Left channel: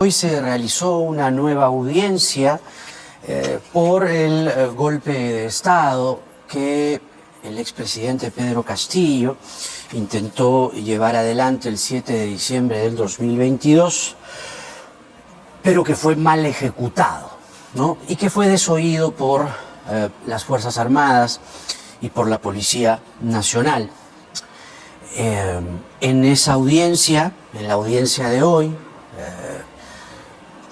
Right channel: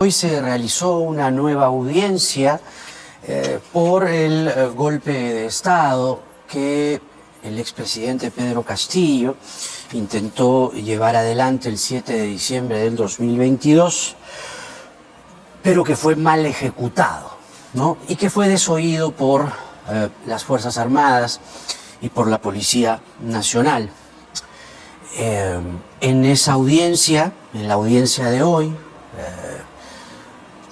Hoy se realizó una nueva audiencia por el golpe de Estado que el expresidente Pedro Castillo intentó llevar adelante el 7 de diciembre del 2022, pero que fue mal ejecutado, ¿no? Y que fue desoído por las Fuerzas Armadas y por la Policía Nacional. En esa audiencia, en la audiencia de hoy,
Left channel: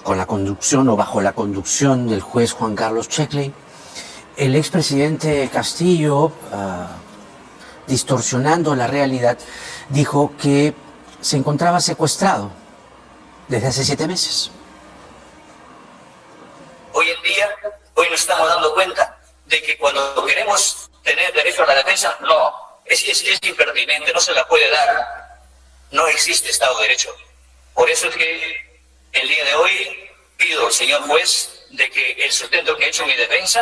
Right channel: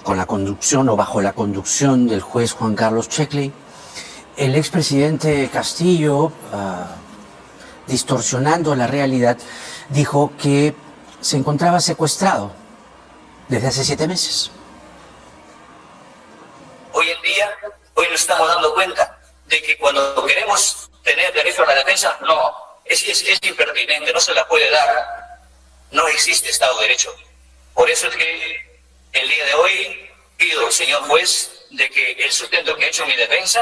con la conducción o bajo la conducción del juez Juan Carlos Checkley, el expresidente Castillo, distorsionando la realidad, dijo que se encontraba secuestrado desde hace 7 meses. Hoy en día, hoy nos estamos dando cuenta de que cuando queremos tener derecho a la defensa, no, es impertinente, no se la puede dar, no existe Estado de Derecho. Por eso es que el día de hoy pido al señor juez de que el sustento que ha hecho mi defensa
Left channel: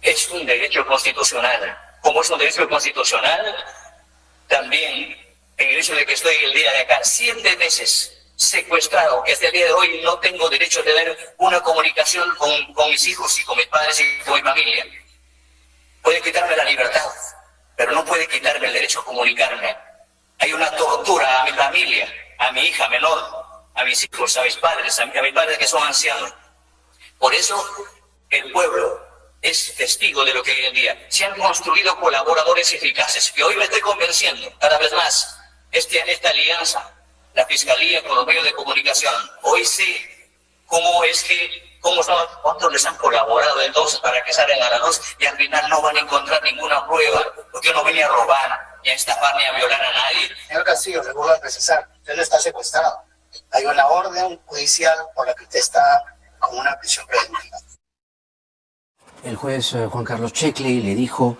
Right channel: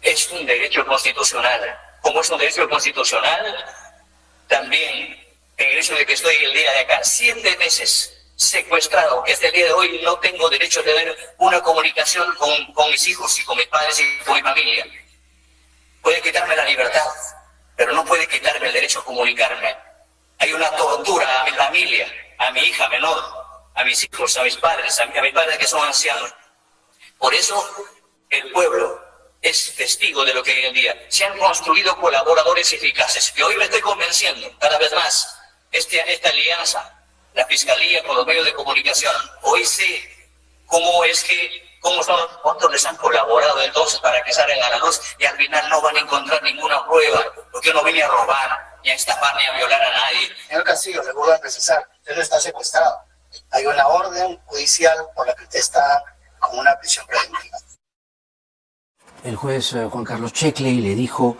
es un derecho constitucional. Como es un derecho constitucional, también el hecho de que estoy el día de acá 7 meses secuestrado, que hasta el día de hoy no tengo derecho a tener una comunicación con mis hijos y con mis padres y con mi familia. Puede quitarme la libertad, pero no puede quitarme el derecho a comunicarme. Hay una tortura a mi familia, a mi hija menor, a mis hijos, a mis padres que son ancianos. Por eso el pueblo es testigo de lo que hoy en día se han construido colaboradores eficaces, que hoy me estoy convenciendo cada vez más, esta alianza, la Fiscalía con los medios de comunicación. Hoy sé cuántos les han colaborado entonces para que salgan a la luz y al final no van a encontrar ninguna prueba, porque yo no vine a robar, ni a estafar, ni a violar a nadie. Señor Castillo, le voy a precisar, usted no está secuestrado. Hay una orden judicial por la que usted está con una prisión preventiva. El juez Juan Carlos Checkley le dijo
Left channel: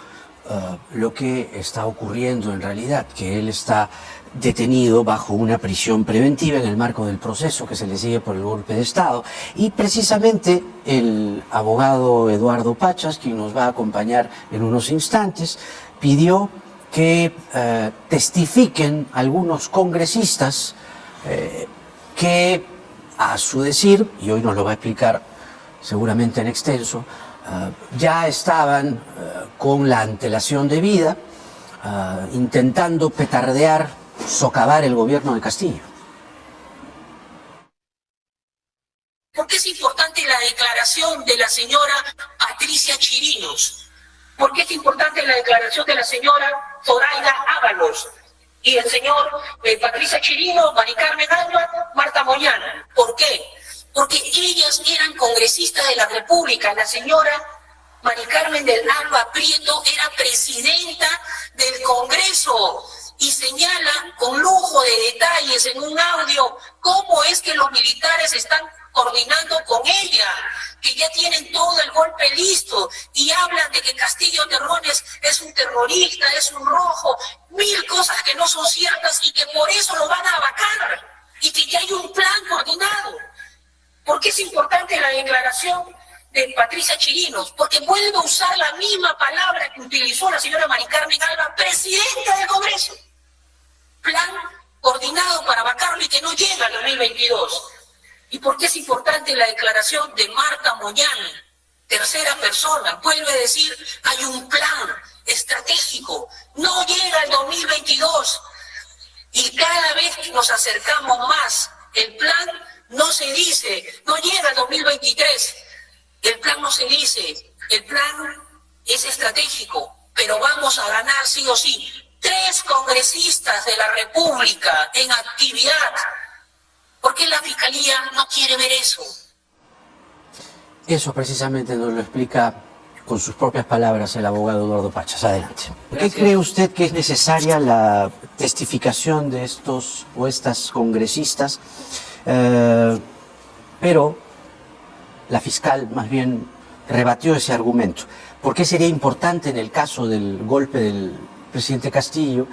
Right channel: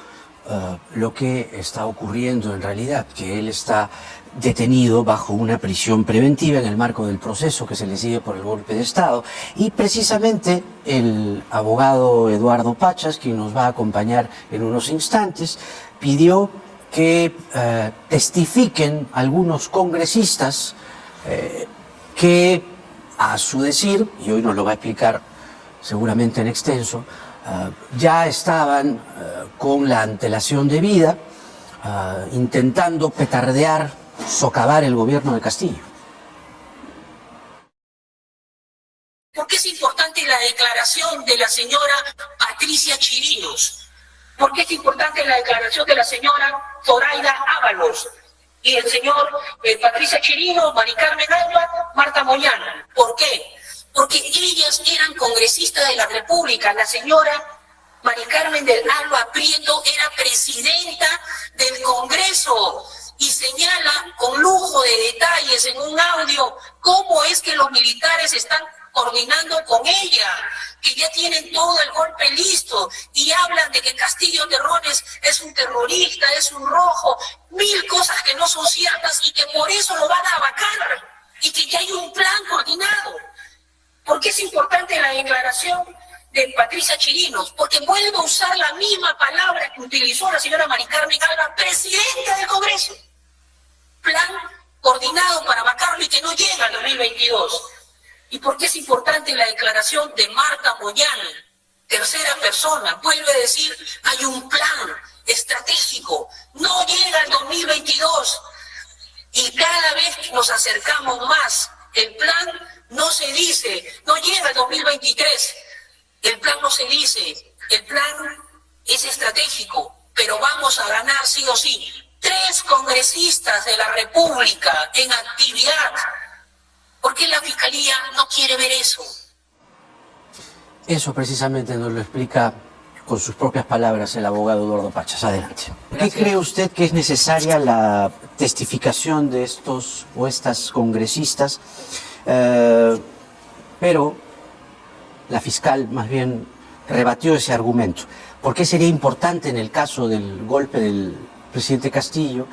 lo que está ocurriendo en realidad, que él está detenido bajo una prisión preventiva en el marco del proceso que se le sigue por el golpe de Estado. Y precisamente el abogado Eduardo Pachas, quien nos va a acompañar en unos instantes, pidió que testifiquen algunos congresistas que, a su decir, y hoy nos lo va a explicar seguramente en extenso, ya estaban con la antelación debida, intentando petardear, socavar el gobierno de Castillo. ¿Por qué es importante la declaración de la señora Patricia Chirinos? ¿Por qué es importante la declaración de la señora Zoraida Ábalos y el señor Patricia Chirinos, Mari Carmen Alba, Marta Moyano? ¿Por qué? Porque ellas eran congresistas de la República. La señora Mari Carmen del Alba Prieto era presidenta del Congreso y señala con lujo de detalles en un audio cómo es que los militares están coordinando con ella, que ya tienen todo el golpe listo y hablan de que Castillo Terrones es un terrorista, es un rojo, 1000 cosas que no son ciertas y que por eso lo van a vacar y que ya hay un plan coordinado. ¿Por qué es importante la declaración de Patricia Chirinos? Porque vuelve a usar la misma palabra que utilizó la señora Mari Carmen Alba, presidenta del Congreso. Plan coordinado para vacarlo y que no llega al 2022. ¿Y por qué es importante la declaración de Marta Moyano, tercera persona? Vuelve a decir, hay un plan estratégico, no llega al 2022. Y cada vez que nos acercamos más, el plan no se dice, no llega al 2023. El plan no se dice, el plan es estratégico, pero vamos a ganar sí o sí. 3 congresistas de la República en actividad. ¿Por qué la Fiscalía no quiere ver eso? Eso precisamente nos lo explica con sus propias palabras el abogado Eduardo Pachas. Adelante. ¿Por qué cree usted que es necesaria la testificación de estos o estas congresistas? Pero la fiscal más bien rebatió ese argumento. ¿Por qué sería importante en el caso del golpe del presidente Castillo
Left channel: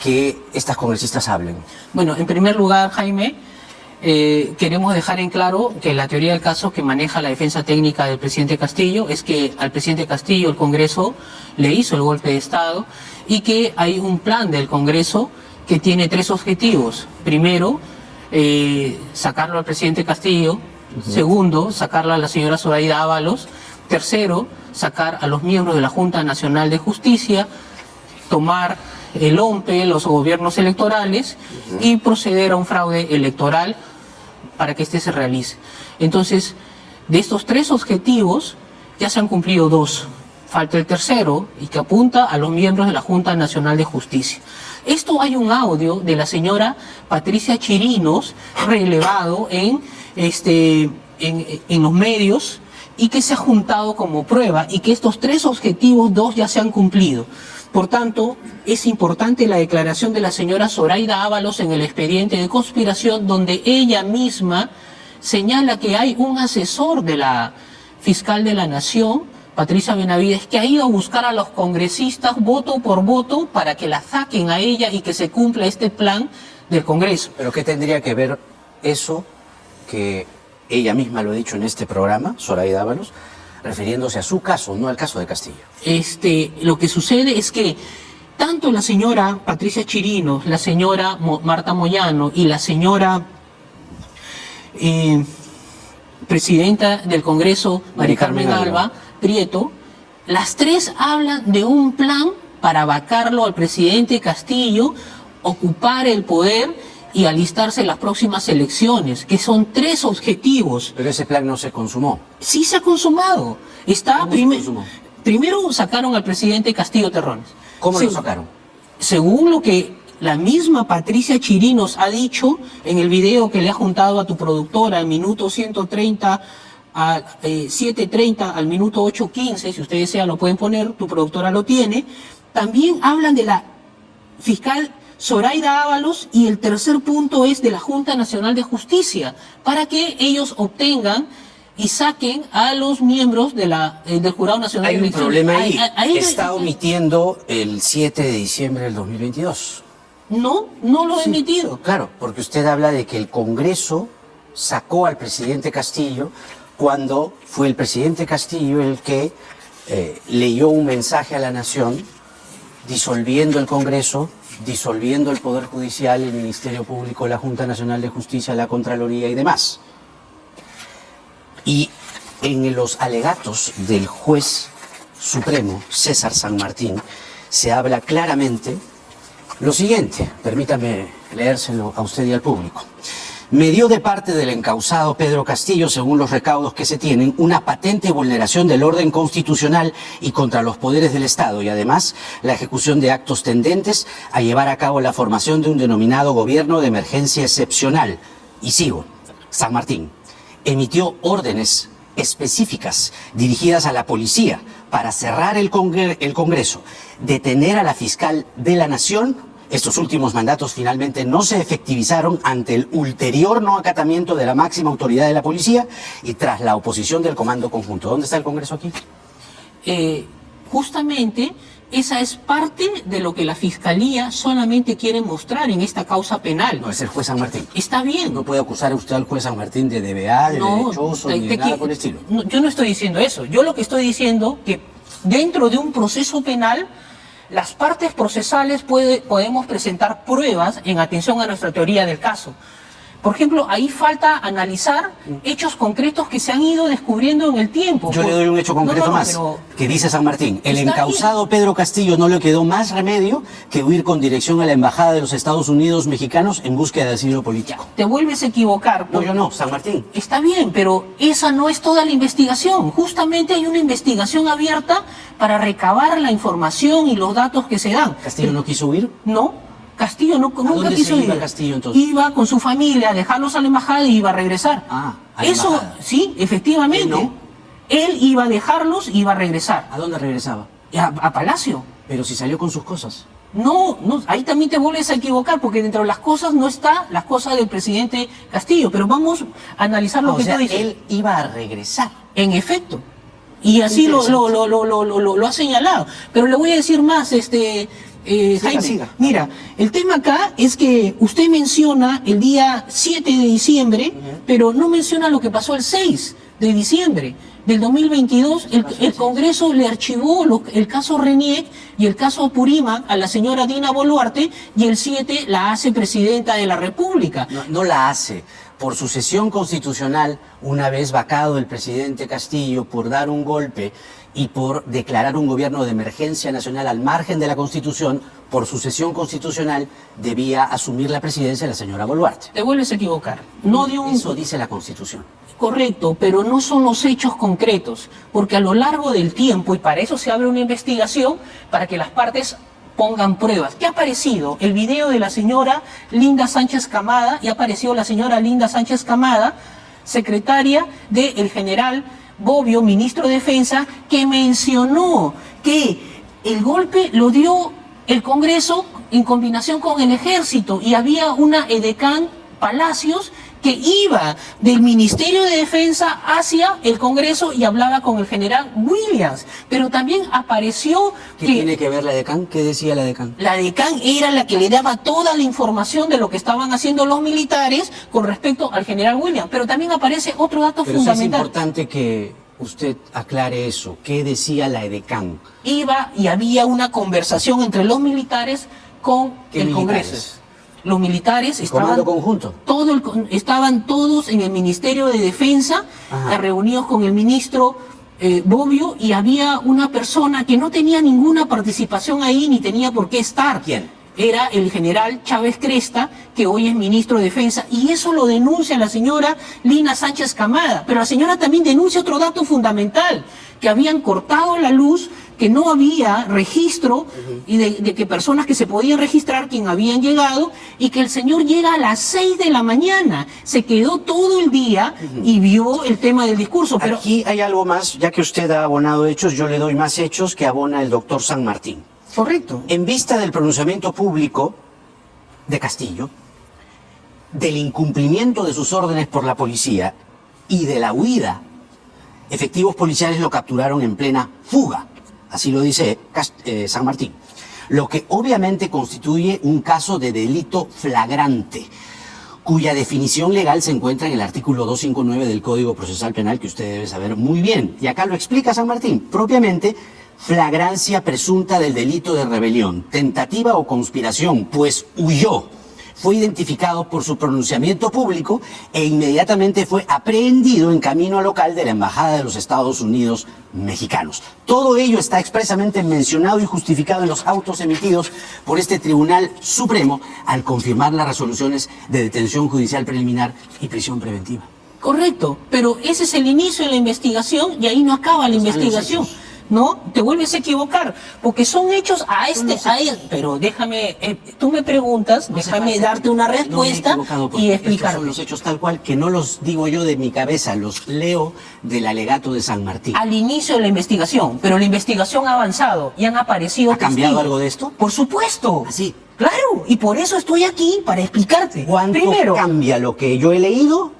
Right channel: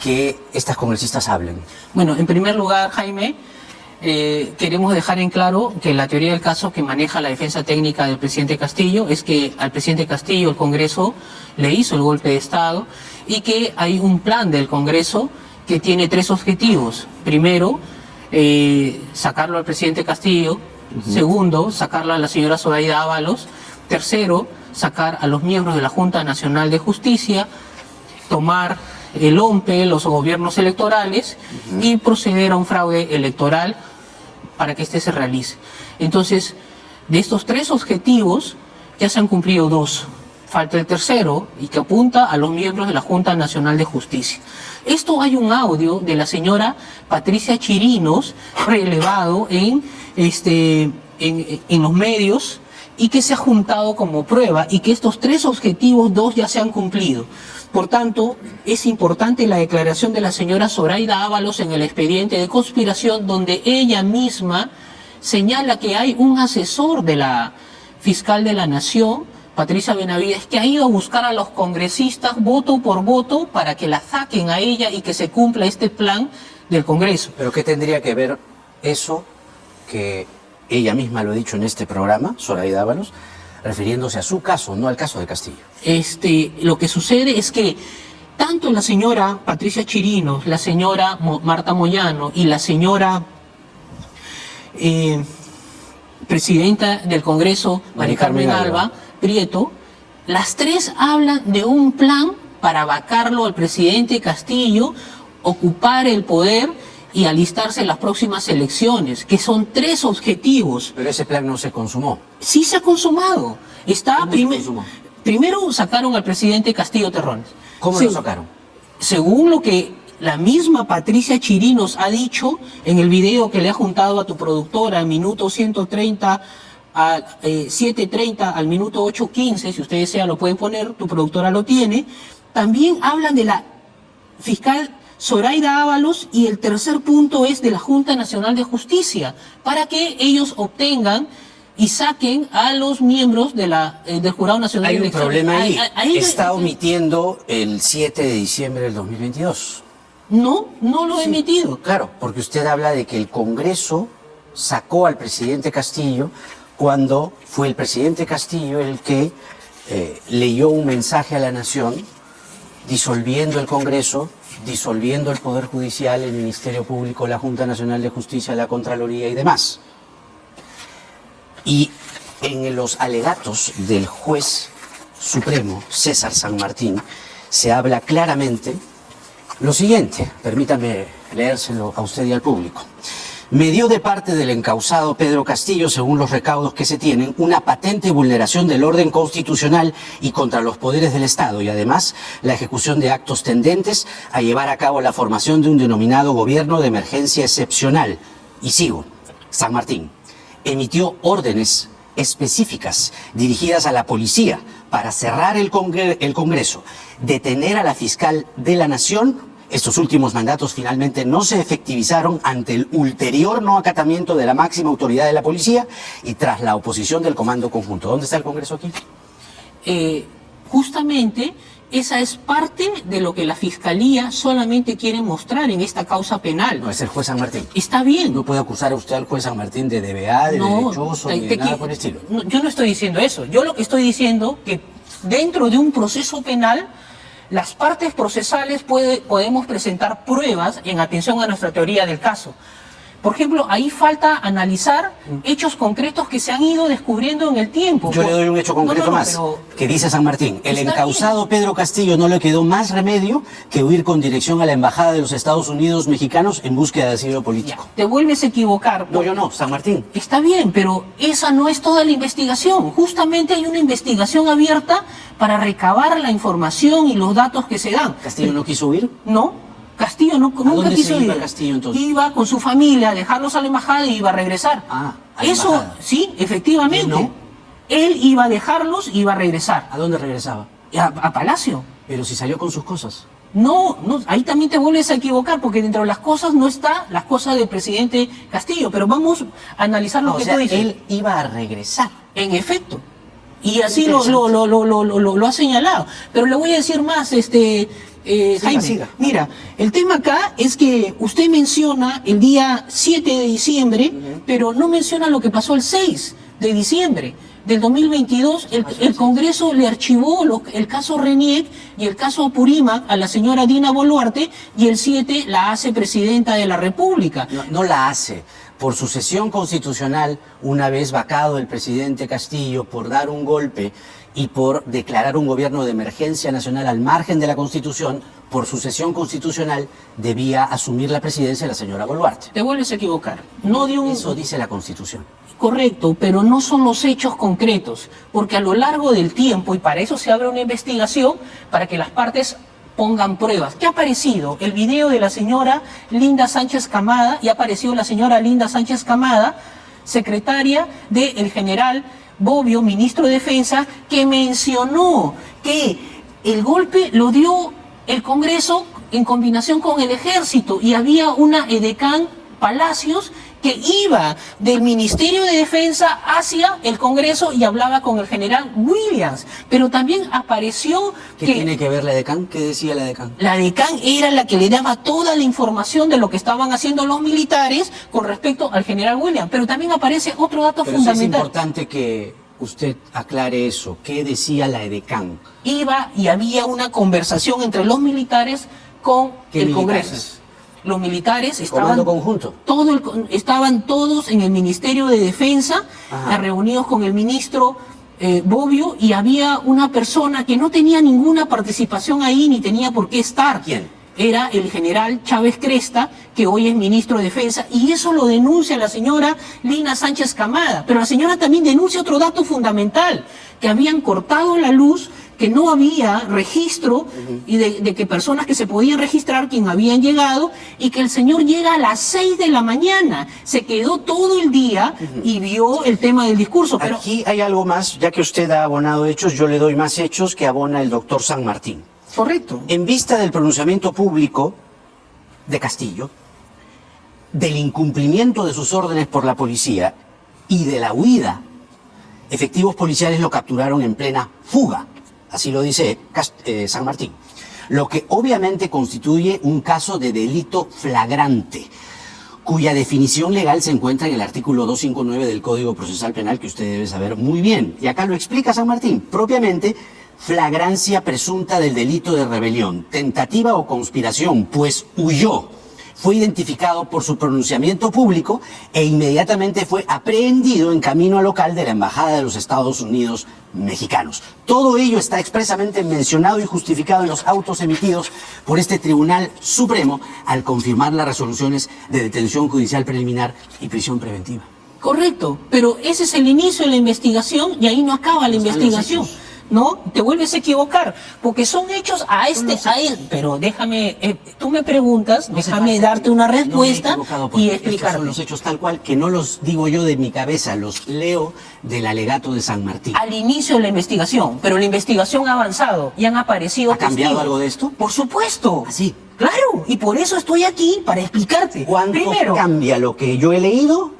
que estas congresistas hablen? Bueno, en primer lugar, Jaime, queremos dejar en claro que la teoría del caso que maneja la defensa técnica del presidente Castillo es que al presidente Castillo el Congreso le hizo el golpe de Estado y que hay un plan del Congreso que tiene 3 objetivos. Primero, sacarlo al presidente Castillo. Segundo, sacarla a la señora Zoraida Ábalos. Tercero, sacar a los miembros de la Junta Nacional de Justicia, tomar el OMPE, los gobiernos electorales, y proceder a un fraude electoral para que este se realice. Entonces, de estos 3 objetivos, ya se han cumplido 2. Falta el tercero, y que apunta a los miembros de la Junta Nacional de Justicia. Esto hay un audio de la señora Patricia Chirinos, relevado en los medios, y que se ha juntado como prueba, y que estos 3 objetivos, 2 ya se han cumplido. Por tanto, es importante la declaración de la señora Zoraida Ábalos en el expediente de conspiración, donde ella misma señala que hay un asesor de la fiscal de la Nación, Patricia Benavides, que ha ido a buscar a los congresistas voto por voto para que la saquen a ella y que se cumpla este plan del Congreso. ¿Pero qué tendría que ver eso, que ella misma lo ha dicho en este programa, Zoraida Ábalos, refiriéndose a su caso, no al caso de Castillo? Lo que sucede es que tanto la señora Patricia Chirinos, la señora Marta Moyano y la señora presidenta del Congreso, María Carmen Alba Prieto, las 3 hablan de un plan para vacarlo al presidente Castillo, ocupar el poder y alistarse en las próximas elecciones, que son 3 objetivos. Pero ese plan no se consumó. Sí se ha consumado. Primero sacaron al presidente Castillo Terrones. ¿Cómo lo sacaron? Según lo que la misma Patricia Chirinos ha dicho en el video que le ha juntado a tu productora, minuto 130 a 7:30 al minuto 8:15, si ustedes desean lo pueden poner, tu productora lo tiene. También hablan de la fiscal Zoraida Ábalos, y el tercer punto es de la Junta Nacional de Justicia, para que ellos obtengan y saquen a los miembros de del Jurado Nacional de Elecciones. Hay un problema ahí. Está omitiendo el 7 de diciembre del 2022. No lo he emitido. Claro, porque usted habla de que el Congreso sacó al presidente Castillo cuando fue el presidente Castillo el que leyó un mensaje a la nación disolviendo el Congreso, disolviendo el Poder Judicial, el Ministerio Público, la Junta Nacional de Justicia, la Contraloría y demás. Y en los alegatos del juez supremo, César San Martín, se habla claramente lo siguiente, permítame leérselo a usted y al público. Me dio de parte del encausado Pedro Castillo, según los recaudos que se tienen, una patente vulneración del orden constitucional y contra los poderes del Estado, y además la ejecución de actos tendentes a llevar a cabo la formación de un denominado gobierno de emergencia excepcional. Y sigo. San Martín emitió órdenes específicas dirigidas a la policía para cerrar el Congreso, detener a la fiscal de la Nación. Estos últimos mandatos finalmente no se efectivizaron ante el ulterior no acatamiento de la máxima autoridad de la policía y tras la oposición del Comando Conjunto. ¿Dónde está el Congreso aquí? Justamente esa es parte de lo que la Fiscalía solamente quiere mostrar en esta causa penal. No, es el juez San Martín. Está bien. No puede acusar a usted al juez San Martín de DBA, de derechoso, ni de nada por el estilo. No, yo no estoy diciendo eso. Yo lo que estoy diciendo que dentro de un proceso penal, las partes procesales podemos presentar pruebas en atención a nuestra teoría del caso. Por ejemplo, ahí falta analizar hechos concretos que se han ido descubriendo en el tiempo. Yo le doy un hecho concreto más, que dice San Martín. El encausado Pedro Castillo no le quedó más remedio que huir con dirección a la Embajada de los Estados Unidos mexicanos en búsqueda de asilo político. Te vuelves a equivocar. No, yo no, San Martín. Está bien, pero esa no es toda la investigación. Justamente hay una investigación abierta para recabar la información y los datos que se dan. ¿Castillo no quiso huir? No. Castillo nunca quiso ir. ¿Iba Castillo entonces? Iba con su familia a dejarlos a la embajada y iba a regresar. Ah, a la eso, embajada. Sí, efectivamente. No. Él iba a dejarlos y iba a regresar. ¿A dónde regresaba? A Palacio. Pero si salió con sus cosas. No, ahí también te vuelves a equivocar, porque dentro de las cosas no está las cosas del presidente Castillo. Pero vamos a analizar lo que tú dices. Él iba a regresar. En efecto. Y así lo ha señalado. Pero le voy a decir más, Jaime, siga. mira, el tema acá es que usted menciona el día 7 de diciembre, pero no menciona lo que pasó el 6 de diciembre del 2022. El Congreso le archivó el caso Reniec y el caso Apurímac a la señora Dina Boluarte, y el 7 la hace presidenta de la República. No la hace. Por sucesión constitucional, una vez vacado el presidente Castillo por dar un golpe y por declarar un gobierno de emergencia nacional al margen de la Constitución, por sucesión constitucional debía asumir la presidencia la señora Boluarte. Te vuelves a equivocar. No de un... Eso dice la Constitución. Correcto, pero no son los hechos concretos, porque a lo largo del tiempo, y para eso se abre una investigación, para que las partes pongan pruebas. ¿Qué ha aparecido? El video de la señora Linda Sánchez Camada, y ha aparecido la señora Linda Sánchez Camada, secretaria del general Bobbio, ministro de Defensa, que mencionó que el golpe lo dio el Congreso en combinación con el Ejército, y había una edecán Palacios que iba del Ministerio de Defensa hacia el Congreso y hablaba con el general Williams. Pero también apareció ¿Qué que tiene que ver la edecán? ¿Qué decía la edecán? la decán era la que le daba toda la información de lo que estaban haciendo los militares con respecto al general Williams. Pero también aparece otro dato Pero sí es fundamental. importante que usted aclare eso. ¿Qué decía la edecán? Iba y había una conversación entre los militares con ¿Qué el militares? Congreso. Los militares Comando conjunto. estaban todos en el Ministerio de Defensa, Ajá. reunidos con el ministro Bobbio, y había una persona que no tenía ninguna participación ahí ni tenía por qué estar. ¿Quién? Era el general Chávez Cresta, que hoy es ministro de Defensa, y eso lo denuncia la señora Lina Sánchez Camada. Pero la señora también denuncia otro dato fundamental, que habían cortado la luz, que no había registro y de que personas que se podían registrar, quien habían llegado, y que el señor llega a las 6 de la mañana, se quedó todo el día y vio el tema del discurso. Pero Aquí hay algo más, ya que usted ha abonado hechos, yo le doy más hechos que abona el doctor San Martín. correcto. En vista del pronunciamiento público de Castillo, del incumplimiento de sus órdenes por la policía y de la huida, efectivos policiales lo capturaron en plena fuga, así lo dice San Martín, lo que obviamente constituye un caso de delito flagrante, cuya definición legal se encuentra en el artículo 259 del Código Procesal Penal, que usted debe saber muy bien. Y acá lo explica San Martín, propiamente flagrancia presunta del delito de rebelión, tentativa o conspiración, pues huyó. Fue identificado por su pronunciamiento público e inmediatamente fue aprehendido en camino al local de la Embajada de los Estados Unidos mexicanos. Todo ello está expresamente mencionado y justificado en los autos emitidos por este Tribunal Supremo al confirmar las resoluciones de detención judicial preliminar y prisión preventiva. Correcto, pero ese es el inicio de la investigación y ahí no acaba la investigación. hechos. No, te vuelves a equivocar, porque son hechos pero déjame, tú me preguntas, déjame darte una respuesta y Estos explicarte. son los hechos tal cual, que no los digo yo de mi cabeza, los leo del alegato de San Martín. Al inicio de la investigación, pero la investigación ha avanzado y han aparecido ¿Ha cambiado testigos. algo de esto? Por supuesto. Así. Claro, y por eso estoy aquí, para explicarte. ¿Cuánto Primero, cambia lo que yo he leído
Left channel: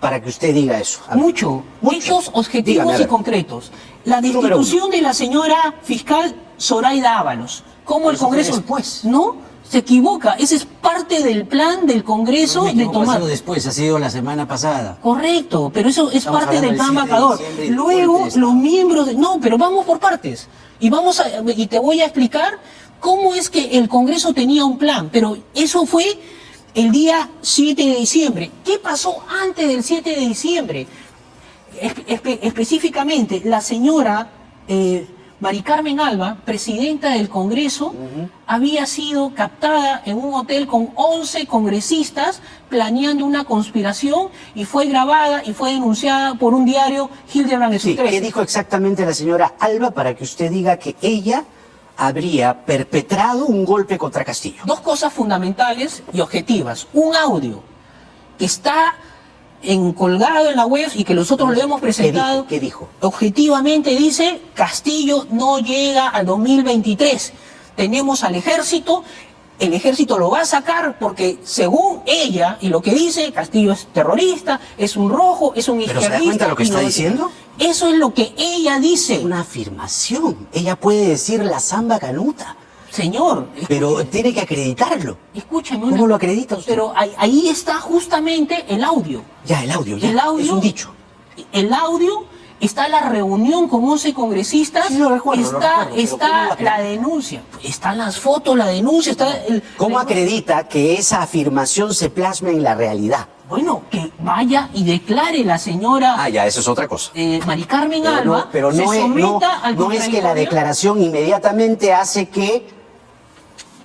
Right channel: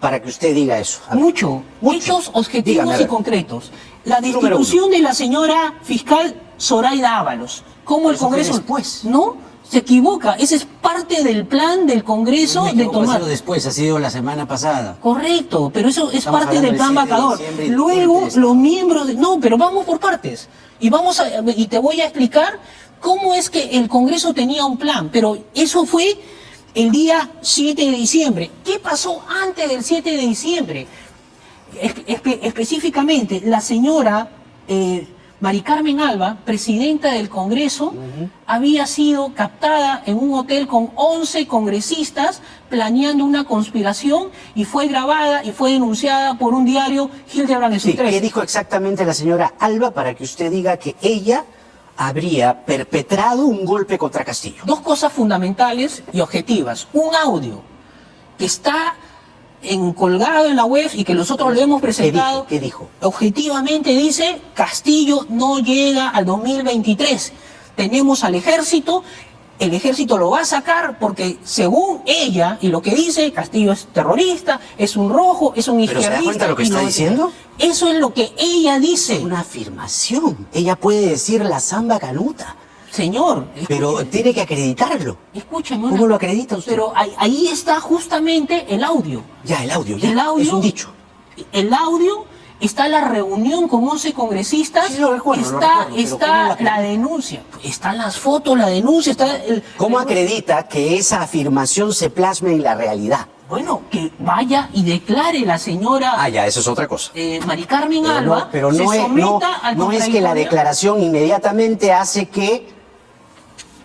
para que usted diga eso? A ver. mucho, Mucho. hechos objetivos Dígame, a y ver. concretos. La Número destitución de la señora fiscal Zoraida Ábalos. ¿Cómo el Eso fue Congreso? después. No, se equivoca. Ese es parte del plan del Congreso Me de equivoco, ha tomar. sido después, ha sido la semana pasada. Correcto, pero eso es Estamos parte del hablando plan del 7 de vacador. diciembre y Luego, después de esto. los miembros... No, pero vamos por partes. Y te voy a explicar cómo es que el Congreso tenía un plan. Pero eso fue el día 7 de diciembre. ¿Qué pasó antes del 7 de diciembre? Específicamente, la señora Mari Carmen Alba, presidenta del Congreso, había sido captada en un hotel con 11 congresistas planeando una conspiración y fue grabada y fue denunciada por un diario, Hildebrand en sus Sí, ¿qué dijo exactamente la señora Alba para que usted diga que ella habría perpetrado un golpe contra Castillo? Dos cosas fundamentales y objetivas. Un audio que está colgado en la web y que nosotros lo hemos presentado. ¿Qué dijo? Objetivamente dice, Castillo no llega al 2023. Tenemos al ejército, el ejército lo va a sacar porque según ella y lo que dice, Castillo es terrorista, es un rojo, es un ¿Pero se izquierdista. da cuenta lo que y está no- diciendo? Eso es lo que ella dice. Una afirmación. Ella puede decir la samba canuta. Señor, Pero tiene que acreditarlo. escúcheme. ¿Cómo lo acredita usted? Pero ahí está justamente el audio. Ya, el audio, ya. El audio. Es un dicho. El audio, está la reunión con 11 congresistas, Sí, lo recuerdo, está, pero está ¿cómo lo acredita? la denuncia, están las fotos, la denuncia, está el... ¿Cómo acredita que esa afirmación se plasma en la realidad? Bueno, que vaya y declare la señora Ah, ya, eso es otra cosa. Mari Carmen Pero Alba, no, pero se no es, someta al no es que la contradictorio. declaración inmediatamente hace que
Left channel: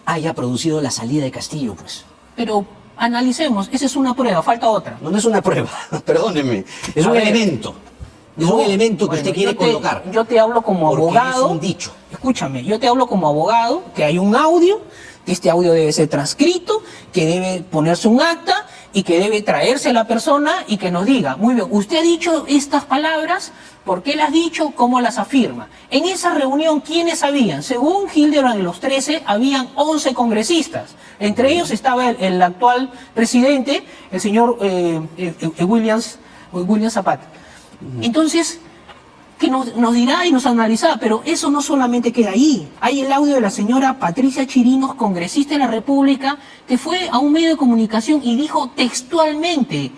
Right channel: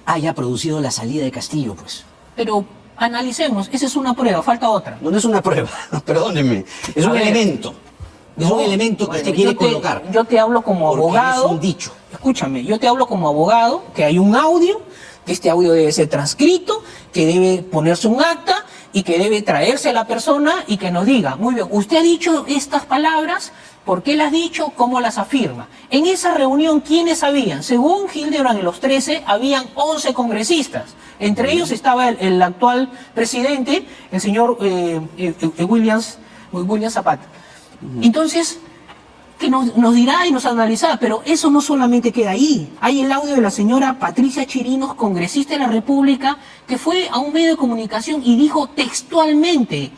haya producido la salida de Castillo, pues. Pero analicemos, esa es una prueba, falta otra. No es una prueba, perdónenme. Es A un ver. elemento. Es un No, elemento que bueno, usted quiere yo te- colocar. Yo te hablo como Porque abogado. es un dicho. Escúchame, yo te hablo como abogado, que hay un audio, que este audio debe ser transcrito, que debe ponerse un acta y que debe traerse la persona y que nos diga, muy bien, usted ha dicho estas palabras, ¿por qué las ha dicho? ¿Cómo las afirma? En esa reunión, ¿quiénes habían? Según Hildebrand de los 13, habían 11 congresistas. Entre ellos estaba el actual presidente, el señor William Zapata. Entonces, que nos dirá y nos analizará, pero eso no solamente queda ahí. Hay el audio de la señora Patricia Chirinos, congresista de la República, que fue a un medio de comunicación y dijo textualmente:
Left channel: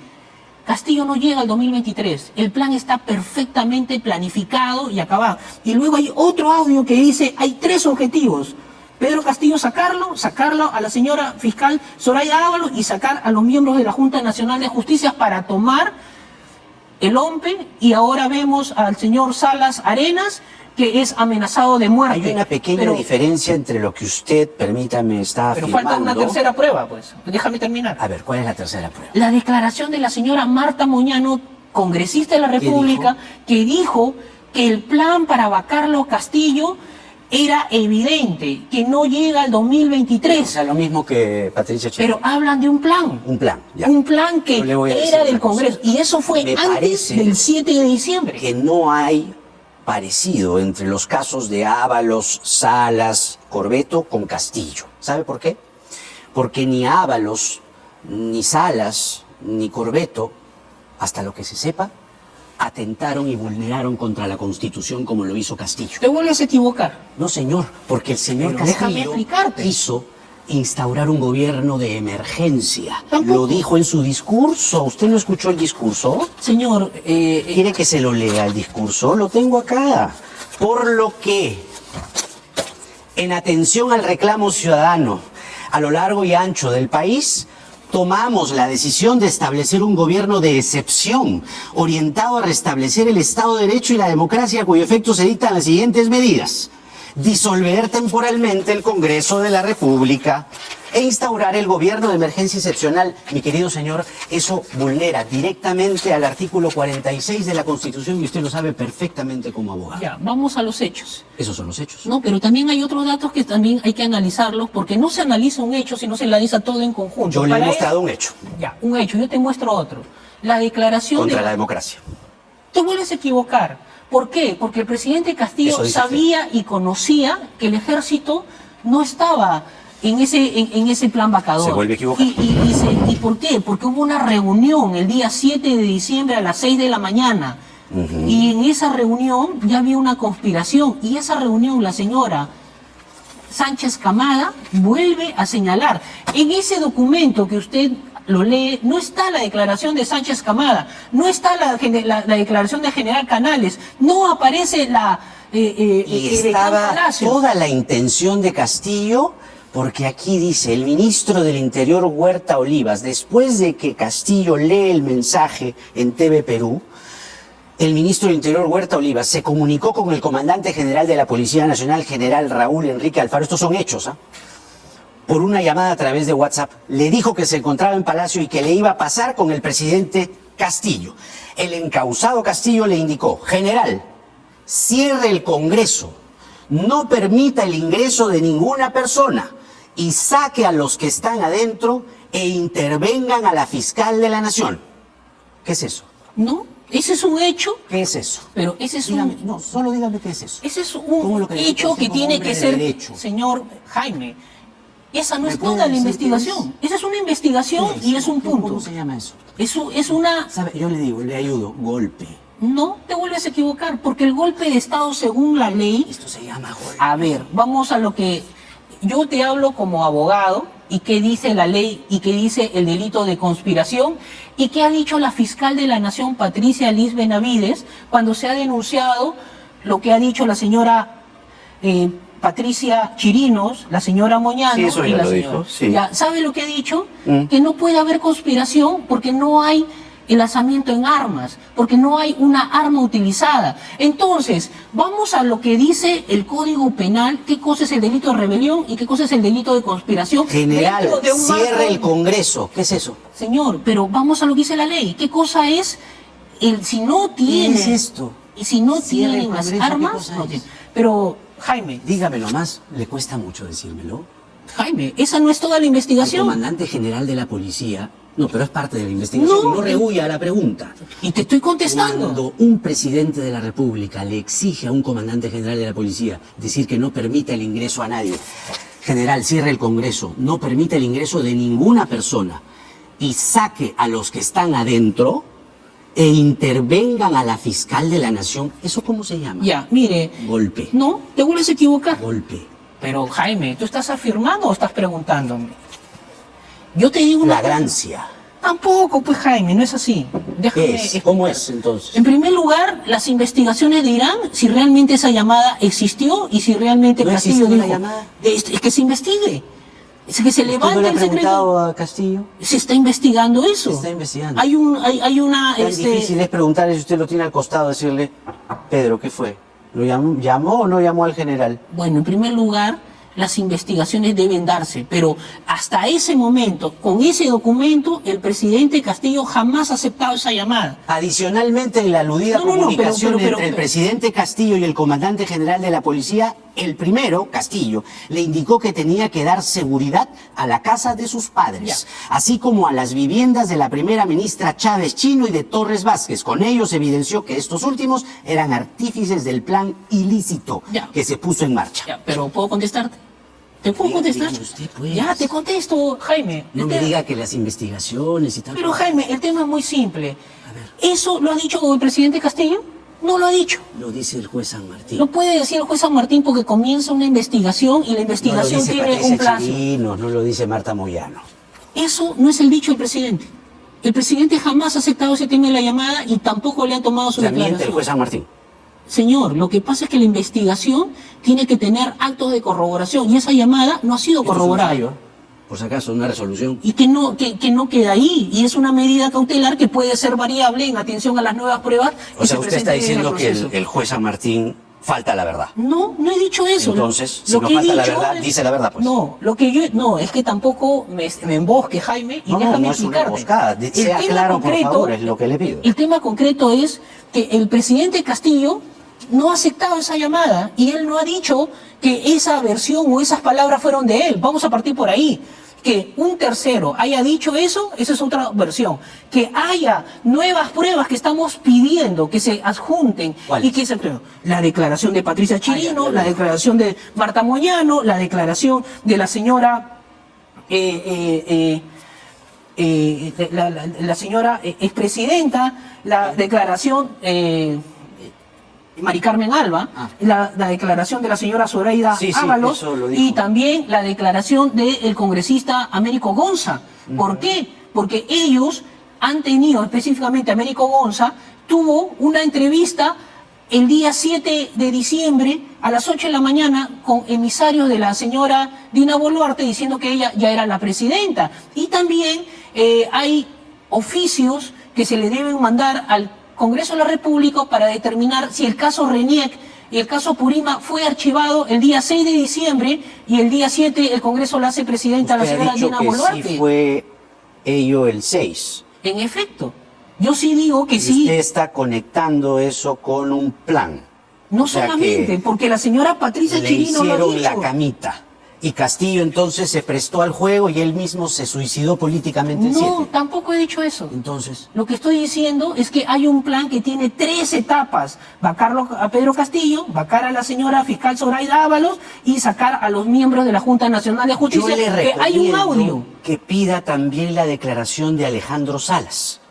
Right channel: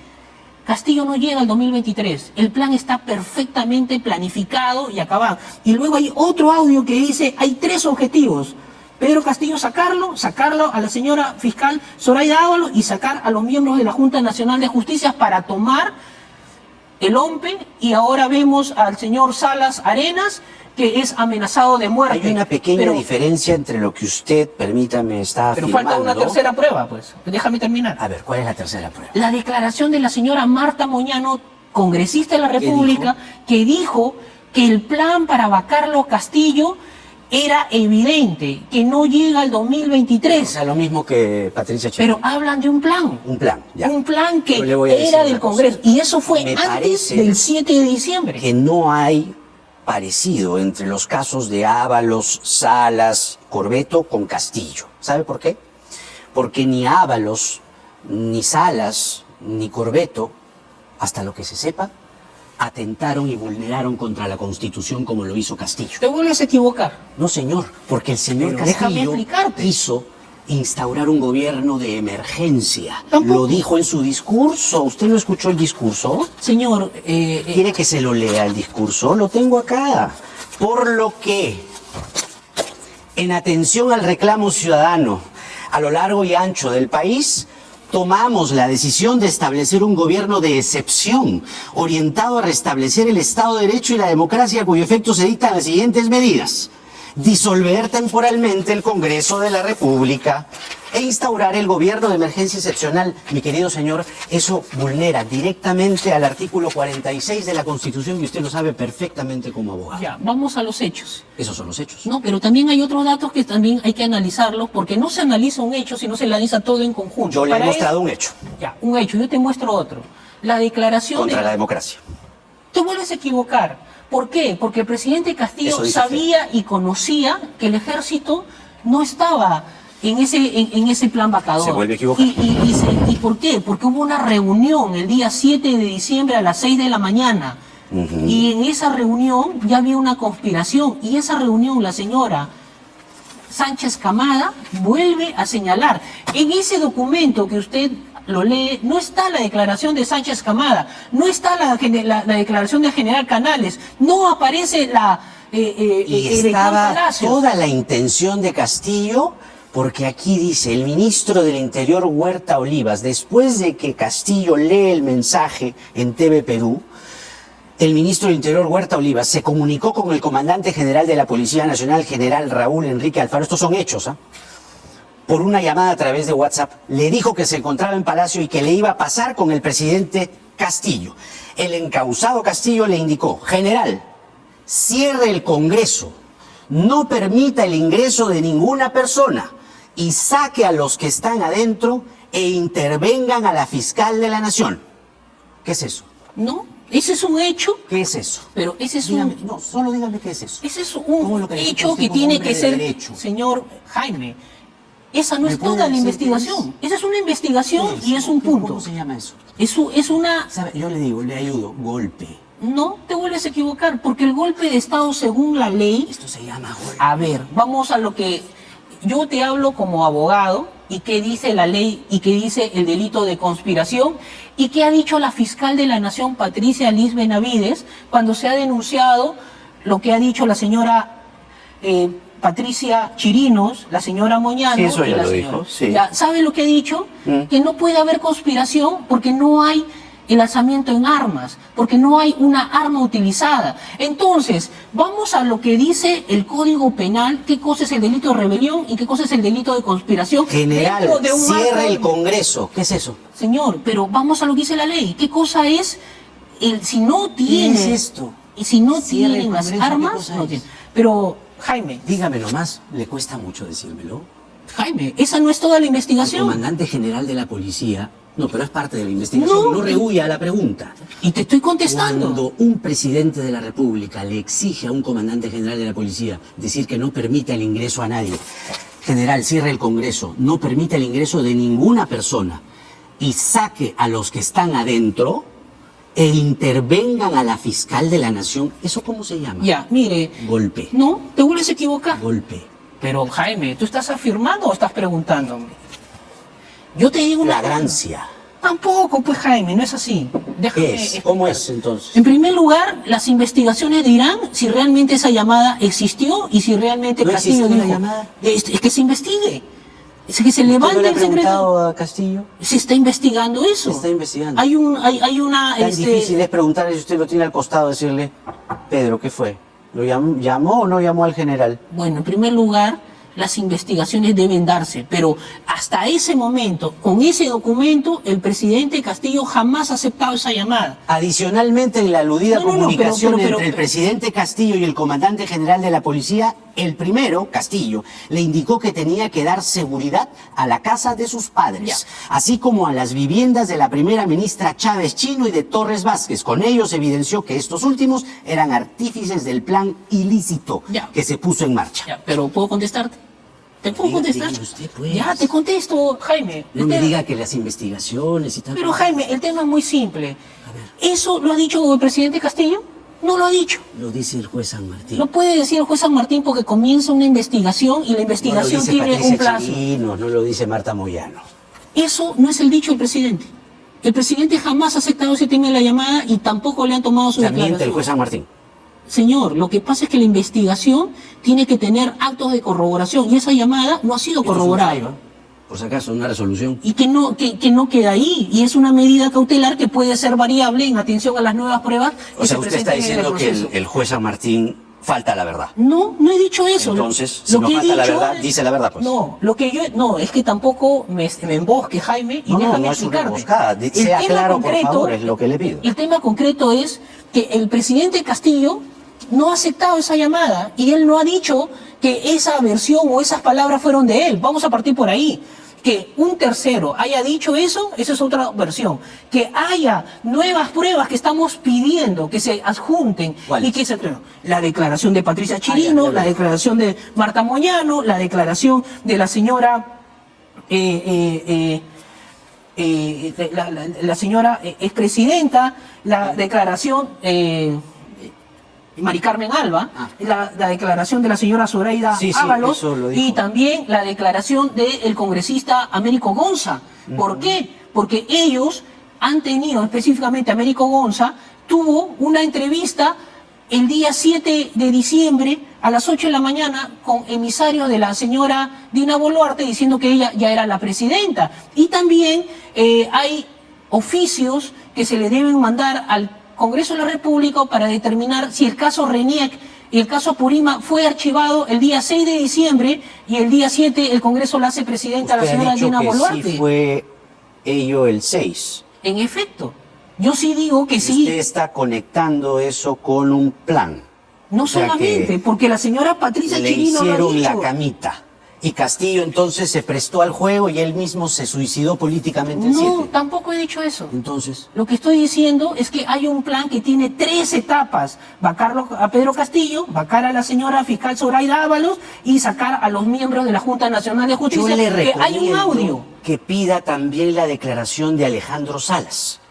Castillo no llega al 2023, el plan está perfectamente planificado y acabado. Y luego hay otro audio que dice, hay 3 objetivos. Pedro Castillo sacarlo a la señora fiscal Zoraida Ábalos y sacar a los miembros de la Junta Nacional de Justicia para tomar el OMPE, y ahora vemos al señor Salas Arenas, que es amenazado de muerte. Hay una pequeña Pero- diferencia entre lo que usted, permítame, está Pero afirmando. falta una tercera prueba, pues. Déjame terminar. A ver, ¿cuál es la tercera prueba? La declaración de la señora Marta Moñano, congresista de la República, que dijo que el plan para vacarlo Castillo era evidente, que no llega al O 2023. sea, lo mismo que Patricia Chirinos. Pero hablan de un plan. Un plan, ya. Un plan que Yo le voy a decir era del una cosa. Congreso. Y eso fue Me antes parece del 7 de diciembre. que no hay parecido entre los casos de Ábalos, Salas, Corbeto con Castillo. ¿Sabe por qué? Porque ni Ábalos, ni Salas, ni Corbeto, hasta lo que se sepa, atentaron y vulneraron contra la Constitución como lo hizo Castillo. Te vuelves a equivocar. No, señor, porque el señor Pero déjame Castillo explicarte. quiso instaurar un gobierno de emergencia. Tampoco. Lo dijo en su discurso. ¿Usted no escuchó el discurso? Señor, ¿Quiere que se lo lea el discurso? Lo tengo acá. Por lo que, en atención al reclamo ciudadano a lo largo y ancho del país, tomamos la decisión de establecer un gobierno de excepción, orientado a restablecer el Estado de Derecho y la democracia, cuyo efecto se dictan las siguientes medidas: disolver temporalmente el Congreso de la República e instaurar el gobierno de emergencia excepcional. Mi querido señor, eso vulnera directamente al artículo 46 de la Constitución y usted lo sabe perfectamente como abogado. ya, vamos a los hechos. Esos son los hechos. No, pero también hay otros datos que también hay que analizarlos, porque no se analiza un hecho, sino se analiza todo en conjunto. Yo le he Para mostrado eso- un hecho Ya, un hecho, yo te muestro otro. La declaración contra de... la democracia. Te vuelves a equivocar. ¿Por qué? Porque el presidente Castillo Eso dice sabía y conocía que el ejército no estaba en ese plan vacador. Se vuelve a equivocar. ¿Y por qué? Porque hubo una reunión el día 7 de diciembre a las 6 de la mañana. Y en esa reunión ya había una conspiración. Y esa reunión la señora Sánchez Camada vuelve a señalar. En ese documento que usted lo lee, no está la declaración de Sánchez Camada, no está la declaración de General Canales, no aparece la Y Edecán estaba Palacios. toda la intención de Castillo, porque aquí dice el ministro del Interior Huerta Olivas, después de que Castillo lee el mensaje en TV Perú, el ministro del Interior Huerta Olivas se comunicó con el comandante general de la Policía Nacional, general Raúl Enrique Alfaro, estos son hechos, ¿ah? Por una llamada a través de WhatsApp, le dijo que se encontraba en Palacio y que le iba a pasar con el presidente Castillo. El encausado Castillo le indicó: general, cierre el Congreso, no permita el ingreso de ninguna persona y saque a los que están adentro e intervengan a la fiscal de la Nación. ¿Qué es eso? No, ese es un hecho, ¿Qué es eso? pero ese es Dígame, un... no, solo dígame qué es eso. Ese es ¿Cómo un lo califica hecho usted que como tiene hombre que de ser, derecho? señor Jaime, esa no ¿Me es puede toda la decir qué investigación. Esa es una investigación y es un punto. ¿Cómo se llama eso? Es una... ¿Sabe? Yo le digo, le ayudo, golpe. No te vuelves a equivocar, porque el golpe de Estado según la ley... Esto se llama golpe. A ver, vamos a lo que yo te hablo como abogado y qué dice la ley y qué dice el delito de conspiración y qué ha dicho la fiscal de la Nación, Patricia Liz Benavides, cuando se ha denunciado lo que ha dicho la señora Patricia Chirinos, la señora Moyano. Sí, eso y ya la lo señora, dijo, sí. ya, ¿sabe lo que ha dicho? Que no puede haber conspiración porque no hay el lanzamiento en armas, porque no hay una arma utilizada. Entonces, vamos a lo que dice el Código Penal, qué cosa es el delito de rebelión y qué cosa es el delito de conspiración. General, dentro de un cierre marco. el Congreso. ¿Qué es eso? Señor, pero vamos a lo que dice la ley. ¿Qué cosa es el si no tiene ¿Qué es esto? Y si no Cierre el tiene las Congreso, ¿qué armas, cosa no es? tiene. Pero, Jaime, Dígamelo más, le cuesta mucho decírmelo. Jaime, esa no es toda la El investigación. comandante general de la policía... No, pero es parte de la investigación. No. No rehuya la pregunta. Y te estoy contestando. Cuando un presidente de la República le exige a un comandante general de la policía decir que no permita el ingreso a nadie, general, cierre el Congreso, no permita el ingreso de ninguna persona y saque a los que están adentro e intervengan a la fiscal de la Nación, ¿eso cómo se llama? Ya, mire. Golpe. No, te vuelves a equivocar. Golpe. Pero, Jaime, ¿tú estás afirmando o estás preguntándome? Yo te digo una cosa. Flagrancia. Tampoco, pues, Jaime, no es así. Déjame ¿Qué es? ¿Cómo es entonces? En primer lugar, las investigaciones dirán si realmente esa llamada existió y si realmente ¿No Castillo existió la dijo. llamada? Es que se investigue. Es que se ¿Usted levante no le ha el secreto. preguntado a Castillo? Se está investigando eso. Se está investigando. Hay una. Tan difícil es preguntarle si usted lo tiene al costado, decirle, Pedro, ¿qué fue? ¿Lo llamó o no llamó al general? Bueno, en primer lugar, las investigaciones deben darse, pero hasta ese momento, con ese documento, el presidente Castillo jamás ha aceptado esa llamada. Adicionalmente, en la aludida No, no, no, comunicación pero- entre el presidente Castillo y el comandante general de la policía, el primero, Castillo, le indicó que tenía que dar seguridad a la casa de sus padres, así como a las viviendas de la primera ministra Chávez Chino y de Torres Vázquez. Con ellos evidenció que estos últimos eran artífices del plan ilícito Ya. que se puso en marcha. Ya, pero ¿puedo contestarte? ¿Te puedo Dígame contestar? usted, pues. Ya, te contesto, Jaime. No me diga que las investigaciones y tal. Pero, Jaime, el tema es muy simple. A ver. ¿Eso lo ha dicho el presidente Castillo? No lo ha dicho. Lo dice el juez San Martín. Lo puede decir el juez San Martín porque comienza una investigación y la No lo investigación dice tiene Patricia un plazo. Chirinos, no lo dice Marta Moyano. Eso no es el dicho del presidente. El presidente jamás ha aceptado ese tema de la llamada y tampoco le han tomado su Ya miente el declaración. juez San Martín. Señor, lo que pasa es que la investigación tiene que tener actos de corroboración y esa llamada no ha sido corroborada. Por si acaso, una resolución. Y que no queda ahí. Y es una medida cautelar que puede ser variable en atención a las nuevas pruebas. O sea, se usted está presenten en el diciendo que proceso. el juez San Martín falta a la verdad. No, no he dicho eso. Entonces, si Lo no que he falta la dicho verdad, dice la verdad, pues. No, no, es que tampoco me embosque, Jaime, y No, no, déjame no es una explicarte. emboscada. El Sea tema claro, por favor, es lo que le pido. El tema concreto es que el presidente Castillo no ha aceptado esa llamada y él no ha dicho que esa versión o esas palabras fueron de él. Vamos a partir por ahí. Que un tercero haya dicho eso, esa es otra versión. Que haya nuevas pruebas que estamos pidiendo que se adjunten. ¿Cuáles? Y que se la declaración de Patricia Chirino, la declaración de Marta Moyano, la declaración de la señora la señora expresidenta, la declaración Mari Carmen Alba, la declaración de la señora Zoraida Sí, sí, Ábalos eso lo dijo. y también la declaración del congresista Américo Gonza. ¿Por qué? Porque ellos han tenido, específicamente Américo Gonza, tuvo una entrevista el día 7 de diciembre a las 8 de la mañana con emisarios de la señora Dina Boluarte diciendo que ella ya era la presidenta. Y también hay oficios que se le deben mandar al Congreso de la República para determinar si el caso RENIEC y el caso Purima fue archivado el día 6 de diciembre y el día 7 el Congreso la hace presidenta a la Usted ha señora dicho Dina que Boluarte. sí fue ello el 6. En efecto, yo sí digo que Y sí. usted está conectando eso con un plan. No O sea solamente, que porque la señora Patricia le Chirino lo ha hicieron la dicho. camita. Y Castillo entonces se prestó al juego y él mismo se suicidó políticamente el No, 7. tampoco he dicho eso. Entonces, Lo que estoy diciendo es que hay un plan que tiene 3 etapas. Vacar a Pedro Castillo, vacar a la señora fiscal Zoraida Ábalos y sacar a los miembros de la Junta Nacional de yo Justicia. le Que hay un recomiendo audio. que pida también la declaración de Alejandro Salas,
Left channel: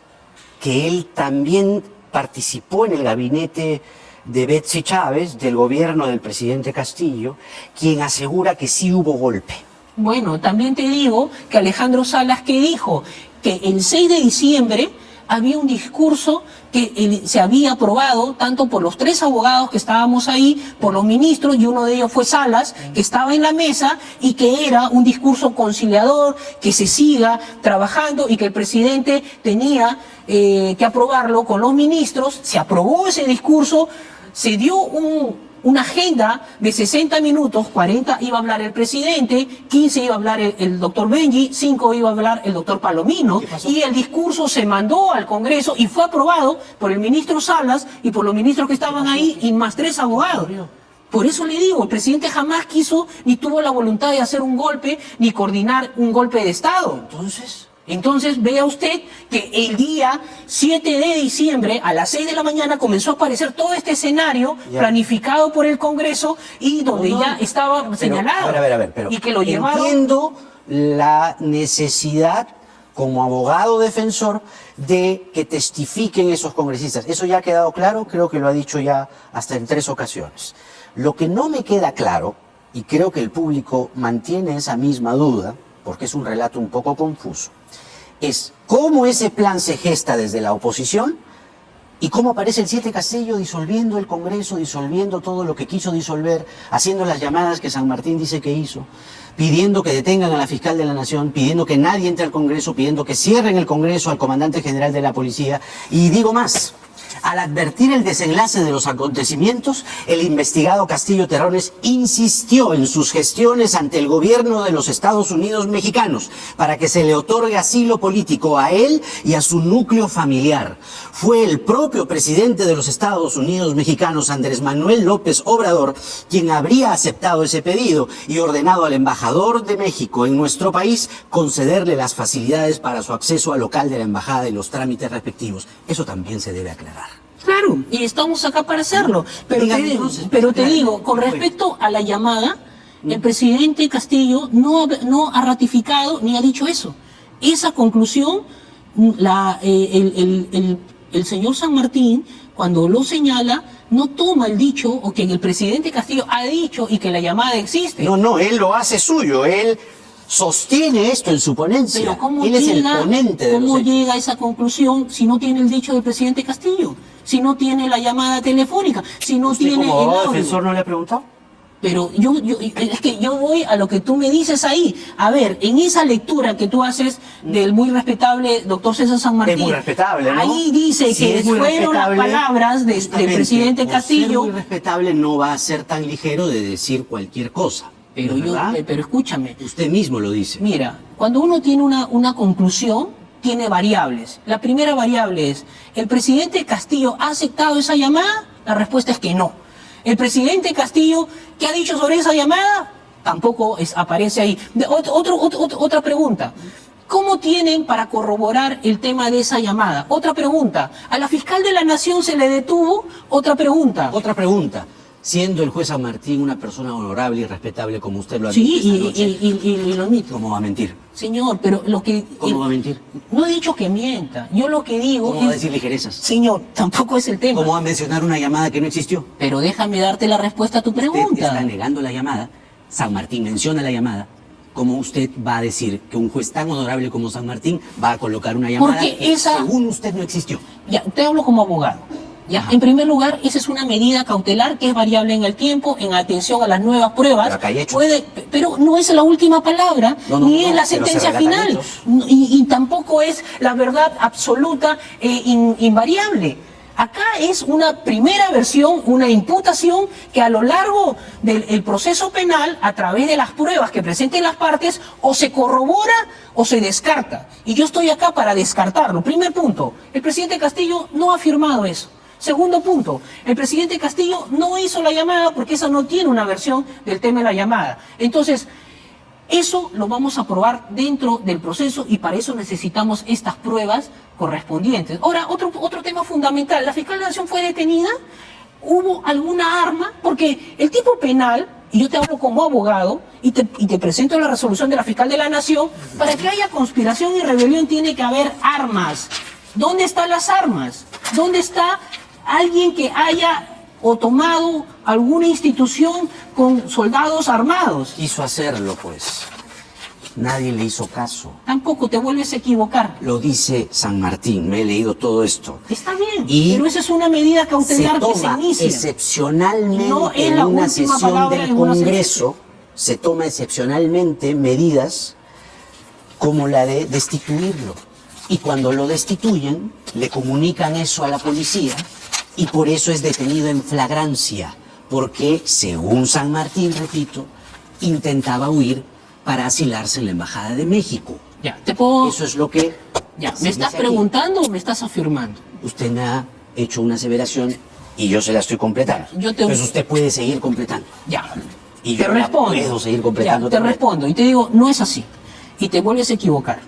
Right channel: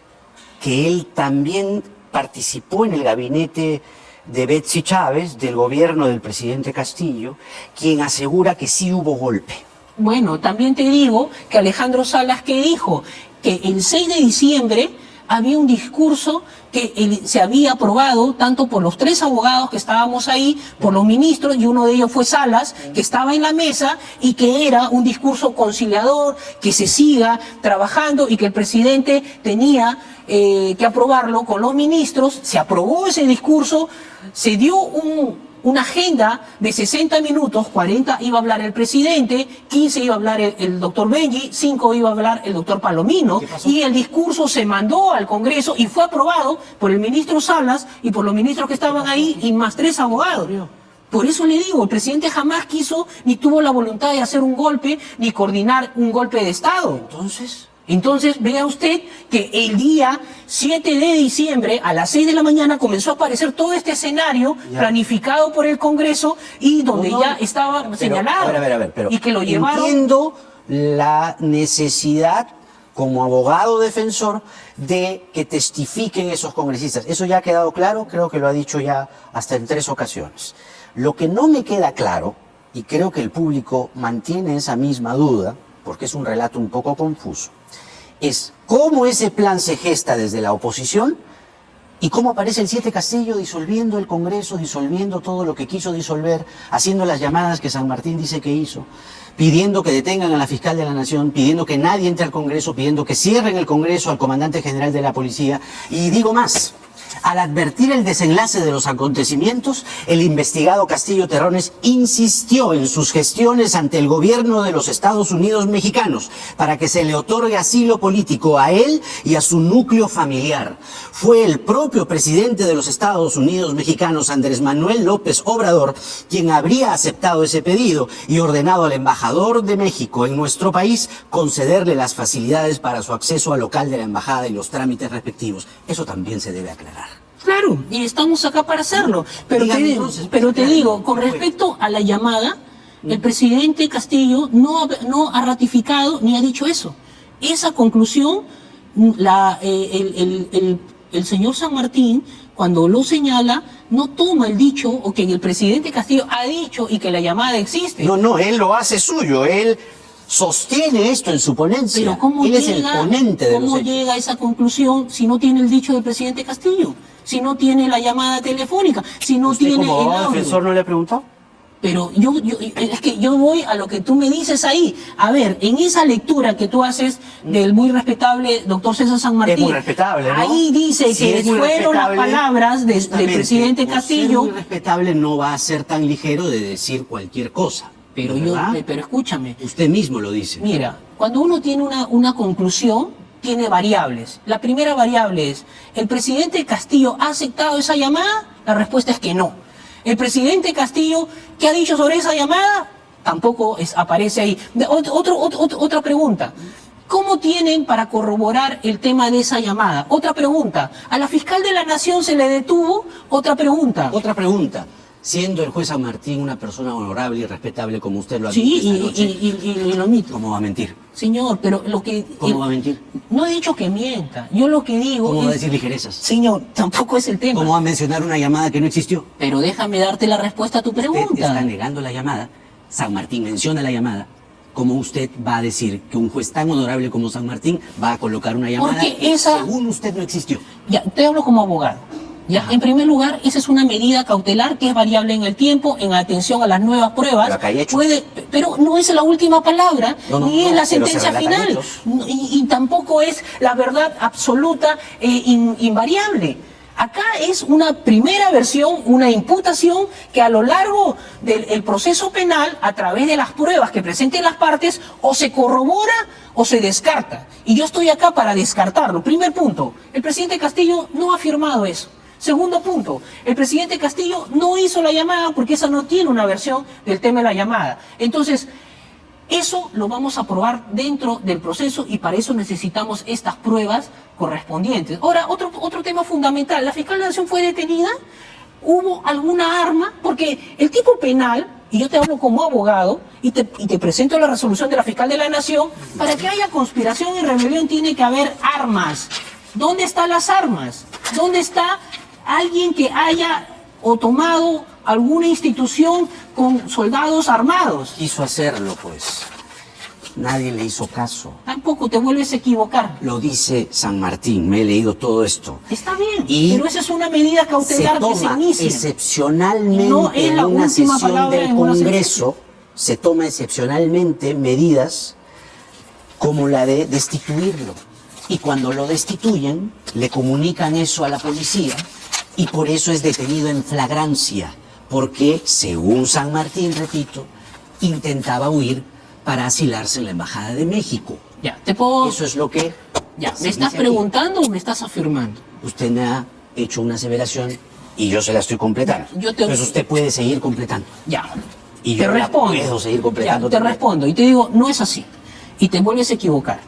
que él también participó en el gabinete de Betsy Chávez, del gobierno del presidente Castillo, quien asegura que sí hubo golpe. Bueno, también te digo que Alejandro Salas, que dijo que el 6 de diciembre había un discurso que se había aprobado tanto por los 3 abogados que estábamos ahí, por los ministros, y uno de ellos fue Salas, que estaba en la mesa, y que era un discurso conciliador, que se siga trabajando y que el presidente tenía que aprobarlo con los ministros. Se aprobó ese discurso, se dio una agenda de 60 minutos, 40 iba a hablar el presidente, 15 iba a hablar el doctor Benji, 5 iba a hablar el doctor Palomino, y el discurso se mandó al Congreso y fue aprobado por el ministro Salas y por los ministros que estaban ahí y más 3 abogados. Por eso le digo, el presidente jamás quiso ni tuvo la voluntad de hacer un golpe ni coordinar un golpe de Estado. Entonces, vea usted que el día 7 de diciembre, a las 6 de la mañana, comenzó a aparecer todo este escenario planificado por el Congreso y donde ya estaba señalado. A ver, pero y que lo llevaron. entiendo la necesidad, como abogado defensor, de que testifiquen esos congresistas. Eso ya ha quedado claro, creo que lo ha dicho ya hasta en 3 ocasiones. Lo que no me queda claro, y creo que el público mantiene esa misma duda, porque es un relato un poco confuso, es cómo ese plan se gesta desde la oposición y cómo aparece el 7 Castillo disolviendo el Congreso, disolviendo todo lo que quiso disolver, haciendo las llamadas que San Martín dice que hizo, pidiendo que detengan a la fiscal de la Nación, pidiendo que nadie entre al Congreso, pidiendo que cierren el Congreso al comandante general de la policía. Y digo más, al advertir el desenlace de los acontecimientos, el investigado Castillo Terrones insistió en sus gestiones ante el gobierno de los Estados Unidos mexicanos para que se le otorgue asilo político a él y a su núcleo familiar. Fue el propio presidente de los Estados Unidos mexicanos, Andrés Manuel López Obrador, quien habría aceptado ese pedido y ordenado al embajador de México en nuestro país concederle las facilidades para su acceso al local de la embajada y los trámites respectivos. Eso también se debe aclarar. Claro, y estamos acá para hacerlo. Pero te digo, con respecto a la llamada, el presidente Castillo no ha ratificado ni ha dicho eso. Esa conclusión, el señor San Martín, cuando lo señala, no toma el dicho o que el presidente Castillo ha dicho y que la llamada existe. No, él lo hace suyo, él sostiene esto en su ponencia. Pero ¿cómo él es el ponente de los hechos. Llega a esa conclusión si no tiene el dicho del presidente Castillo? Si no tiene la llamada telefónica, si no tiene como abogado defensor no le ha preguntado? Pero es que yo voy a lo que tú me dices ahí. A ver, en esa lectura que tú haces del muy respetable doctor César San Martín, es muy respetable, ¿no? Ahí dice Si que fueron las palabras del presidente Castillo. Ser muy respetable no va a ser tan ligero de decir cualquier cosa. Pero escúchame. Usted mismo lo dice. Mira, cuando uno tiene una conclusión, tiene variables. La primera variable es, ¿el presidente Castillo ha aceptado esa llamada? La respuesta es que no. ¿El presidente Castillo qué ha dicho sobre esa llamada? Tampoco aparece ahí. Otra pregunta. ¿Cómo tienen para corroborar el tema de esa llamada? Otra pregunta. ¿A la fiscal de la Nación se le detuvo? Otra pregunta. Siendo el juez San Martín una persona honorable y respetable como usted lo ha dicho esta noche, y lo admito. ¿Cómo va a mentir? Señor, pero lo que... ¿Cómo va a mentir? No he dicho que mienta. Yo lo que digo ¿Cómo va a decir ligerezas? Señor, tampoco es el tema. ¿Cómo va a mencionar una llamada que no existió? Pero déjame darte la respuesta a tu pregunta. Usted está negando la llamada. San Martín menciona la llamada. ¿Cómo usted va a decir que un juez tan honorable como San Martín va a colocar una llamada que según usted no existió? Ya, te hablo como abogado. Ya, en primer lugar, esa es una medida cautelar que es variable en el tiempo, en atención a las nuevas pruebas. Pero no es la última palabra, ni es la sentencia final, y tampoco es la verdad absoluta e invariable. Acá es una primera versión, una imputación que a lo largo del proceso penal, a través de las pruebas que presenten las partes, o se corrobora o se descarta. Y yo estoy acá para descartarlo. Primer punto, el presidente Castillo no ha afirmado eso. Segundo punto, el presidente Castillo no hizo la llamada porque esa no tiene una versión del tema de la llamada. Entonces, eso lo vamos a probar dentro del proceso y para eso necesitamos estas pruebas correspondientes. Ahora, otro tema fundamental, ¿la fiscal de la Nación fue detenida? ¿Hubo alguna arma? Porque el tipo penal, y yo te hablo como abogado, y te presento la resolución de la fiscal de la Nación, para que haya conspiración y rebelión tiene que haber armas. ¿Dónde están las armas? ¿Dónde está alguien que haya o tomado alguna institución con soldados armados. Quiso hacerlo, pues. Nadie le hizo caso. Tampoco te vuelves a equivocar. Lo dice San Martín, me he leído todo esto. Está bien, Y pero esa es una medida cautelar que se inicia. excepcionalmente No es en la una última sesión palabra del en una Congreso, se toma excepcionalmente medidas como la de destituirlo. Y cuando lo destituyen, le comunican eso a la policía y por eso es detenido en flagrancia, porque, según San Martín, repito, intentaba huir para asilarse en la Embajada de México. Ya, te puedo... Eso es lo que... Ya, se ¿me estás dice aquí. preguntando o me estás afirmando? Usted me ha hecho una aseveración y yo se la estoy completando. Ya, yo te- Entonces usted puede seguir completando. Ya, Y te yo la respondo. puedo seguir completando Ya, te también. respondo y te digo, no es así. Y te vuelves a equivocar.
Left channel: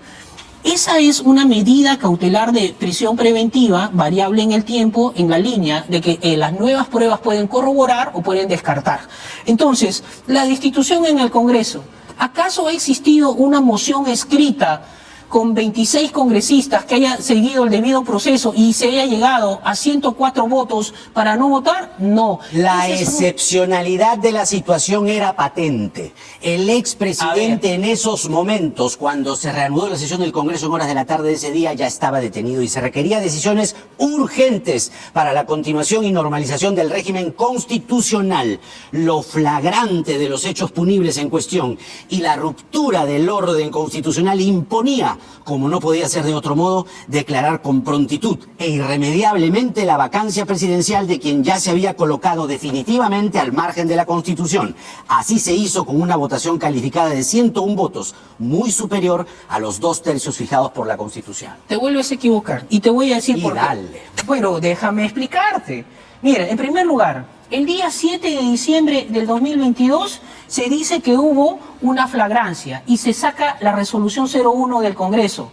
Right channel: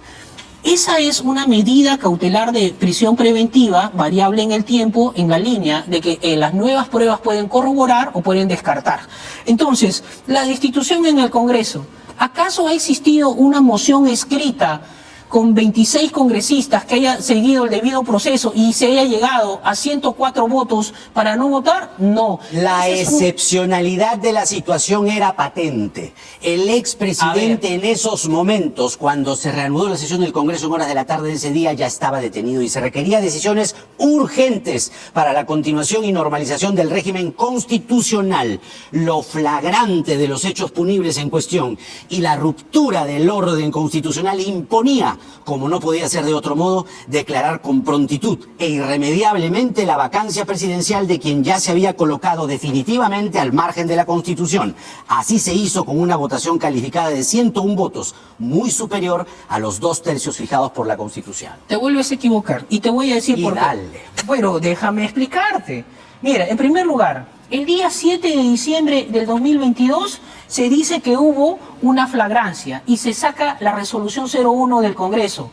Esa es una medida cautelar de prisión preventiva, variable en el tiempo, en la línea de que las nuevas pruebas pueden corroborar o pueden descartar. Entonces, la destitución en el Congreso. ¿Acaso ha existido una moción escrita con 26 congresistas que haya seguido el debido proceso y se haya llegado a 104 votos para no votar? No. La Ese es un- excepcionalidad de la situación era patente. El expresidente en esos momentos, cuando se reanudó la sesión del Congreso en horas de la tarde de ese día, ya estaba detenido y se requería decisiones urgentes para la continuación y normalización del régimen constitucional. Lo flagrante de los hechos punibles en cuestión y la ruptura del orden constitucional imponía, como no podía ser de otro modo, declarar con prontitud e irremediablemente la vacancia presidencial de quien ya se había colocado definitivamente al margen de la Constitución. Así se hizo con una votación calificada de 101 votos, muy superior a los 2/3 fijados por la Constitución. Te vuelves a equivocar y te voy a decir Y por qué. dale. Bueno, déjame explicarte. Mira, en primer lugar, el día 7 de diciembre del 2022 se dice que hubo una flagrancia y se saca la resolución 01 del Congreso.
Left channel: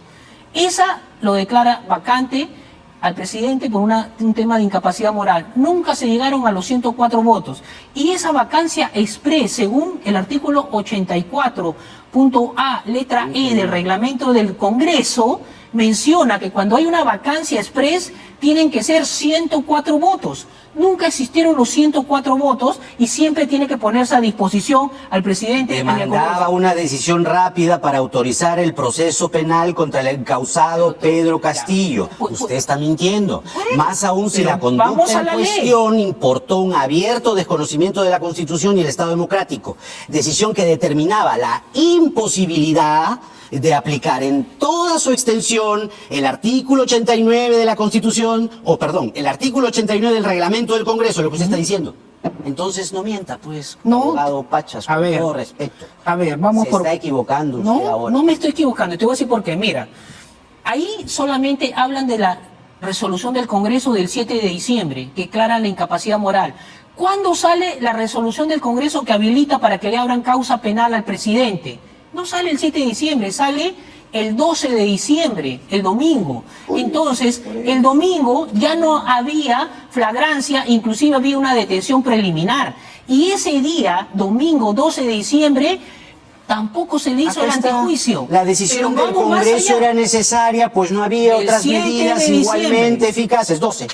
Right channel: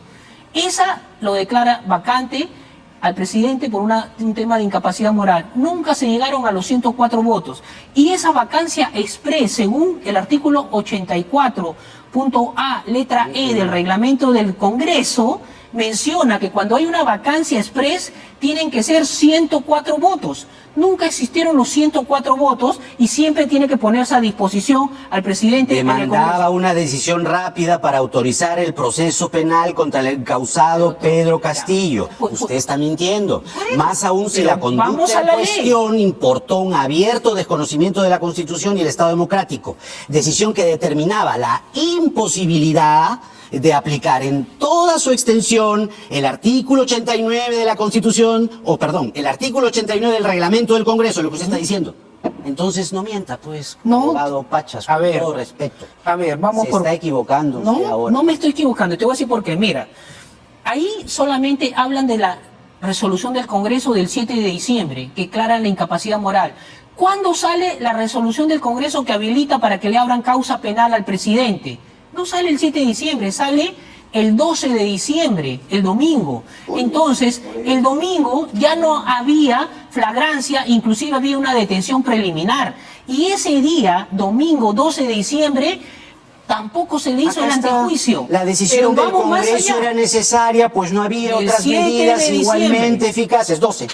Esa lo declara vacante al presidente por un tema de incapacidad moral. Nunca se llegaron a los 104 votos. Y esa vacancia express, según el artículo 84.a, letra E del reglamento del Congreso, menciona que cuando hay una vacancia express tienen que ser 104 votos. Nunca existieron los 104 votos y siempre tiene que ponerse a disposición al presidente del Demandaba Congreso. una decisión rápida para autorizar el proceso penal contra el encausado Pedro Castillo. Pues, Usted está mintiendo. Más aún si pero la vamos conducta a en la ley. cuestión importó un abierto desconocimiento de la Constitución y el Estado democrático. Decisión que determinaba la imposibilidad de aplicar en toda su extensión el artículo 89 de la Constitución, el artículo 89 del reglamento del Congreso, lo que usted está diciendo. Entonces no mienta, pues, No. abogado Pachas, A con ver. todo respeto. A ver, vamos Se por... está equivocando usted No, ahora. no me estoy equivocando. Te voy a decir por qué. Mira, ahí solamente hablan de la resolución del Congreso del 7 de diciembre, que declara la incapacidad moral. ¿Cuándo sale la resolución del Congreso que habilita para que le abran causa penal al presidente? No sale el 7 de diciembre, sale el 12 de diciembre, el domingo. Entonces, el domingo ya no había flagrancia, inclusive había una detención preliminar. Y ese día, domingo 12 de diciembre, tampoco se le hizo Acá el está. antejuicio. La decisión Pero del vamos más Congreso allá. era necesaria, pues no había El otras 7 de medidas diciembre. igualmente eficaces. 12.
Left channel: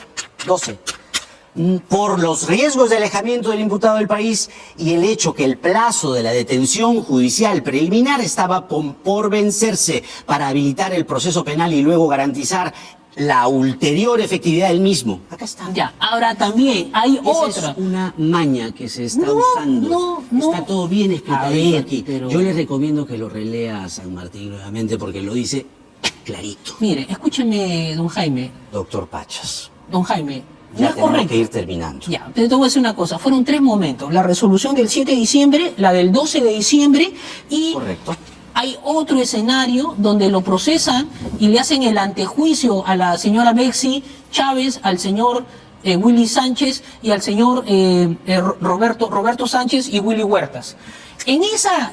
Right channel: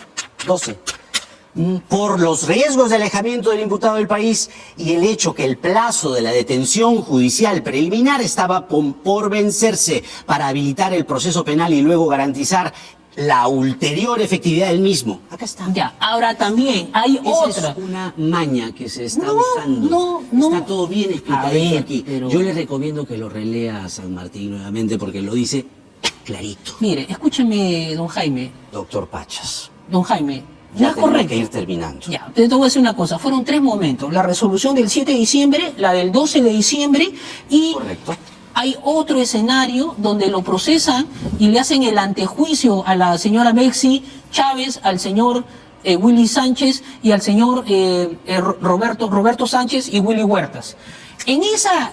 Por los riesgos de alejamiento del imputado del país y el hecho que el plazo de la detención judicial preliminar estaba por vencerse para habilitar el proceso penal y luego garantizar la ulterior efectividad del mismo. Acá está. Ya, ahora también hay Esa otra. es una maña que se está No, usando. no. Está todo bien A explicadito ver, aquí. pero- Yo le recomiendo que lo relea a San Martín nuevamente porque lo dice clarito. Mire, escúcheme, don Jaime. Doctor Pachas, Don Jaime, no ya es tenemos correcto. que ir terminando. Ya, te voy a decir una cosa. Fueron 3 momentos. La resolución del 7 de diciembre, la del 12 de diciembre y Correcto. hay otro escenario donde lo procesan y le hacen el antejuicio a la señora Bexy Chávez, al señor Willy Sánchez y al señor Roberto Sánchez y Willy Huertas. En esa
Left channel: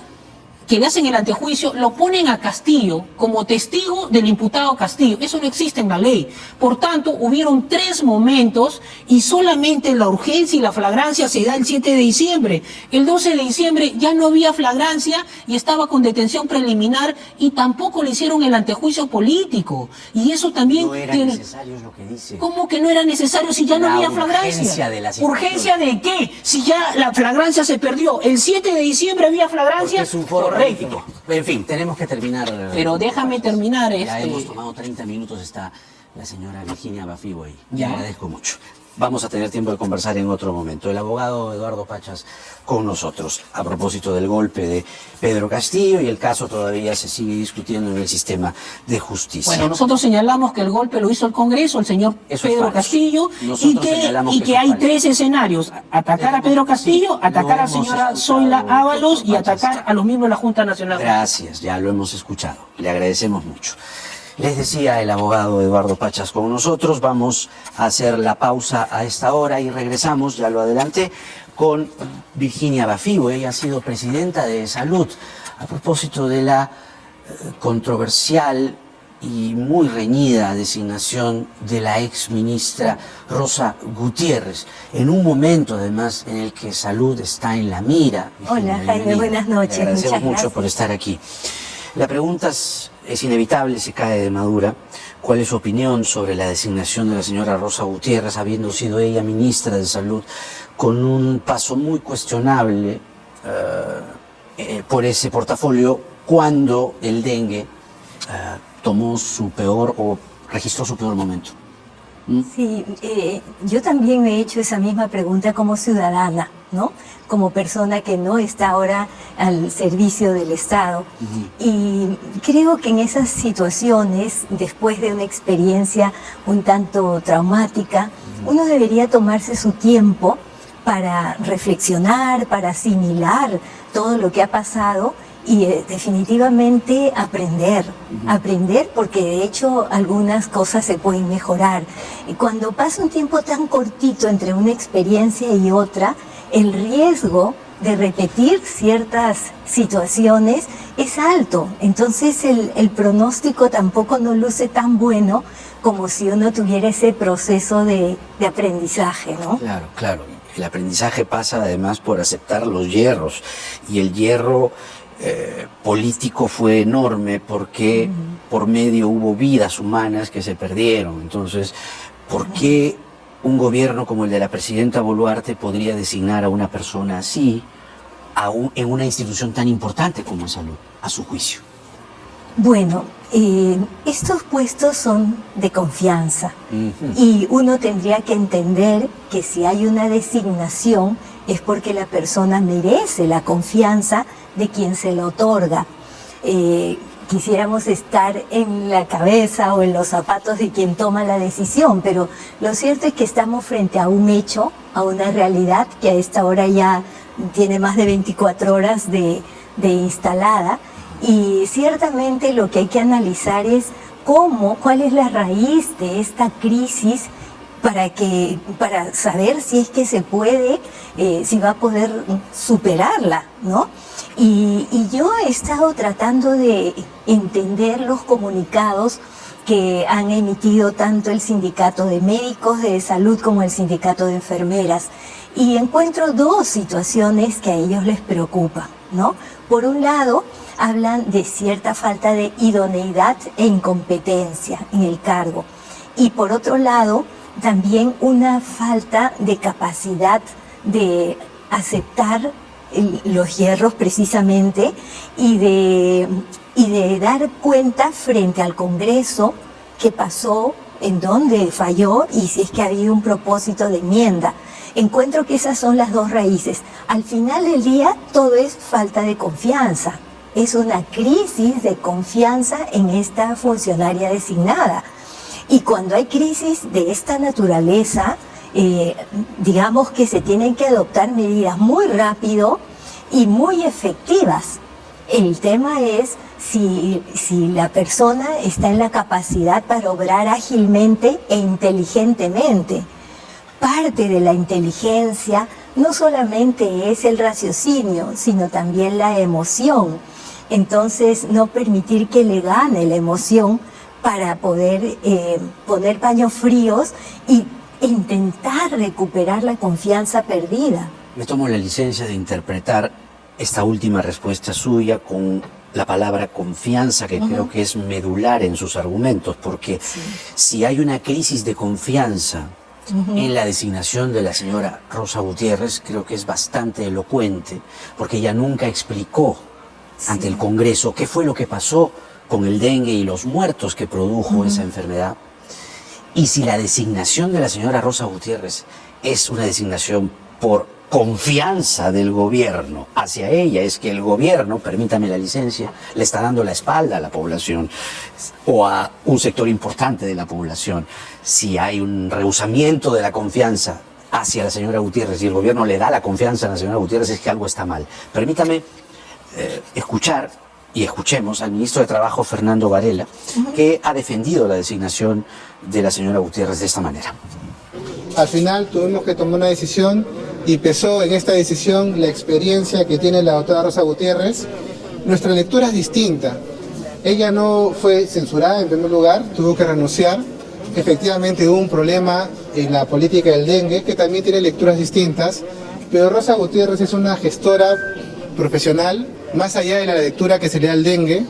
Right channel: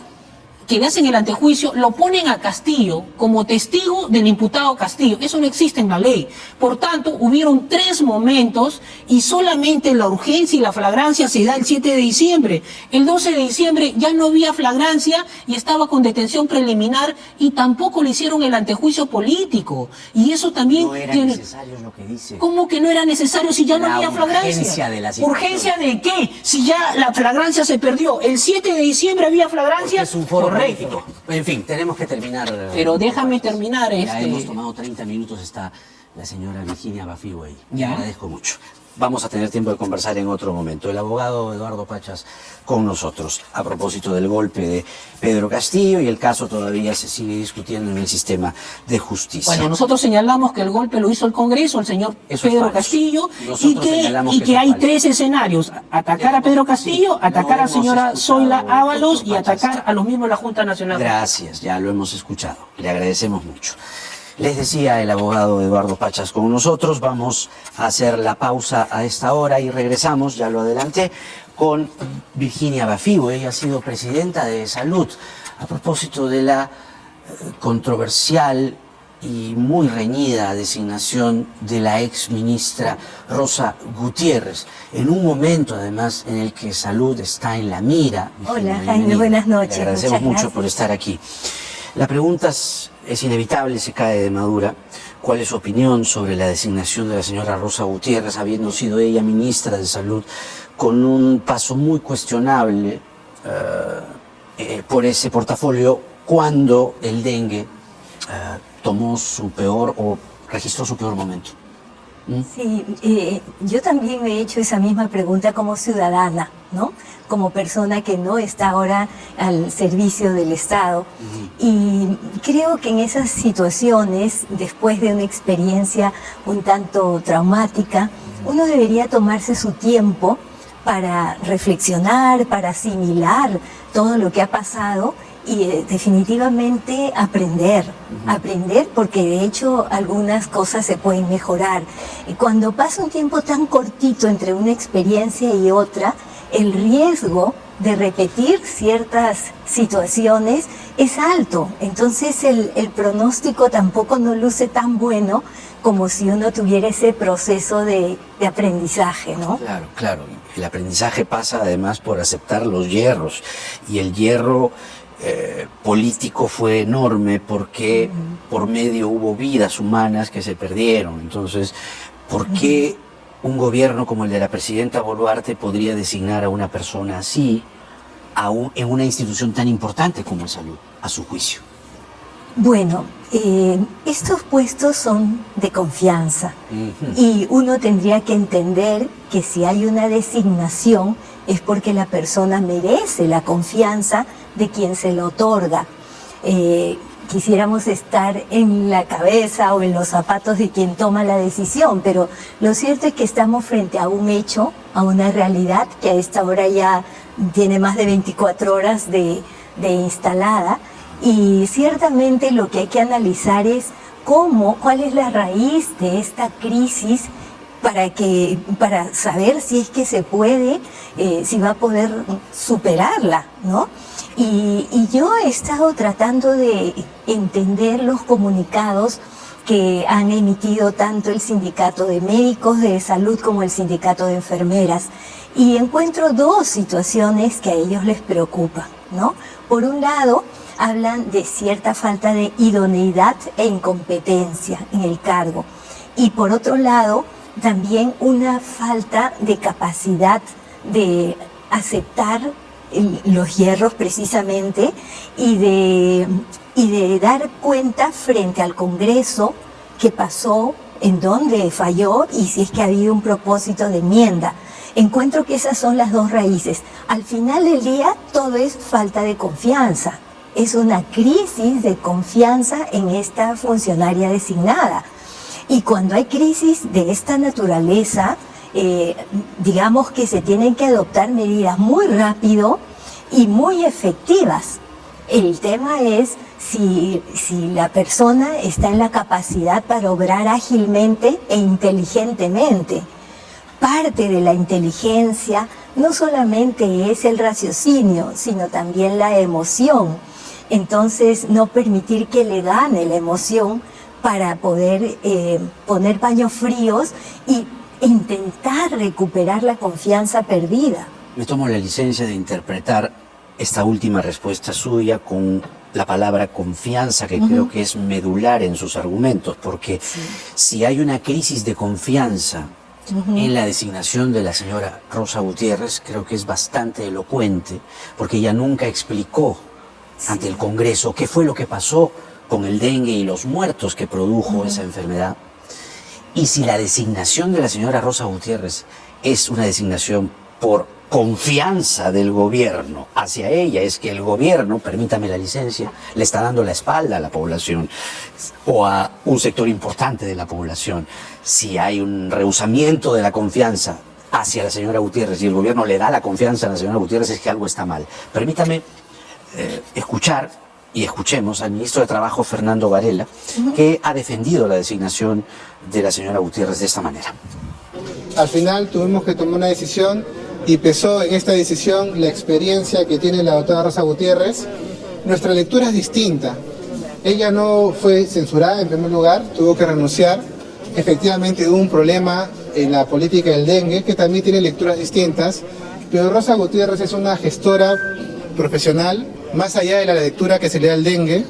que le hacen el antejuicio, lo ponen a Castillo como testigo del imputado Castillo. Eso no existe en la ley. Por tanto, hubieron 3 momentos y solamente la urgencia y la flagrancia se da el 7 de diciembre. El 12 de diciembre ya no había flagrancia y estaba con detención preliminar y tampoco le hicieron el antejuicio político. Y eso también... No era necesario, es lo que dice. ¿Cómo que no era necesario si ya no había flagrancia? Urgencia de la situación. ¿Urgencia de qué? Si ya la flagrancia se perdió. El 7 de diciembre había flagrancia. Es un foro político. En fin, tenemos que terminar. Pero déjame terminar Ya hemos tomado 30 minutos, está la señora Virginia Bafigo ahí. Le agradezco mucho. Vamos a tener tiempo de conversar en otro momento. El abogado Eduardo Pachas con nosotros a propósito del golpe de Pedro Castillo, y el caso todavía se sigue discutiendo en el sistema de justicia. Bueno, nosotros señalamos que el golpe lo hizo el Congreso, el señor Pedro Castillo, y que hay 3 escenarios: atacar a Pedro Castillo, atacar a la señora Zoila Ábalos y atacar a los miembros de la Junta Nacional. Gracias, ya lo hemos escuchado. Le agradecemos mucho. Les decía el abogado Eduardo Pachas con nosotros. Vamos a hacer la pausa a esta hora y regresamos, ya lo adelanté, con Virginia Bafigo. Ella ha sido presidenta de Salud a propósito de la controversial y muy reñida designación de la ex ministra Rosa Gutiérrez, en un momento además en el que Salud está en la mira. Hola Jaime, buenas noches. Le agradecemos muchas mucho por estar aquí. La pregunta es inevitable, se cae de madura. ¿Cuál es su opinión sobre la designación de la señora Rosa Gutiérrez, habiendo sido ella ministra de Salud, con un paso muy cuestionable por ese portafolio, cuando el dengue tomó su peor o registró su peor momento? Sí, yo también me he hecho esa misma pregunta como ciudadana, ¿no? Como persona que no está ahora al servicio del Estado. Y creo que en esas situaciones, después de una experiencia un tanto traumática, uno debería tomarse su tiempo para reflexionar, para asimilar todo lo que ha pasado y definitivamente aprender porque de hecho algunas cosas se pueden mejorar. Y cuando pasa un tiempo tan cortito entre una experiencia y otra, el riesgo de repetir ciertas situaciones es alto. Entonces el pronóstico tampoco no luce tan bueno como si uno tuviera ese proceso de aprendizaje, ¿no? Claro, claro. El aprendizaje pasa además por aceptar los hierros, y el hierro político fue enorme porque por medio hubo vidas humanas que se perdieron. Entonces, ¿por qué un gobierno como el de la presidenta Boluarte podría designar a una persona así en una institución tan importante como Salud, a su juicio? Bueno, estos puestos son de confianza y uno tendría que entender que si hay una designación es porque la persona merece la confianza de quien se lo otorga. Quisiéramos estar en la cabeza o en los zapatos de quien toma la decisión, pero lo cierto es que estamos frente a un hecho, a una realidad que a esta hora ya tiene más de 24 horas de instalada, y ciertamente lo que hay que analizar es cuál es la raíz de esta crisis para saber si es que se puede, si va a poder superarla, ¿no? Y yo he estado tratando de entender los comunicados que han emitido tanto el Sindicato de Médicos de Salud como el Sindicato de Enfermeras, y encuentro 2 situaciones que a ellos les preocupan, ¿no? Por un lado, hablan de cierta falta de idoneidad e incompetencia en el cargo, y por otro lado, también una falta de capacidad de aceptar los hierros precisamente y de dar cuenta frente al Congreso qué pasó, en dónde falló y si es que ha habido un propósito de enmienda. Encuentro que esas son las 2 raíces. Al final del día todo es falta de confianza. Es una crisis de confianza en esta funcionaria designada. Y cuando hay crisis de esta naturaleza, digamos que se tienen que adoptar medidas muy rápido y muy efectivas. El tema es si la persona está en la capacidad para obrar ágilmente e inteligentemente. Parte de la inteligencia no solamente es el raciocinio, sino también la emoción. Entonces, no permitir que le gane la emoción para poder poner paños fríos y intentar recuperar la confianza perdida. Me tomo la licencia de interpretar esta última respuesta suya con la palabra confianza, que creo que es medular en sus argumentos, porque si hay una crisis de confianza en la designación de la señora Rosa Gutiérrez, creo que es bastante elocuente, porque ella nunca explicó ante el Congreso qué fue lo que pasó con el dengue y los muertos que produjo esa enfermedad. Y si la designación de la señora Rosa Gutiérrez es una designación por confianza del gobierno hacia ella, es que el gobierno, permítame la licencia, le está dando la espalda a la población o a un sector importante de la población. Si hay un rehusamiento de la confianza hacia la señora Gutiérrez y el gobierno le da la confianza a la señora Gutiérrez, es que algo está mal. Permítame escuchar y escuchemos al ministro de Trabajo, Fernando Varela, que ha defendido la designación de la señora Gutiérrez de esta manera. Al final tuvimos que tomar una decisión y pesó en esta decisión la experiencia que tiene la doctora Rosa Gutiérrez. Nuestra lectura es distinta. Ella no fue censurada en primer lugar, tuvo que renunciar. Efectivamente hubo un problema en la política del dengue, que también tiene lecturas distintas, pero Rosa Gutiérrez es una gestora profesional, más allá de la lectura que se le da al dengue.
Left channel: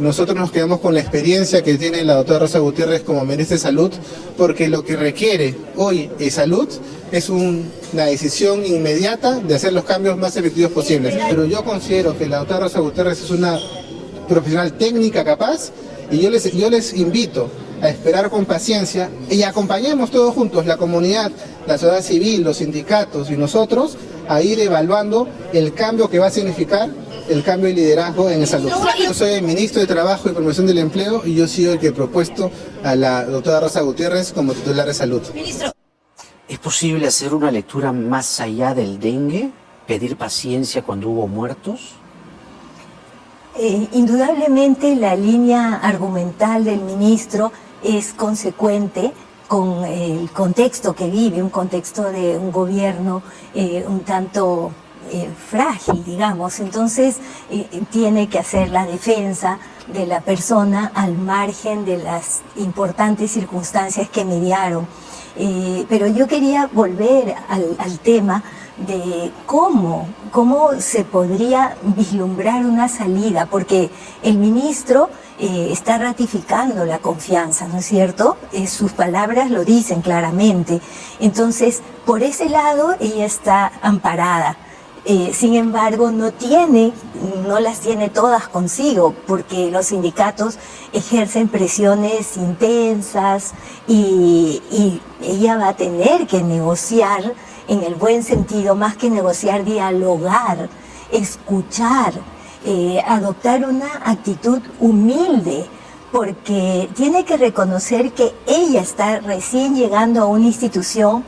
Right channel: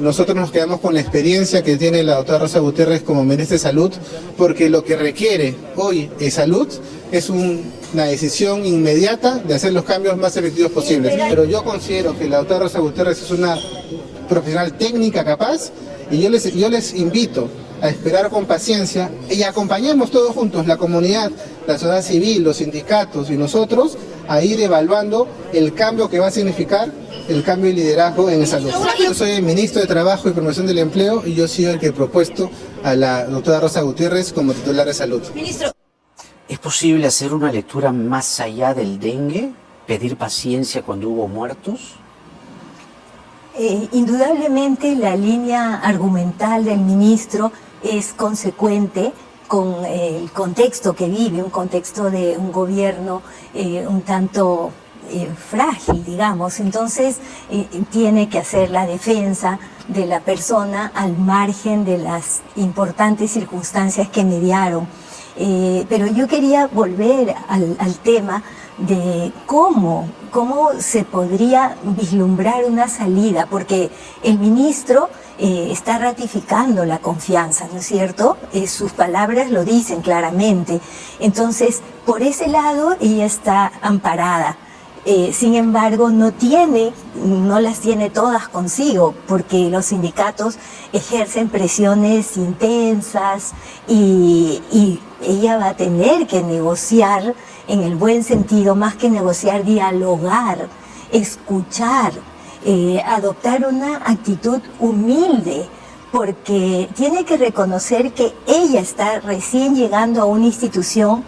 Nosotros nos quedamos con la experiencia que tiene la doctora Rosa Gutiérrez como ministra de Salud, porque lo que requiere hoy en salud es una decisión inmediata de hacer los cambios más efectivos posibles. Pero yo considero que la doctora Rosa Gutiérrez es una profesional técnica capaz, y yo les invito a esperar con paciencia y acompañemos todos juntos, la comunidad, la sociedad civil, los sindicatos y nosotros, a ir evaluando el cambio que va a significar el cambio de liderazgo en salud. Yo soy el ministro de Trabajo y Promoción del Empleo y yo soy el que he propuesto a la doctora Rosa Gutiérrez como titular de salud. Ministro. ¿Es posible hacer una lectura más allá del dengue? ¿Pedir paciencia cuando hubo muertos? Indudablemente la línea argumental del ministro es consecuente con el contexto que vive, un contexto de un gobierno un tanto frágil, digamos. Entonces tiene que hacer la defensa de la persona al margen de las importantes circunstancias que mediaron. Pero yo quería volver al tema de cómo se podría vislumbrar una salida, porque el ministro está ratificando la confianza, ¿no es cierto? Sus palabras lo dicen claramente. Entonces, por ese lado, ella está amparada. Sin embargo, no las tiene todas consigo, porque los sindicatos ejercen presiones intensas y ella va a tener que negociar en el buen sentido, más que negociar, dialogar, escuchar, adoptar una actitud humilde, porque tiene que reconocer que ella está recién llegando a una institución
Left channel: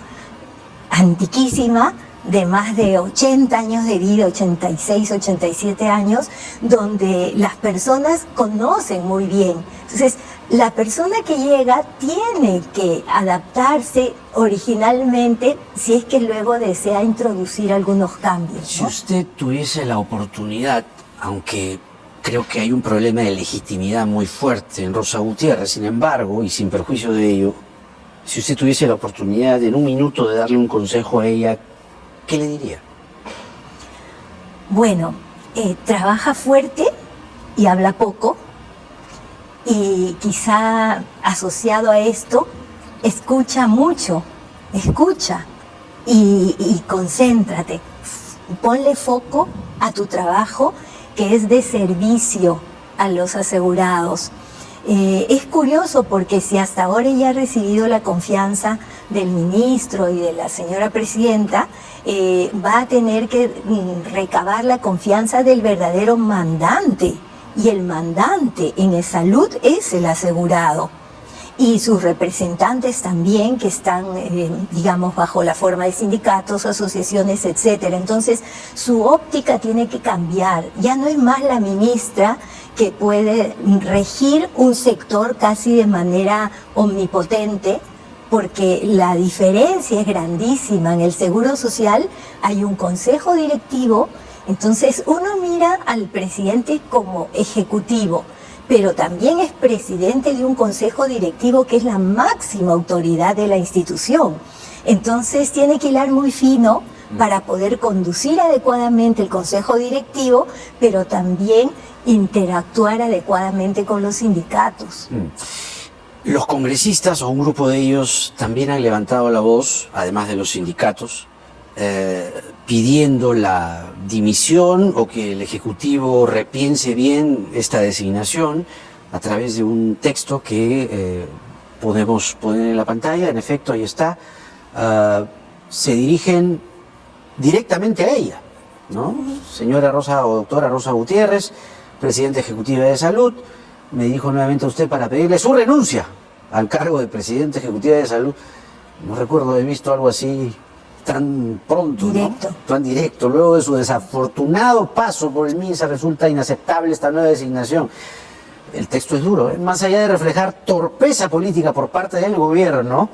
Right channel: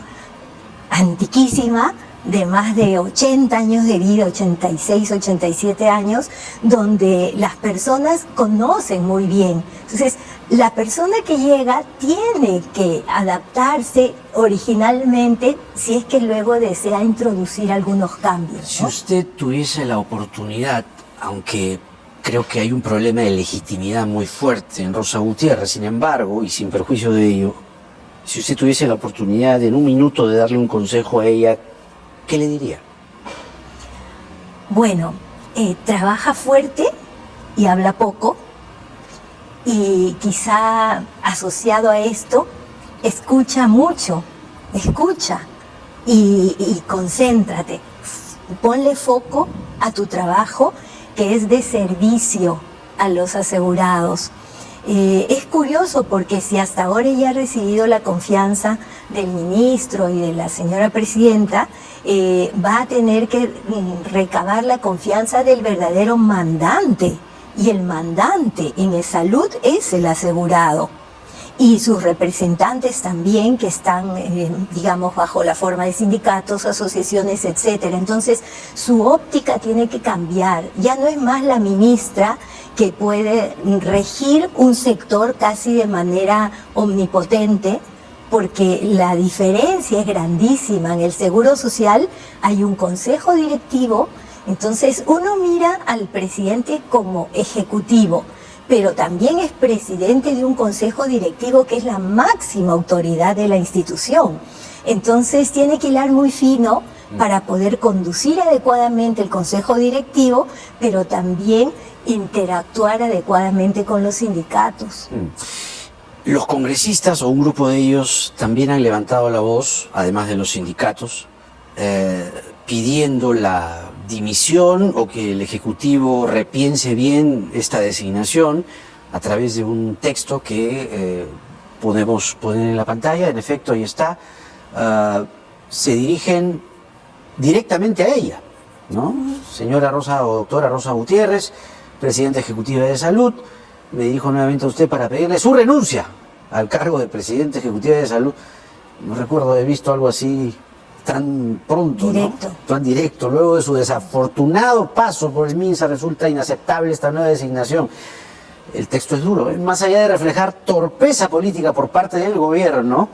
antiquísima, de más de 80 años de vida, 86, 87 años, donde las personas conocen muy bien. Entonces, la persona que llega tiene que adaptarse originalmente si es que luego desea introducir algunos cambios, ¿no? Si usted tuviese la oportunidad, aunque creo que hay un problema de legitimidad muy fuerte en Rosa Gutiérrez, sin embargo, y sin perjuicio de ello, si usted tuviese la oportunidad en un minuto de darle un consejo a ella, ¿qué le diría? Bueno, trabaja fuerte y habla poco, y quizá asociado a esto, escucha mucho, escucha y concéntrate, ponle foco a tu trabajo, que es de servicio a los asegurados. Es curioso porque si hasta ahora ella ha recibido la confianza del ministro y de la señora presidenta, va a tener que recabar la confianza del verdadero mandante, y el mandante en salud es el asegurado, y sus representantes también, que están, digamos, bajo la forma de sindicatos, asociaciones, etcétera. Entonces, su óptica tiene que cambiar. Ya no es más la ministra que puede regir un sector casi de manera omnipotente, porque la diferencia es grandísima. En el Seguro Social hay un consejo directivo Entonces uno mira al presidente como ejecutivo, pero también es presidente de un consejo directivo que es la máxima autoridad de la institución. Entonces tiene que hilar muy fino para poder conducir adecuadamente el consejo directivo, pero también interactuar adecuadamente con los sindicatos. Los congresistas o un grupo de ellos también han levantado la voz, además de los sindicatos, pidiendo la dimisión o que el Ejecutivo repiense bien esta designación a través de un texto que podemos poner en la pantalla. En efecto, ahí está. Se dirigen directamente a ella, ¿no? Señora Rosa o doctora Rosa Gutiérrez, presidenta ejecutiva de Salud, me dijo nuevamente a usted para pedirle su renuncia al cargo de presidenta ejecutiva de Salud. No recuerdo haber visto algo así tan pronto, Directo. ¿no? Tan directo. Luego de su desafortunado paso por el MINSA resulta inaceptable esta nueva designación. El texto es duro, ¿eh? Más allá de reflejar torpeza política por parte del gobierno,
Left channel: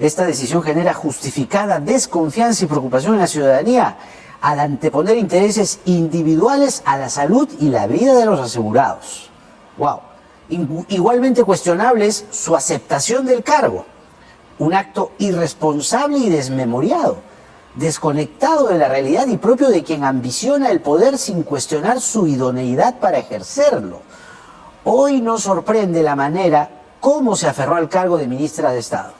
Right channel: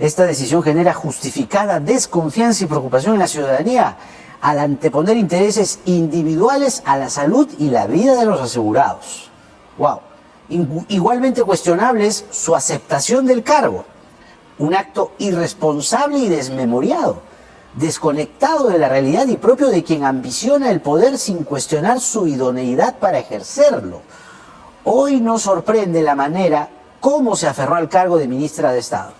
esta decisión genera justificada desconfianza y preocupación en la ciudadanía al anteponer intereses individuales a la salud y la vida de los asegurados. ¡Wow! Igualmente cuestionable es su aceptación del cargo. Un acto irresponsable y desmemoriado, desconectado de la realidad y propio de quien ambiciona el poder sin cuestionar su idoneidad para ejercerlo. Hoy nos sorprende la manera cómo se aferró al cargo de ministra de Estado.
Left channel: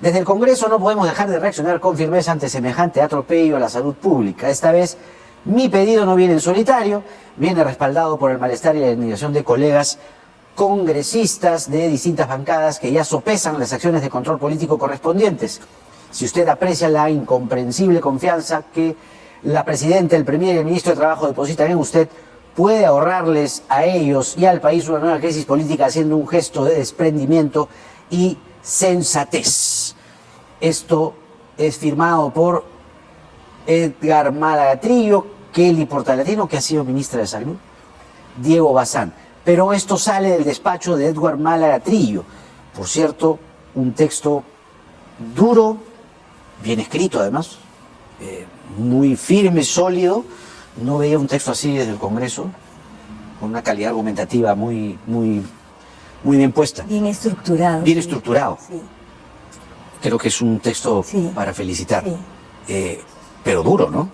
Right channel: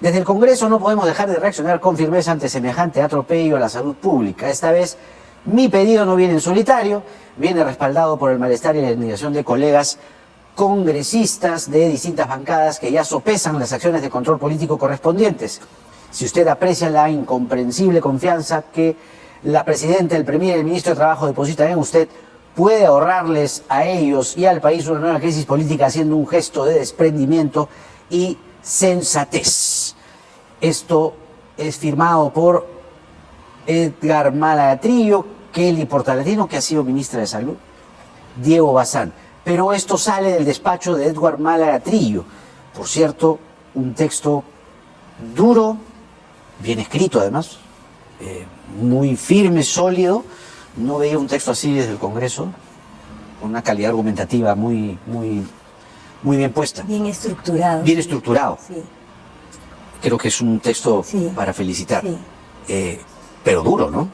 Desde el Congreso no podemos dejar de reaccionar con firmeza ante semejante atropello a la salud pública. Esta vez mi pedido no viene en solitario, viene respaldado por el malestar y la indignación de colegas congresistas de distintas bancadas que ya sopesan las acciones de control político correspondientes. Si usted aprecia la incomprensible confianza que la presidenta, el premier y el ministro de Trabajo depositan en usted, puede ahorrarles a ellos y al país una nueva crisis política haciendo un gesto de desprendimiento y sensatez. Esto es firmado por Edgar Malagatrillo, Kelly Portalatino, que ha sido ministra de Salud, Diego Bazán. Pero esto sale del despacho de Edgar Malagatrillo. Por cierto, un texto duro, bien escrito además, muy firme, sólido. No veía un texto así desde el Congreso, con una calidad argumentativa muy bien puesta. Bien estructurado. Bien estructurado. Sí. Creo que es un texto para felicitar. Sí. Pero duro, ¿no?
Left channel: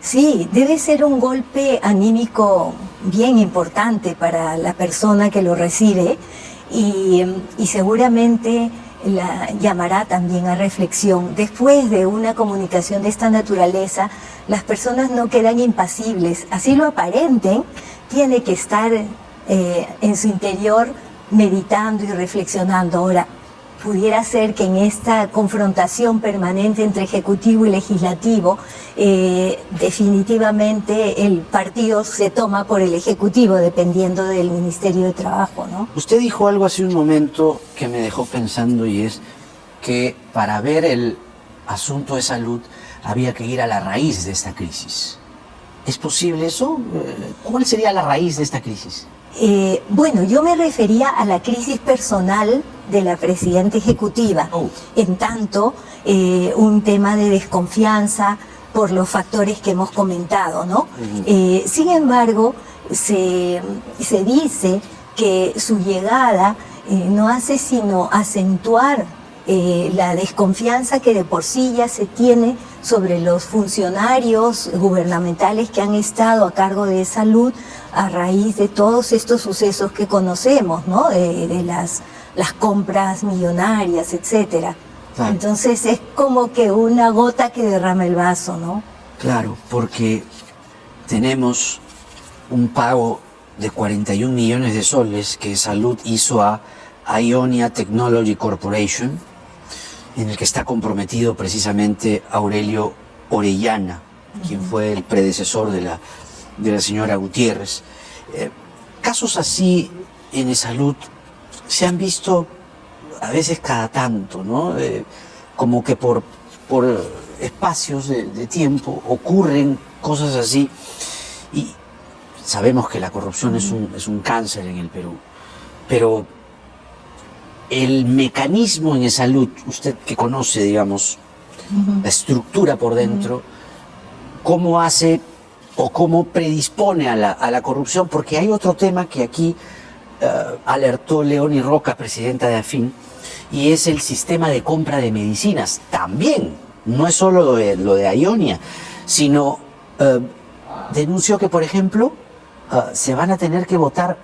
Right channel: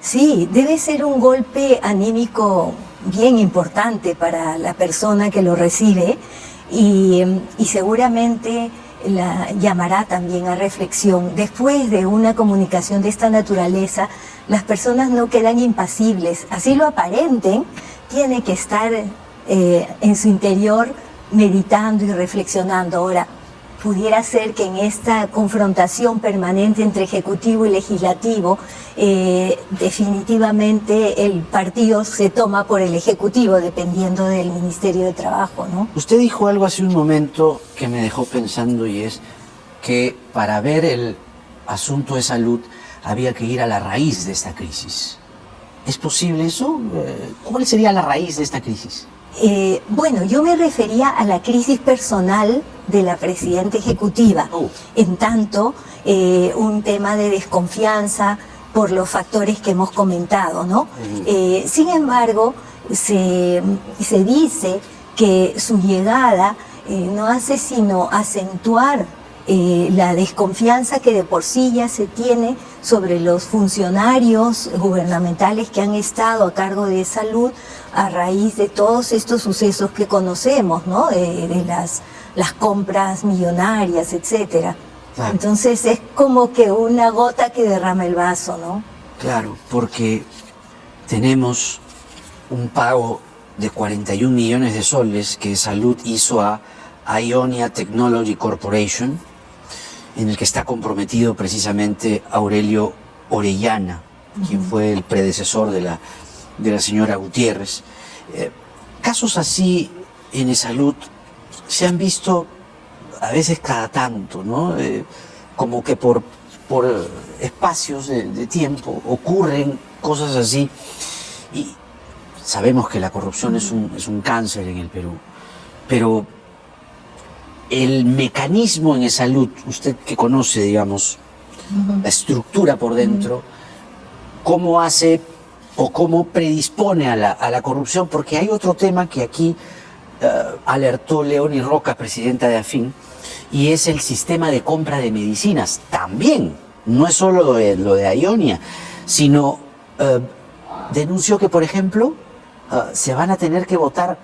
Sí, debe ser un golpe anímico bien importante para la persona que lo recibe y seguramente la llamará también a reflexión. Después de una comunicación de esta naturaleza, las personas no quedan impasibles, así lo aparenten, tiene que estar en su interior meditando y reflexionando. Ahora, pudiera ser que en esta confrontación permanente entre Ejecutivo y Legislativo, definitivamente el partido se toma por el Ejecutivo, dependiendo del Ministerio de Trabajo, ¿no? Usted dijo algo hace un momento que me dejó pensando y es que para ver el asunto de salud había que ir a la raíz de esta crisis. ¿Es posible eso? ¿Cuál sería la raíz de esta crisis? Bueno, yo me refería a la crisis personal de la presidenta ejecutiva, en tanto un tema de desconfianza por los factores que hemos comentado, ¿no? Sin embargo, se dice que su llegada no hace sino acentuar la desconfianza que de por sí ya se tiene sobre los funcionarios gubernamentales que han estado a cargo de salud a raíz de todos estos sucesos que conocemos, ¿no? De las compras millonarias, etcétera. Claro. Entonces es como que una gota que derrama el vaso, ¿no? Claro, porque tenemos un pago de 41 millones de soles que Salud hizo a Ionia Technology Corporation, en el que está comprometido precisamente Aurelio Orellana, quien fue el predecesor de la señora Gutiérrez. Casos así en Salud se han visto a veces cada tanto, ¿no? Como que por espacios de tiempo ocurren cosas así, y sabemos que la corrupción es un cáncer en el Perú, pero el mecanismo en Salud, usted que conoce, digamos, la estructura por dentro, ¿cómo hace o cómo predispone a la corrupción, porque hay otro tema que aquí alertó Leonie Roca, presidenta de AFIN, y es el sistema de compra de medicinas. También, no es solo lo de Aionia, sino denunció que, por ejemplo, se van a tener que votar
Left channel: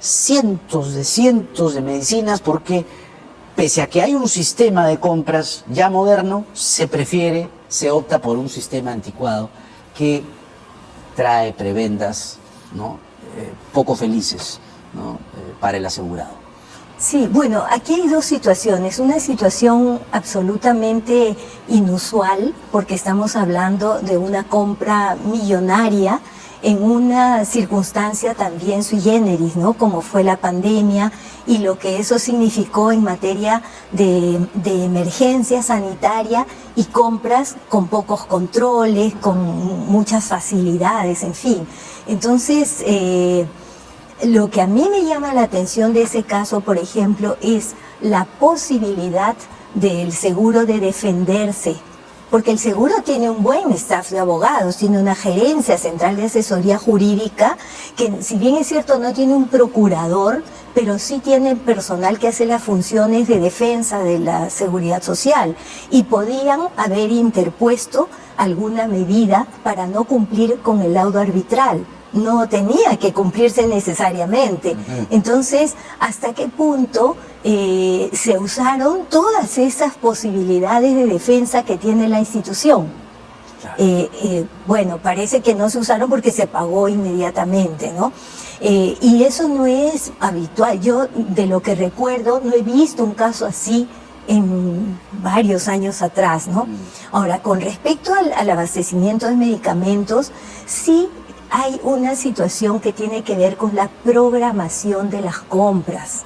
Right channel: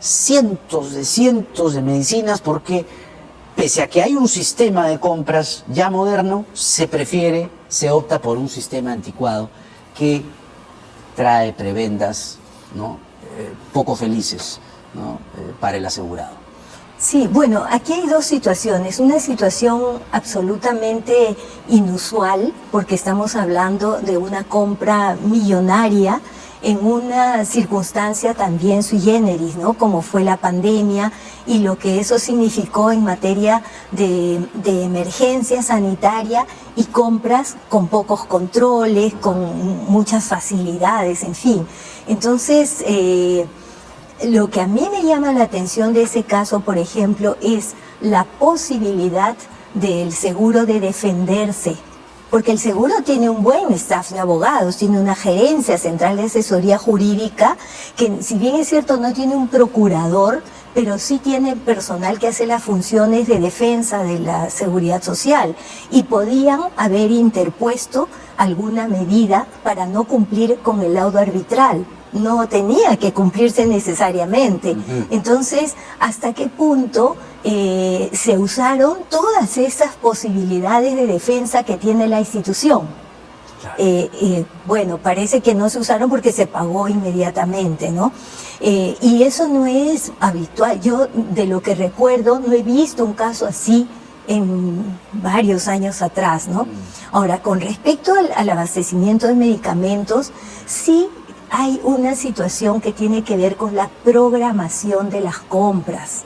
cientos de medicinas porque, pese a que hay un sistema de compras ya moderno, se opta por un sistema anticuado que trae prebendas, ¿no? Poco felices, ¿no? Para el asegurado. Sí, bueno, aquí hay dos situaciones. Una situación absolutamente inusual, porque estamos hablando de una compra millonaria en una circunstancia también sui generis, ¿no? Como fue la pandemia y lo que eso significó en materia de emergencia sanitaria y compras con pocos controles, con muchas facilidades, en fin. Entonces, lo que a mí me llama la atención de ese caso, por ejemplo, es la posibilidad del seguro de defenderse. Porque el seguro tiene un buen staff de abogados, tiene una gerencia central de asesoría jurídica que, si bien es cierto, no tiene un procurador, pero sí tiene personal que hace las funciones de defensa de la seguridad social y podían haber interpuesto alguna medida para no cumplir con el laudo arbitral. No tenía que cumplirse necesariamente. Entonces, ¿hasta qué punto se usaron todas esas posibilidades de defensa que tiene la institución? Bueno, parece que no se usaron porque se pagó inmediatamente, ¿no? Y eso no es habitual. Yo, de lo que recuerdo, no he visto un caso así en varios años atrás, ¿no? Ahora, con respecto al abastecimiento de medicamentos, sí hay una situación que tiene que ver con la programación de las compras.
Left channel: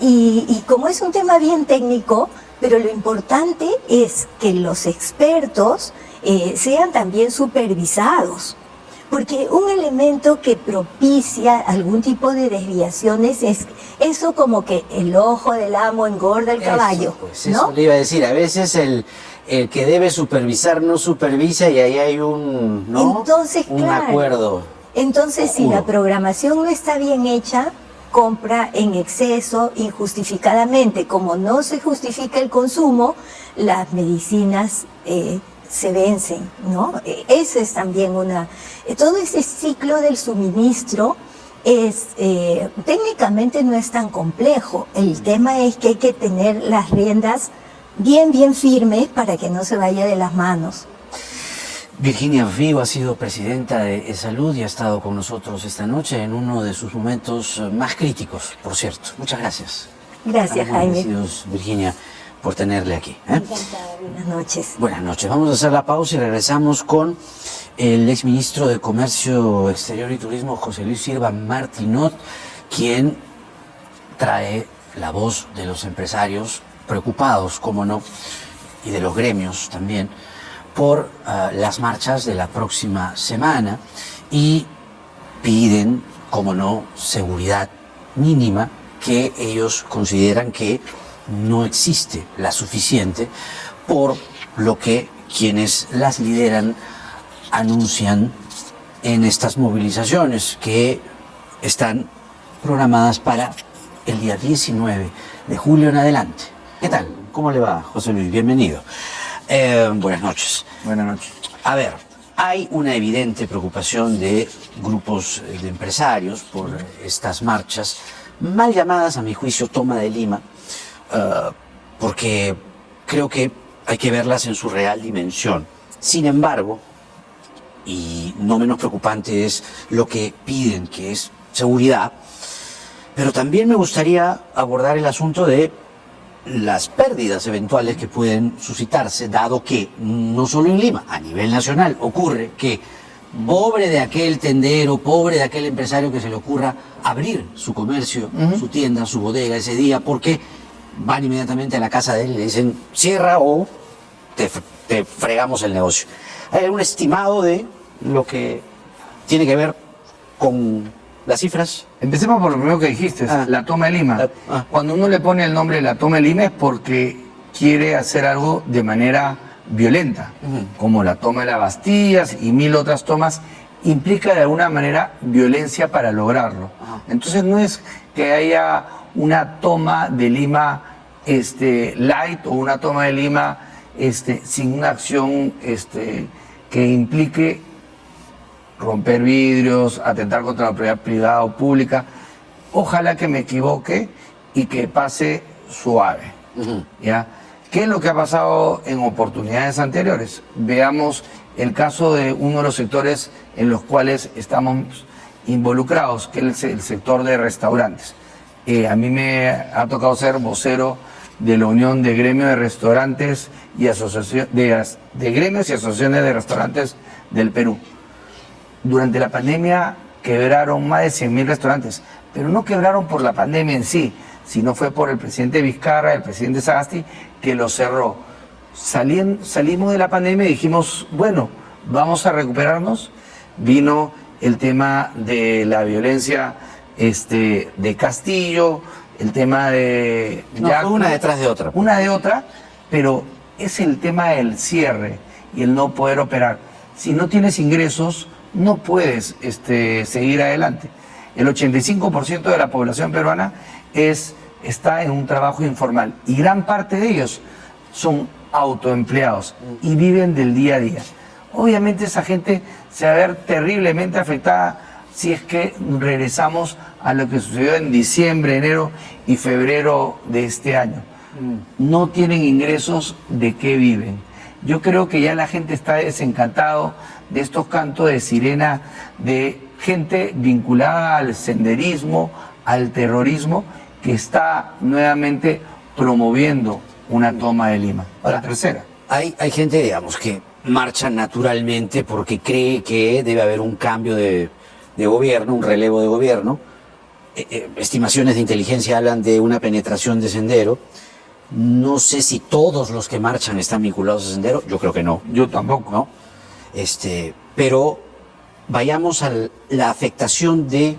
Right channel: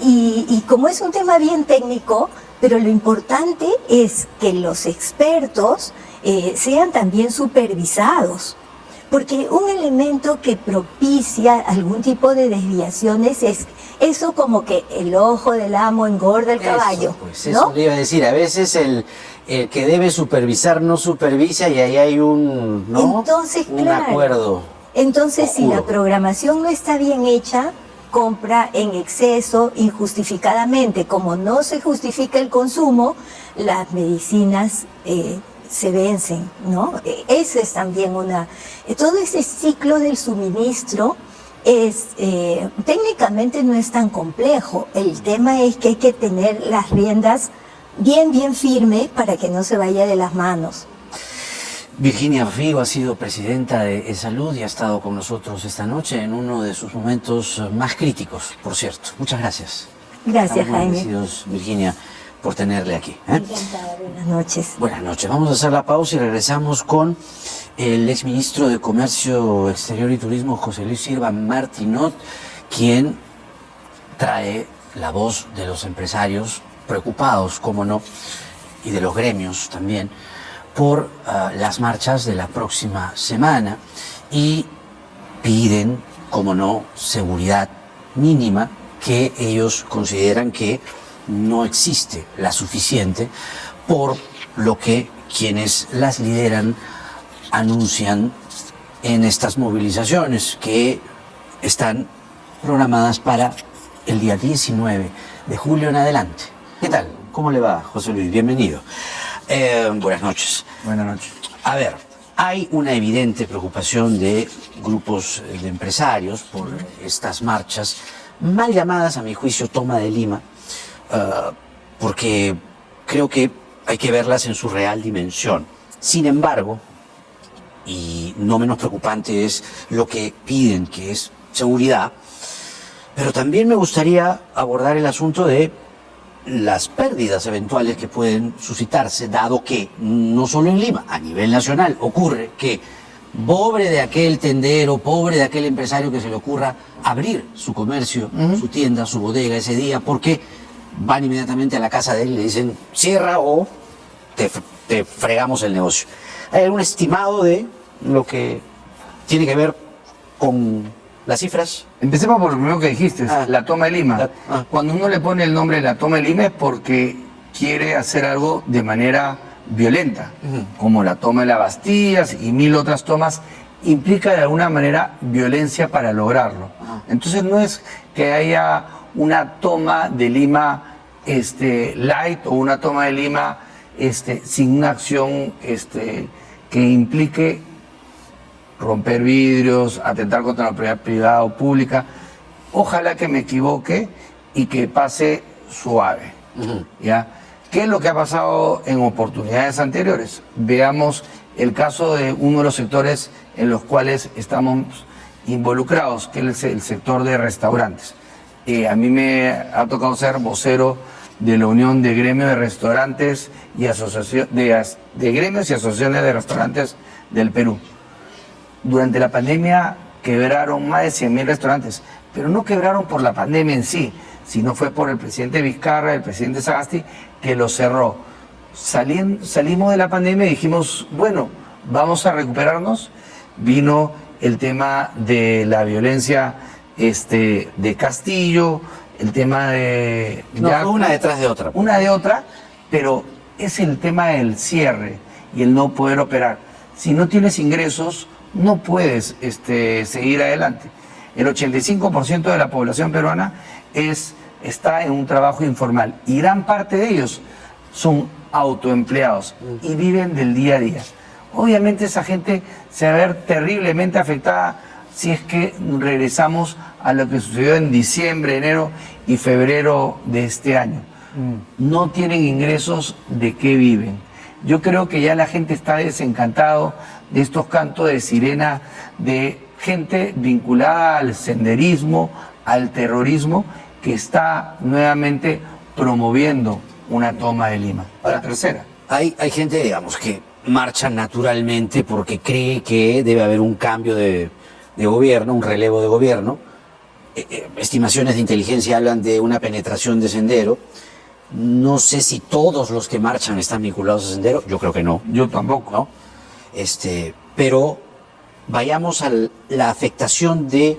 Y como es un tema bien técnico, pero lo importante es que los expertos sean también supervisados. Porque un elemento que propicia algún tipo de desviaciones es eso, como que el ojo del amo engorda el caballo, Pues, ¿no? eso le iba a decir, a veces el que debe supervisar no supervisa y ahí hay un, ¿no? Entonces, un claro, acuerdo. Entonces, si la oscuro. programación no está bien hecha, compra en exceso, injustificadamente. Como no se justifica el consumo, las medicinas se vencen, ¿no? Esa es también todo ese ciclo del suministro técnicamente no es tan complejo. El tema es que hay que tener las riendas bien firmes para que no se vaya de las manos. Virginia Río ha sido presidenta de Salud y ha estado con nosotros esta noche en uno de sus momentos más críticos, por cierto. Muchas gracias. Gracias, Estamos Jaime. agradecidos, Virginia, por tenerle aquí. Encantada, buenas noches. Buenas noches. Vamos a hacer la pausa y regresamos con el exministro de Comercio Exterior y Turismo, José Luis Silva Martinot, quien trae la voz de los empresarios preocupados, cómo no, y de los gremios también, por las marchas de la próxima semana y piden, cómo no, seguridad mínima que ellos consideran que no existe la suficiente, por lo que quienes las lideran anuncian en estas movilizaciones que están programadas para el día 19 de julio en adelante. ¿Qué tal? ¿Cómo le va, José Luis? Bienvenido. Buenas noches. Buenas noches. A ver, hay una evidente preocupación de grupos de empresarios por estas marchas, mal llamadas a mi juicio toma de Lima, porque creo que hay que verlas en su real dimensión. Sin embargo, y no menos preocupante es lo que piden, que es seguridad, pero también me gustaría abordar el asunto de las pérdidas eventuales que pueden suscitarse, dado que no solo en Lima, a nivel nacional ocurre que pobre de aquel tendero, pobre de aquel empresario que se le ocurra abrir su comercio, su tienda, su bodega ese día, porque van inmediatamente a la casa de él y le dicen cierra o te fregamos el negocio. ¿Hay algún estimado de lo que tiene que ver con las cifras? Empecemos por lo primero que dijiste, la toma de Lima. Cuando uno le pone el nombre de la toma de Lima es porque quiere hacer algo de manera violenta, como la toma de la Bastilla y 1000 otras tomas implica de alguna manera violencia para lograrlo. Entonces no es que haya una toma de Lima light o una toma de Lima sin una acción que implique romper vidrios, atentar contra la propiedad privada o pública. Ojalá que me equivoque y que pase suave. ¿Ya? ¿Qué es lo que ha pasado en oportunidades anteriores? Veamos el caso de uno de los sectores en los cuales estamos involucrados, que es el sector de restaurantes. A mí me ha tocado ser vocero de la Unión de Gremios de Restaurantes y de Gremios y Asociaciones de Restaurantes del Perú. Durante la pandemia quebraron más de 100.000 restaurantes, pero no quebraron por la pandemia en sí, sino fue por el presidente Vizcarra, el presidente Sagasti, que lo cerró. Salimos de la pandemia y dijimos, bueno, vamos a recuperarnos. Vino el tema de la violencia de Castillo, el tema de... No, fue una detrás de otra. Una de otra, pero es el tema del cierre y el no poder operar. Si no tienes ingresos, no puedes seguir adelante. El 85% de la población peruana está en un trabajo informal y gran parte de ellos son autoempleados y viven del día a día. Obviamente esa gente se va a ver terriblemente afectada si es que regresamos a lo que sucedió en diciembre, enero y febrero de este año. No tienen ingresos, ¿de qué viven? Yo creo que ya la gente está desencantado de estos cantos de sirena de gente vinculada al senderismo, al terrorismo, que está nuevamente promoviendo una toma de Lima. La tercera. Hay gente, digamos, que marcha naturalmente porque cree que debe haber un cambio de gobierno, un relevo de gobierno. Estimaciones de inteligencia hablan de una penetración de Sendero. No sé si todos los que marchan están vinculados a Sendero, yo creo que no. Yo tampoco. ¿No? Pero vayamos a la afectación de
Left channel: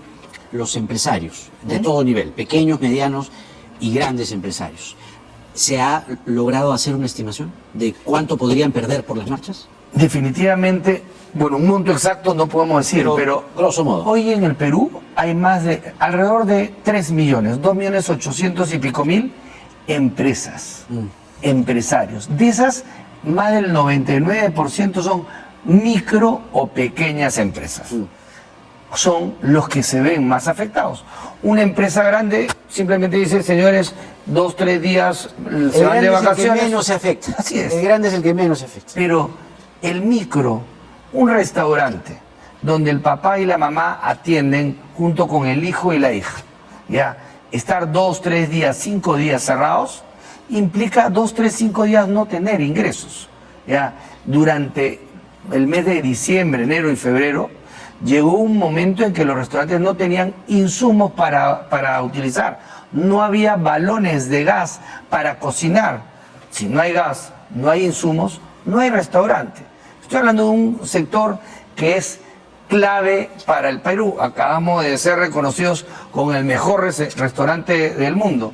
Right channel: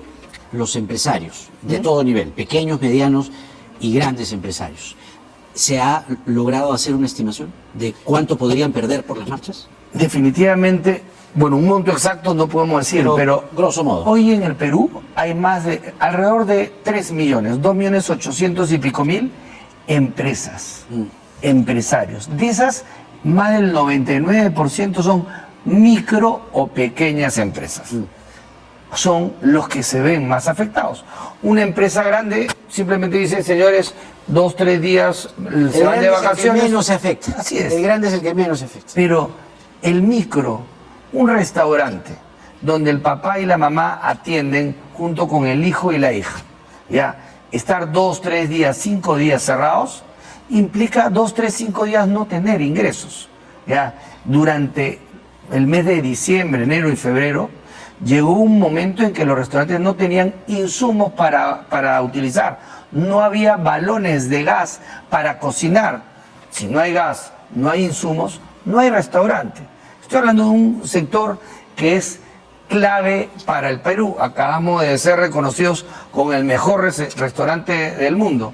los empresarios, de todo nivel, pequeños, medianos y grandes empresarios. ¿Se ha logrado hacer una estimación de cuánto podrían perder por las marchas? Definitivamente, bueno, un monto exacto no podemos decir, pero grosso modo. Hoy en el Perú hay alrededor de 3 millones, 2.800.000 y pico empresas, empresarios. De esas, más del 99% son micro o pequeñas empresas. Son los que se ven más afectados. Una empresa grande simplemente dice, señores, 2, 3 días se van de vacaciones. El que menos se afecta. Así es. El grande es el que menos se afecta. Pero el micro, un restaurante donde el papá y la mamá atienden junto con el hijo y la hija, ¿ya? Estar 2, 3 días, 5 días cerrados implica 2, 3, 5 días no tener ingresos, ¿ya? Durante el mes de diciembre, enero y febrero llegó un momento en que los restaurantes no tenían insumos para utilizar. No había balones de gas para cocinar. Si no hay gas, no hay insumos, no hay restaurante. Estoy hablando de un sector que es clave para el Perú. Acabamos de ser reconocidos como el mejor restaurante del mundo.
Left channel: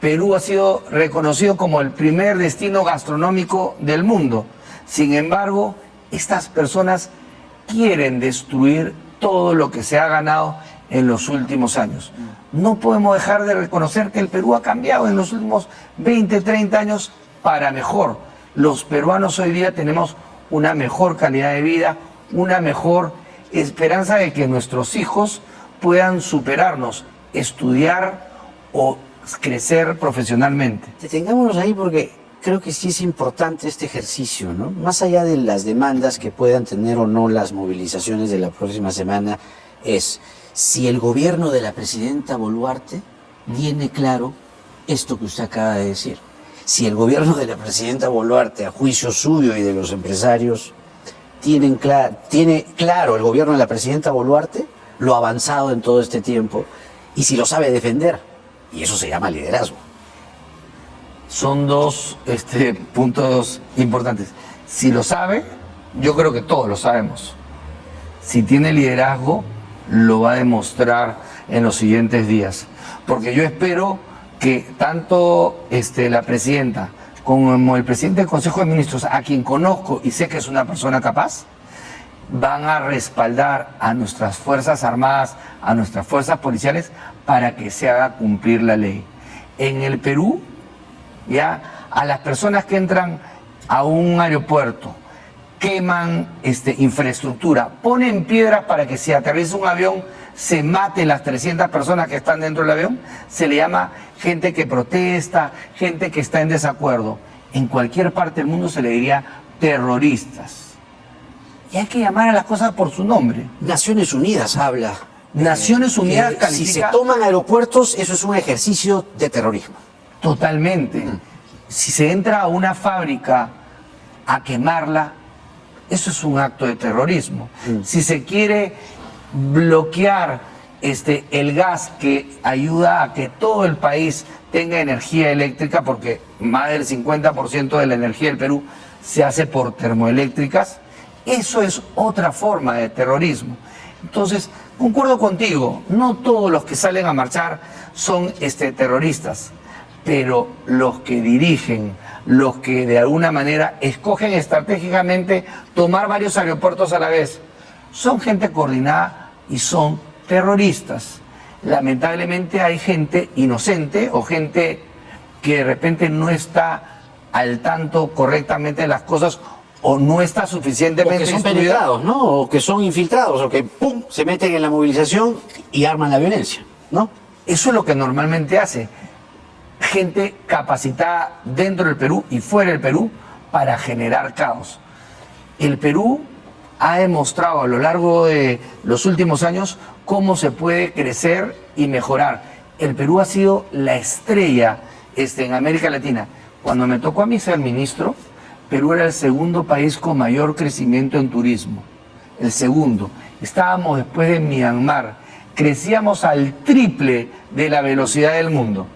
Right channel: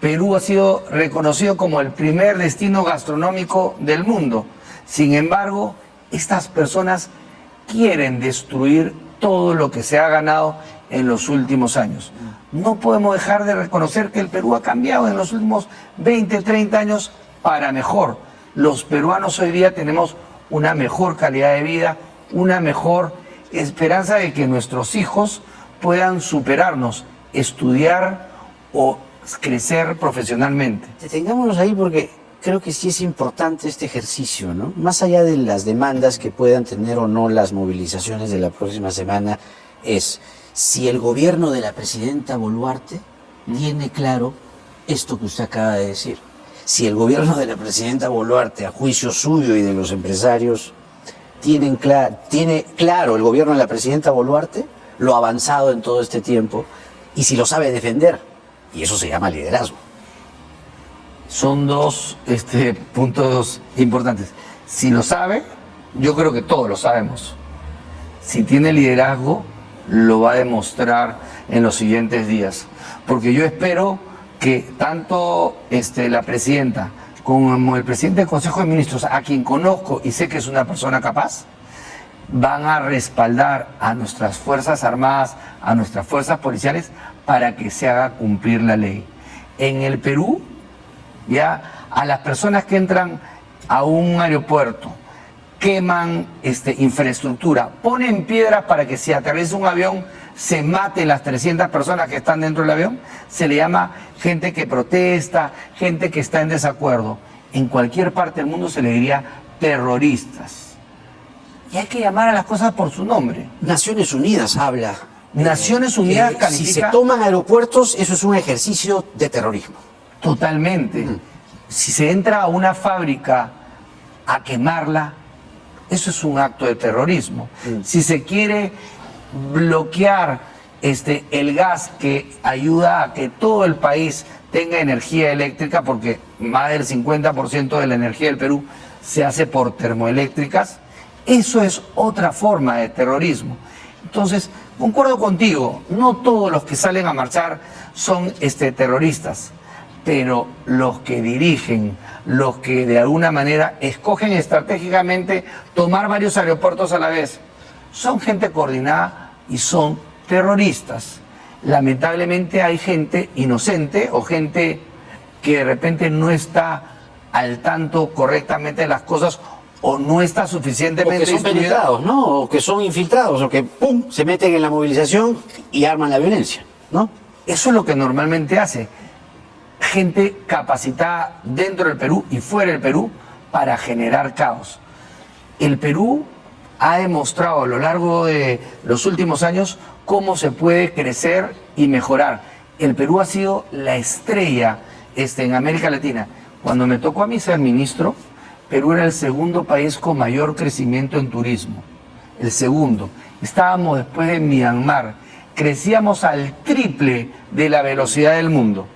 Perú ha sido reconocido como el primer destino gastronómico del mundo. Sin embargo, estas personas quieren destruir todo lo que se ha ganado en los últimos años. No podemos dejar de reconocer que el Perú ha cambiado en los últimos 20, 30 años para mejor. Los peruanos hoy día tenemos una mejor calidad de vida, una mejor esperanza de que nuestros hijos puedan superarnos, estudiar o crecer profesionalmente. Detengámonos ahí porque creo que sí es importante este ejercicio, ¿no? Más allá de las demandas que puedan tener o no las movilizaciones de la próxima semana, es si el gobierno de la presidenta Boluarte tiene claro esto que usted acaba de decir. Si el gobierno de la presidenta Boluarte, a juicio suyo y de los empresarios, tiene claro el gobierno de la presidenta Boluarte lo avanzado en todo este tiempo y si lo sabe defender. Y eso se llama liderazgo. Son dos puntos importantes. Si lo sabe, yo creo que todos lo sabemos. Si tiene liderazgo, lo va a demostrar en los siguientes días. Porque yo espero que tanto la presidenta como el presidente del Consejo de Ministros, a quien conozco y sé que es una persona capaz, van a respaldar a nuestras Fuerzas Armadas, a nuestras fuerzas policiales, para que se haga cumplir la ley. En el Perú, ya, a las personas que entran a un aeropuerto, queman infraestructura, ponen piedras para que si atraviesa un avión se maten las 300 personas que están dentro del avión, se le llama gente que protesta, gente que está en desacuerdo. En cualquier parte del mundo se le diría terroristas. Y hay que llamar a las cosas por su nombre. Naciones Unidas habla. Naciones Unidas que califica... Si se toman aeropuertos, eso es un ejercicio de terrorismo. Totalmente. Si se entra a una fábrica a quemarla, eso es un acto de terrorismo. Si se quiere bloquear el gas que ayuda a que todo el país tenga energía eléctrica, porque más del 50% de la energía del Perú se hace por termoeléctricas, eso es otra forma de terrorismo. Entonces, concuerdo contigo, no todos los que salen a marchar son terroristas, pero los que dirigen, los que de alguna manera escogen estratégicamente tomar varios aeropuertos a la vez, son gente coordinada y son terroristas. Lamentablemente hay gente inocente o gente que de repente no está al tanto correctamente de las cosas o no está suficientemente O que son instruida. penetrados, ¿no? O que son infiltrados, o que ¡pum!, se meten en la movilización y arman la violencia, ¿no? Eso es lo que normalmente hace gente capacitada dentro del Perú y fuera del Perú para generar caos. El Perú ha demostrado a lo largo de los últimos años cómo se puede crecer y mejorar. El Perú ha sido la estrella en América Latina. Cuando me tocó a mí ser ministro, Perú era el segundo país con mayor crecimiento en turismo. El segundo. Estábamos después de Myanmar. Crecíamos al triple de la velocidad del mundo.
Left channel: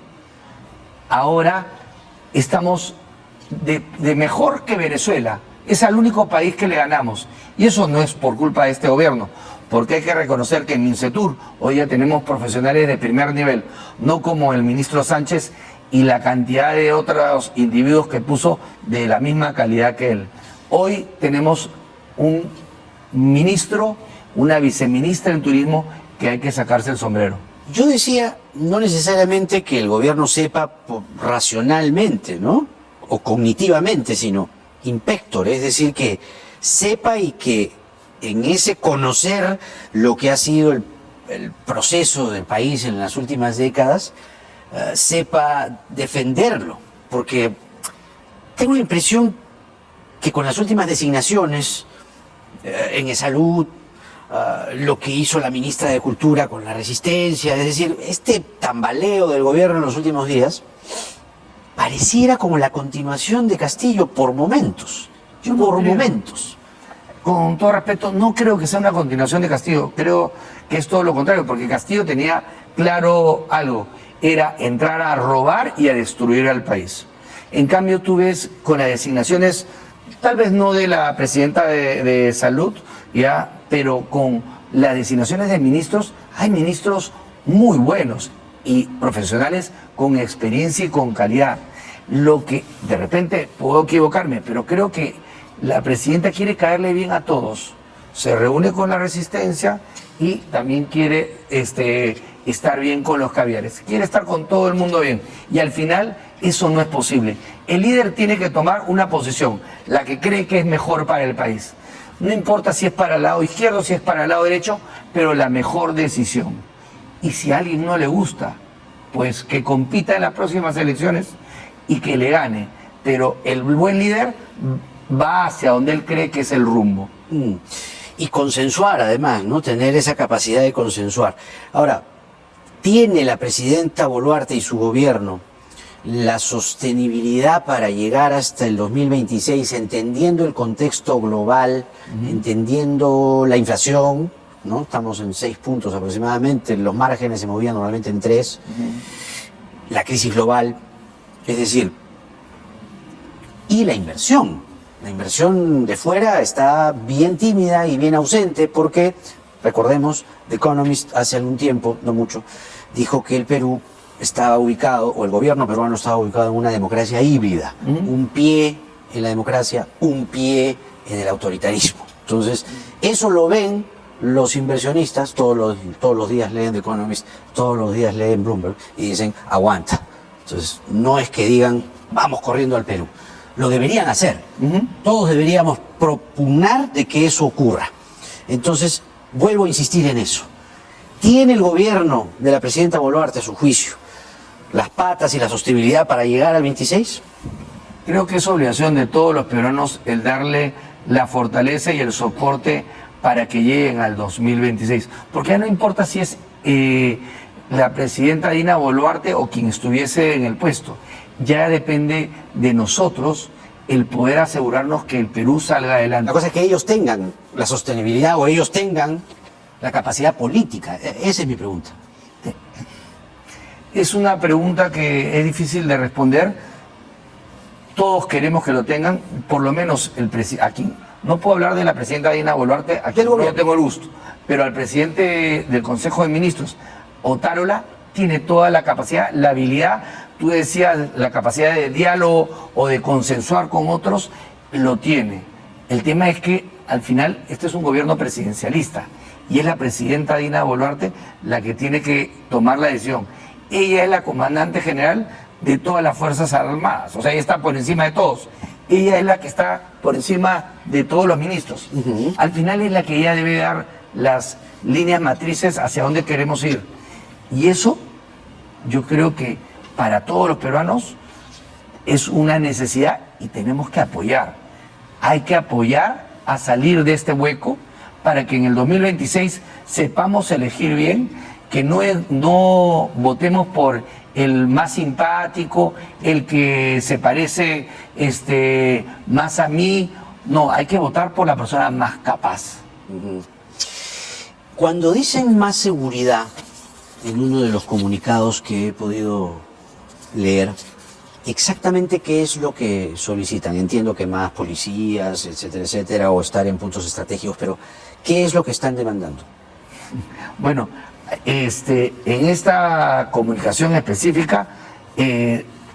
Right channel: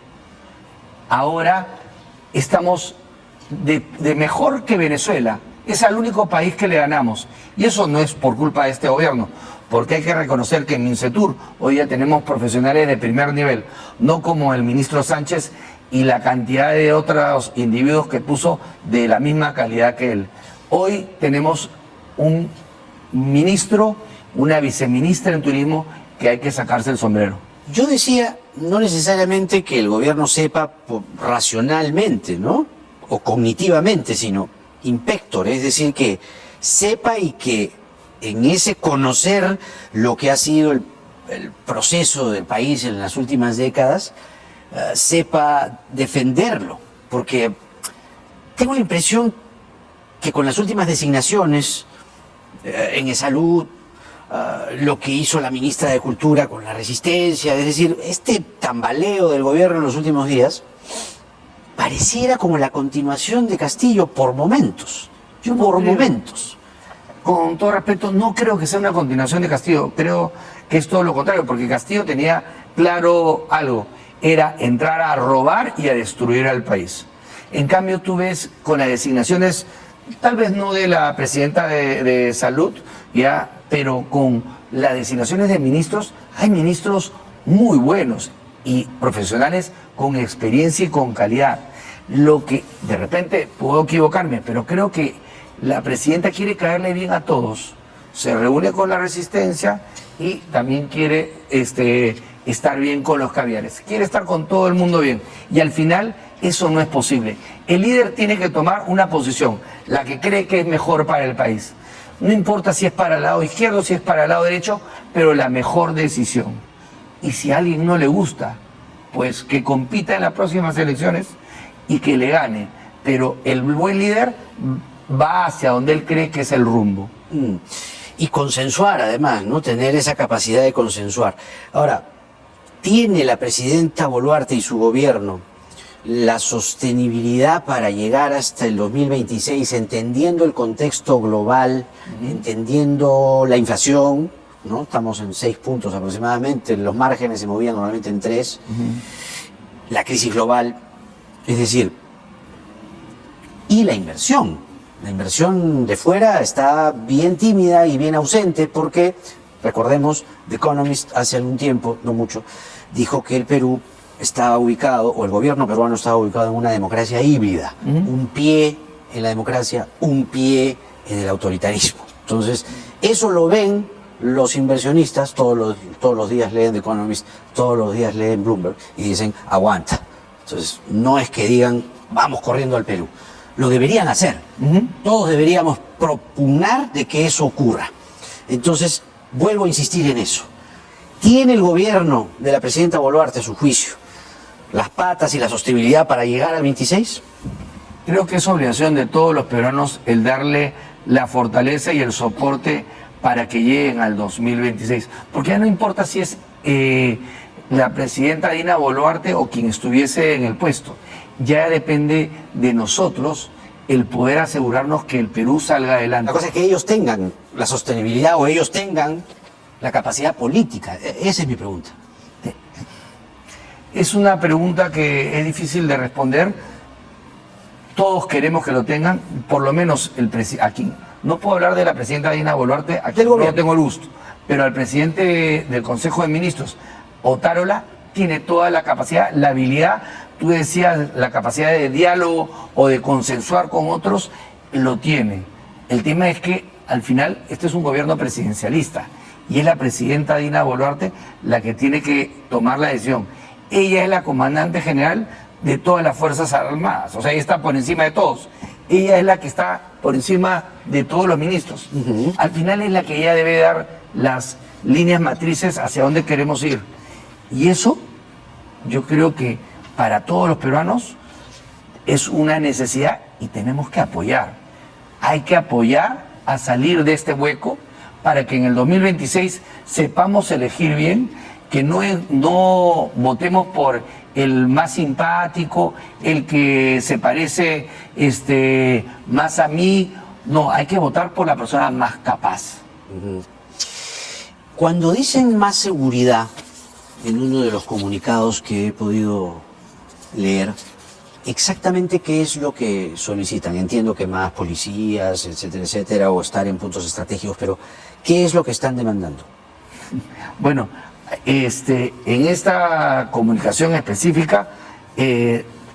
Ahora estamos de mejor que Venezuela. Es el único país que le ganamos. Y eso no es por culpa de este gobierno, porque hay que reconocer que en Mincetur hoy ya tenemos profesionales de primer nivel, no como el ministro Sánchez y la cantidad de otros individuos que puso de la misma calidad que él. Hoy tenemos un ministro, una viceministra en turismo que hay que sacarse el sombrero. Yo decía, no necesariamente que el gobierno sepa racionalmente, ¿no? O cognitivamente, sino in pectore, es decir, que sepa y que en ese conocer lo que ha sido el proceso del país en las últimas décadas, sepa defenderlo. Porque tengo la impresión que con las últimas designaciones en salud, lo que hizo la ministra de Cultura con la Resistencia, es decir, este tambaleo del gobierno en los últimos días, pareciera como la continuación de Castillo por momentos. Momentos. Con todo respeto, no creo que sea una continuación de Castillo, creo que es todo lo contrario, porque Castillo tenía claro algo, era entrar a robar y a destruir al país. En cambio, tú ves con las designaciones, tal vez no de la presidenta de Salud, ya, pero con las designaciones de ministros, hay ministros muy buenos y profesionales con experiencia y con calidad. Lo que, de repente, puedo equivocarme, pero creo que la presidenta quiere caerle bien a todos. Se reúne con la Resistencia y también quiere estar bien con los caviares. Quiere estar con todo el mundo bien. Y al final, eso no es posible. El líder tiene que tomar una posición, la que cree que es mejor para el país. No importa si es para el lado izquierdo, si es para el lado derecho, pero la mejor decisión. Y si a alguien no le gusta, pues que compita en las próximas elecciones y que le gane. Pero el buen líder va hacia donde él cree que es el rumbo. Y consensuar, además, ¿no? Tener esa capacidad de consensuar. Ahora, ¿tiene la presidenta Boluarte y su gobierno la sostenibilidad para llegar hasta el 2026, entendiendo el contexto global, entendiendo la inflación, ¿no? Estamos en 6 puntos aproximadamente, los márgenes se movían normalmente en 3, la crisis global, es decir, y la inversión de fuera está bien tímida y bien ausente porque, recordemos, The Economist hace algún tiempo, no mucho, dijo que el Perú estaba ubicado, o el gobierno peruano estaba ubicado en una democracia híbrida, un pie en la democracia, un pie en el autoritarismo. Entonces, eso lo ven los inversionistas, todos los días leen The Economist, todos los días leen Bloomberg y dicen, aguanta. Entonces, no es que digan, vamos corriendo al Perú. Lo deberían hacer. Todos deberíamos propugnar de que eso ocurra. Entonces, vuelvo a insistir en eso. ¿Tiene el gobierno de la presidenta Boluarte, a su juicio, las patas y la sostenibilidad para llegar al 26? Creo que es obligación de todos los peruanos el darle la fortaleza y el soporte para que lleguen al 2026. Porque ya no importa si es la presidenta Dina Boluarte o quien estuviese en el puesto. Ya depende de nosotros el poder asegurarnos que el Perú salga adelante. La cosa es que ellos tengan la sostenibilidad o ellos tengan la capacidad política. Esa es mi pregunta. Es una pregunta que es difícil de responder. Todos queremos que lo tengan, por lo menos aquí. No puedo hablar de la presidenta Dina Boluarte, aquí no tengo el gusto, pero al presidente del Consejo de Ministros, Otárola, tiene toda la capacidad, la habilidad, tú decías, la capacidad de diálogo o de consensuar con otros, lo tiene. El tema es que al final este es un gobierno presidencialista y es la presidenta Dina Boluarte la que tiene que tomar la decisión. Ella es la comandante general de todas las Fuerzas Armadas, o sea, ella está por encima de todos. Ella es la que está por encima de todos los ministros. Al final es la que ella debe dar las líneas matrices hacia dónde queremos ir. Y eso, yo creo que para todos los peruanos es una necesidad y tenemos que apoyar. Hay que apoyar a salir de este hueco para que en el 2026 sepamos elegir bien, que no votemos por el más simpático, el que se parece más a mí. No, hay que votar por la persona más capaz. Cuando dicen más seguridad, en uno de los comunicados que he podido leer, exactamente qué es lo que solicitan. Entiendo que más policías, etcétera, etcétera, o estar en puntos estratégicos, pero ¿qué es lo que están demandando? Bueno, en esta comunicación específica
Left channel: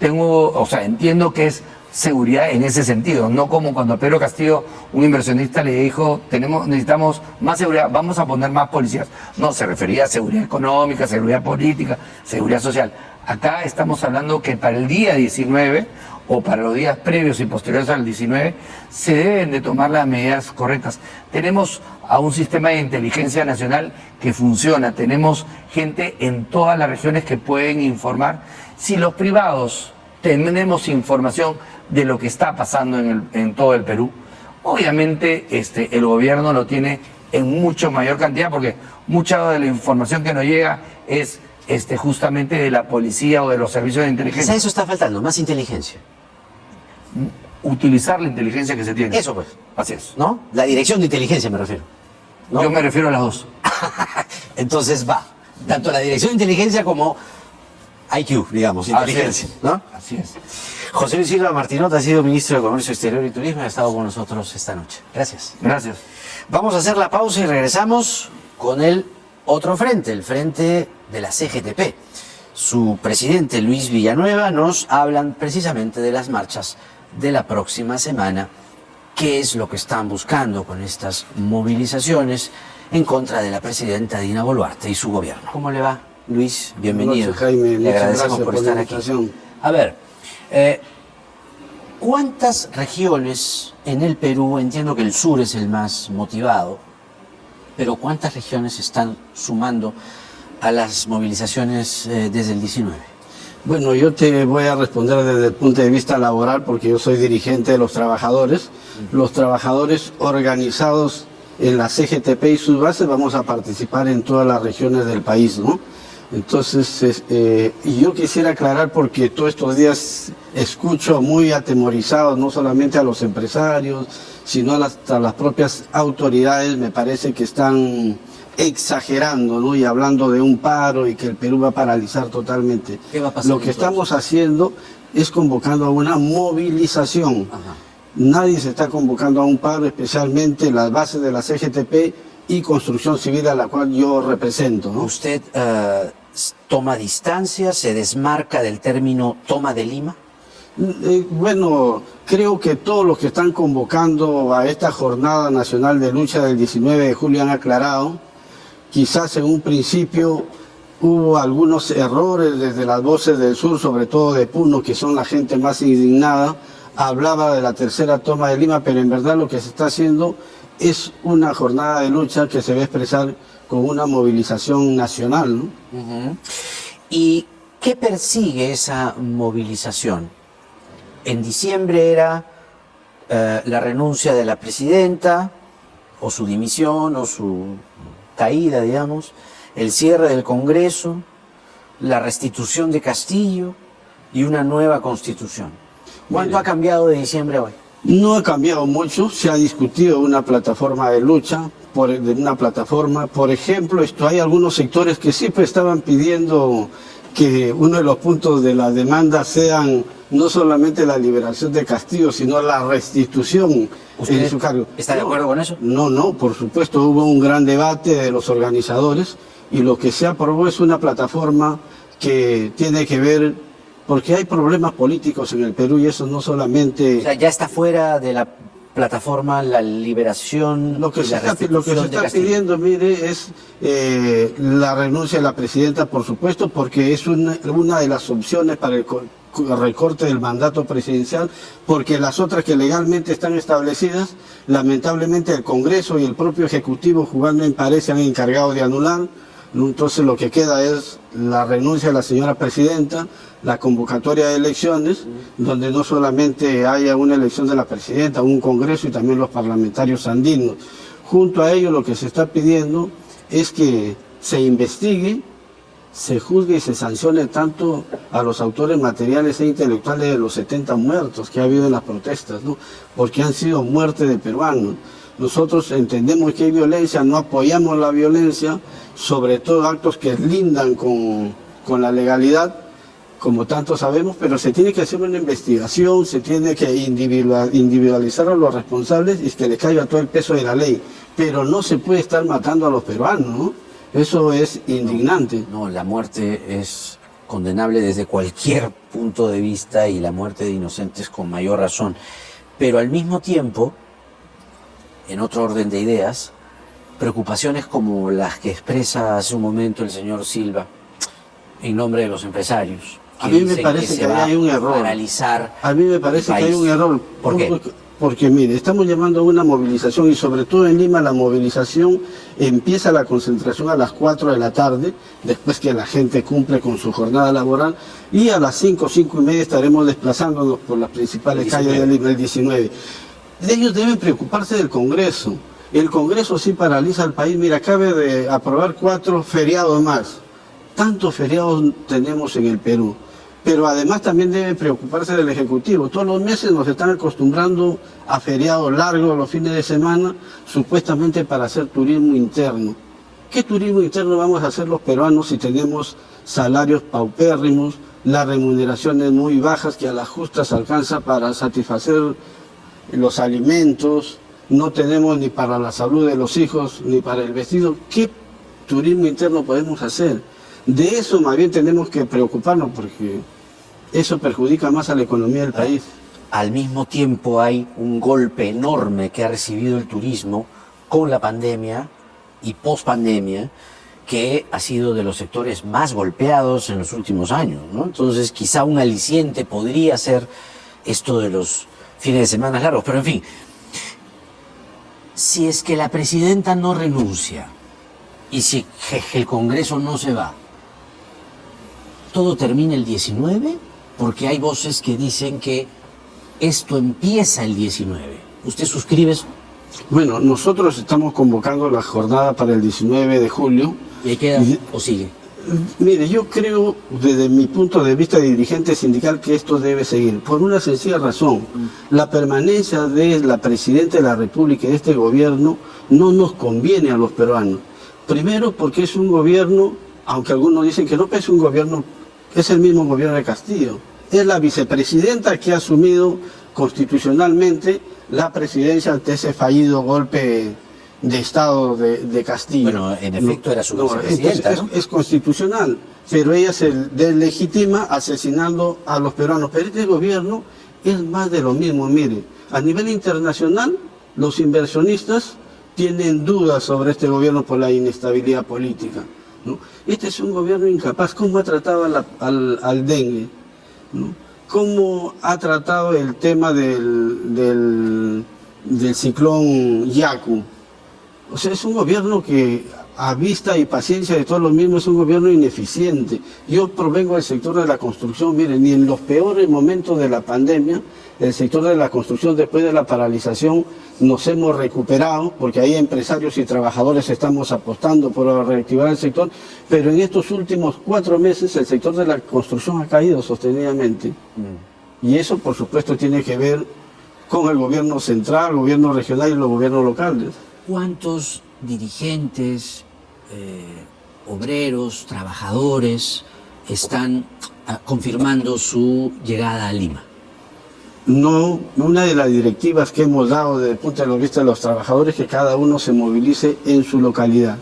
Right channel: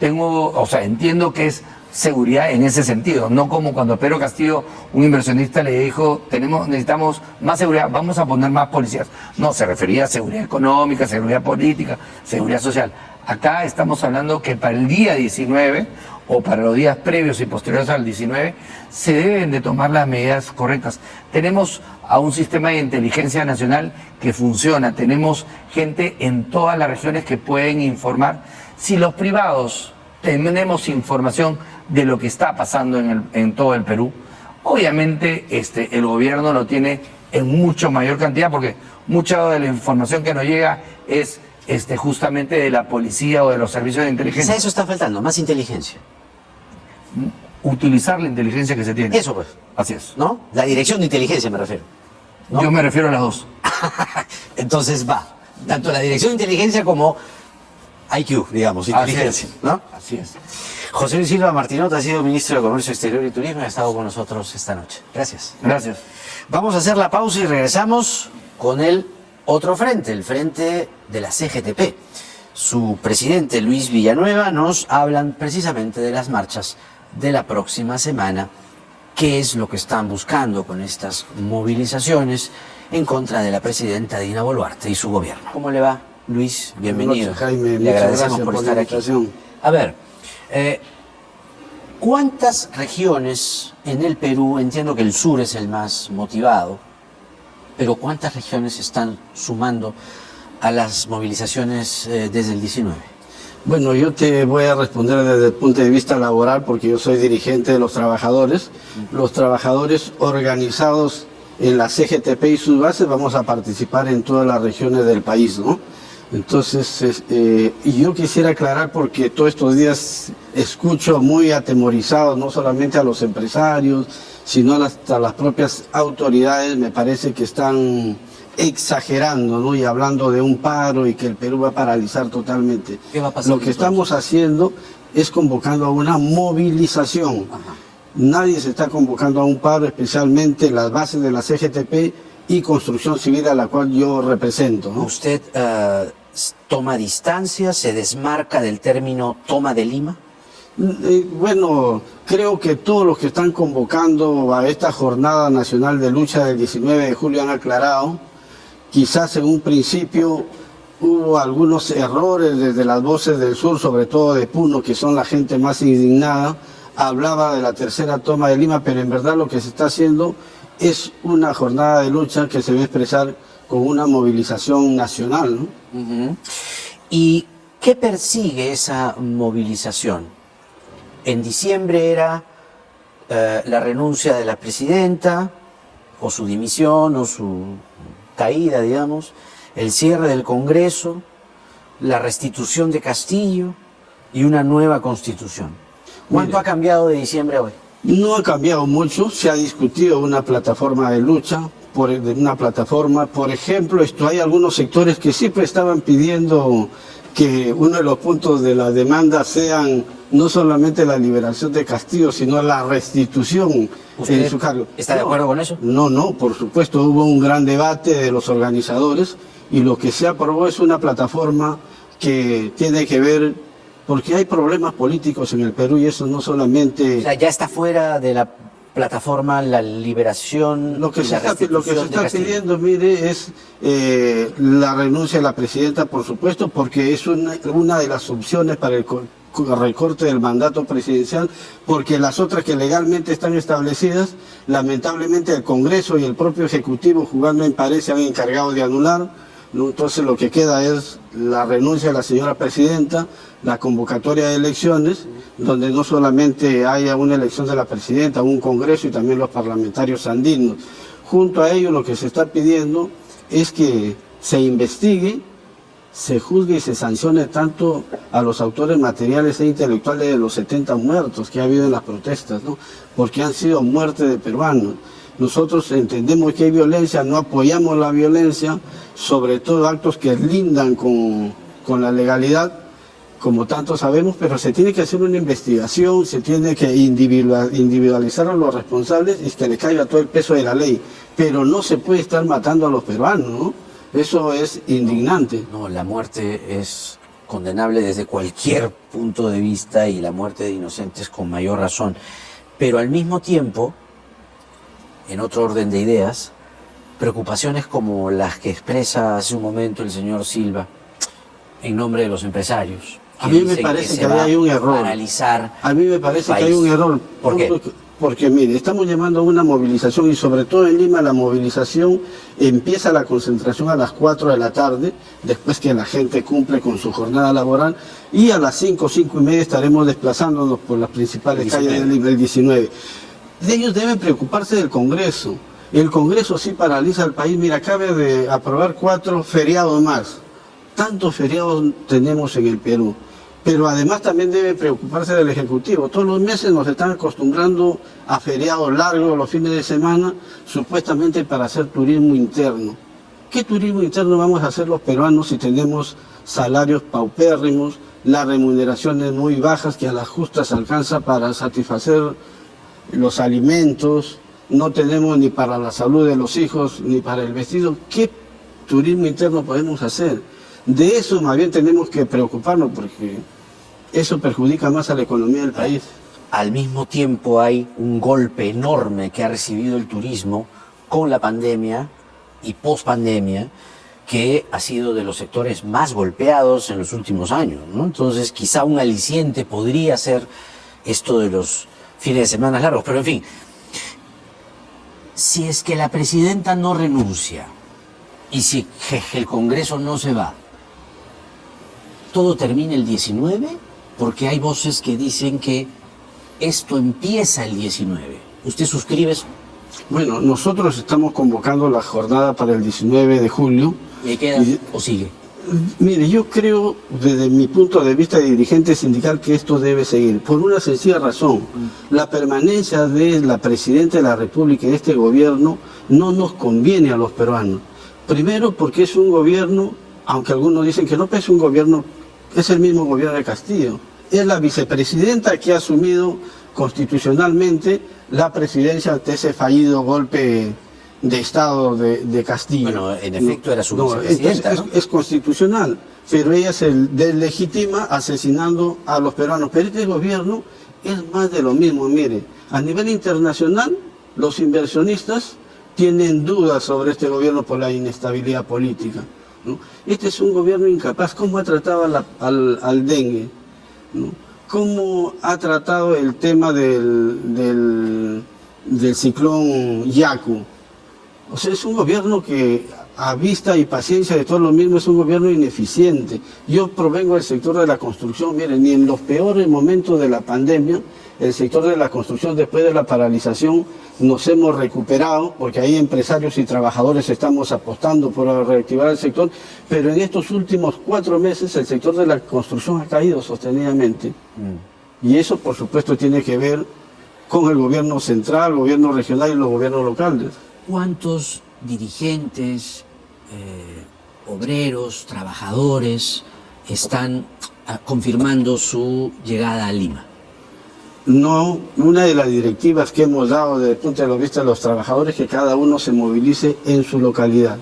entiendo que es seguridad en ese sentido, no como cuando Pedro Castillo, un inversionista, le dijo, necesitamos más seguridad, vamos a poner más policías. No, se refería a seguridad económica, seguridad política, seguridad social. Acá estamos hablando que para el día 19 o para los días previos y posteriores al 19 se deben de tomar las medidas correctas. Tenemos a un sistema de inteligencia nacional que funciona, tenemos gente en todas las regiones que pueden informar. Si los privados tenemos información de lo que está pasando en todo el Perú, obviamente el gobierno lo tiene en mucho mayor cantidad, porque mucha de la información que nos llega es justamente de la policía o de los servicios de inteligencia. Quizá eso está faltando, más inteligencia. Utilizar la inteligencia que se tiene. Eso pues. Así es. ¿No? La dirección de inteligencia me refiero, ¿no? Yo me refiero a las dos. Entonces va, tanto la dirección de inteligencia como IQ, digamos, inteligencia, ¿no? Así es. José Luis Silva Martinot ha sido ministro de Comercio Exterior y Turismo y ha estado con nosotros esta noche. Gracias. Gracias. Vamos a hacer la pausa y regresamos con el otro frente, el frente de la CGTP. Su presidente Luis Villanueva nos hablan precisamente de las marchas de la próxima semana, qué es lo que están buscando con estas movilizaciones en contra de la presidenta Dina Boluarte y su gobierno. ¿Cómo le va, Luis? Bienvenido. Buenas noches, Jaime. Le agradecemos Muchas gracias por por la estar aquí. invitación. A ver, ¿cuántas regiones en el Perú, entiendo que el sur es el más motivado, pero cuántas regiones están sumando a las movilizaciones desde el 19? Bueno, yo te voy a responder desde el punto de vista laboral porque yo soy dirigente de los trabajadores. Los trabajadores organizados en la CGTP y sus bases vamos a participar en todas las regiones del país, ¿no? Entonces, y yo quisiera aclarar porque todos estos días escucho muy atemorizados no solamente a los empresarios, sino hasta las propias autoridades, me parece que están exagerando, ¿no? Y hablando de un paro y que el Perú va a paralizar totalmente. ¿Qué va a pasar Lo que entonces? estamos haciendo es convocando a una movilización. Ajá. Nadie se está convocando a un paro, especialmente las bases de la CGTP y Construcción Civil, a la cual yo represento, ¿no? ¿Usted toma distancia, se desmarca del término toma de Lima? Bueno, creo que todos los que están convocando a esta Jornada Nacional de Lucha del 19 de julio han aclarado. Quizás en un principio hubo algunos errores desde las voces del sur, sobre todo de Puno, que son la gente más indignada. Hablaba de la tercera toma de Lima, pero en verdad lo que se está haciendo es una jornada de lucha que se va a expresar con una movilización nacional, ¿no? ¿Y qué persigue esa movilización? En diciembre era la renuncia de la presidenta, o su dimisión, o su caída, digamos, el cierre del Congreso, la restitución de Castillo y una nueva constitución. ¿Cuánto ha cambiado de diciembre a hoy? No ha cambiado mucho, se ha discutido una plataforma de lucha, por ejemplo, hay algunos sectores que siempre estaban pidiendo que uno de los puntos de la demanda sean no solamente la liberación de Castillo, sino la restitución de su cargo. ¿Está de acuerdo con eso? No, por supuesto, hubo un gran debate de los organizadores y lo que se aprobó es una plataforma que tiene que ver, porque hay problemas políticos en el Perú y eso no solamente... O sea, ya está fuera de la plataforma la liberación... Lo que se está pidiendo, mire, es la renuncia de la presidenta, por supuesto, porque es una de las opciones para el recorte del mandato presidencial, porque las otras que legalmente están establecidas, lamentablemente el Congreso y el propio Ejecutivo, jugando en pared, se han encargado de anular. Entonces lo que queda es la renuncia de la señora presidenta, la convocatoria de elecciones, donde no solamente haya una elección de la presidenta, un congreso y también los parlamentarios andinos. Junto a ello lo que se está pidiendo es que se investigue, se juzgue y se sancione tanto a los autores materiales e intelectuales de los 70 muertos que ha habido en las protestas, ¿no? Porque han sido muertes de peruanos. Nosotros entendemos que hay violencia, no apoyamos la violencia, sobre todo actos que lindan con la legalidad, como tanto sabemos, pero se tiene que hacer una investigación, se tiene que individualizar a los responsables y que le caiga todo el peso de la ley. Pero no se puede estar matando a los peruanos, ¿no? Eso es indignante. No, la muerte es condenable desde cualquier punto de vista y la muerte de inocentes con mayor razón. Pero al mismo tiempo, en otro orden de ideas, preocupaciones como las que expresa hace un momento el señor Silva en nombre de los empresarios. A mí me parece que hay un error. A mí me parece que hay un error. ¿Por qué? Porque mire, estamos llamando a una movilización y sobre todo en Lima la movilización empieza la concentración a las 4 de la tarde, después que la gente cumple con su jornada laboral, y a las 5:30 estaremos desplazándonos por las principales calles de Lima el 19. Ellos deben preocuparse del Congreso. El Congreso sí paraliza al país. Mira, acaba de aprobar 4 feriados más. Tantos feriados tenemos en el Perú. Pero además también debe preocuparse del Ejecutivo. Todos los meses nos están acostumbrando a feriados largos los fines de semana, supuestamente para hacer turismo interno. ¿Qué turismo interno vamos a hacer los peruanos si tenemos salarios paupérrimos, las remuneraciones muy bajas que a las justas alcanza para satisfacer los alimentos, no tenemos ni para la salud de los hijos, ni para el vestido? ¿Qué turismo interno podemos hacer? De eso más bien tenemos que preocuparnos porque eso perjudica más a la economía del país. Al mismo tiempo hay un golpe enorme que ha recibido el turismo con la pandemia y post-pandemia, que ha sido de los sectores más golpeados en los últimos años, ¿no? Entonces quizá un aliciente podría ser esto de los fines de semana largos, pero en fin, si es que la presidenta no renuncia y si el Congreso no se va, ¿todo termina el 19? Porque hay voces que dicen que esto empieza el 19. ¿Usted suscribe eso? Bueno, nosotros estamos convocando la jornada para el 19 de julio. ¿Y queda o sigue? Mire, yo creo, desde mi punto de vista de dirigente sindical, que esto debe seguir, por una sencilla razón. La permanencia de la Presidenta de la República y de este gobierno no nos conviene a los peruanos. Primero, porque es un gobierno, aunque algunos dicen que no, pero es un gobierno, es el mismo gobierno de Castillo. Es la vicepresidenta que ha asumido constitucionalmente la presidencia ante ese fallido golpe de Estado de Castillo. Bueno, en efecto era su entonces vicepresidenta, ¿no? es constitucional, pero ella se deslegitima asesinando a los peruanos. Pero este gobierno es más de lo mismo, mire, a nivel internacional los inversionistas tienen dudas sobre este gobierno por la inestabilidad política, ¿no? Este es un gobierno incapaz. ¿Cómo ha tratado al dengue, ¿no? ¿Cómo ha tratado el tema del ciclón Yaku? O sea, es un gobierno que a vista y paciencia de todo lo mismo es un gobierno ineficiente. Yo provengo del sector de la construcción, miren, ni en los peores momentos de la pandemia, el sector de la construcción después de la paralización nos hemos recuperado, porque ahí empresarios y trabajadores estamos apostando por reactivar el sector, pero en estos últimos 4 meses el sector de la construcción ha caído sostenidamente. Y eso, por supuesto, tiene que ver con el gobierno central, el gobierno regional y los gobiernos locales. ¿Cuántos dirigentes, obreros, trabajadores están confirmando su llegada a Lima? No, una de las directivas que hemos dado desde el punto de vista de los trabajadores es que cada uno se movilice en su localidad,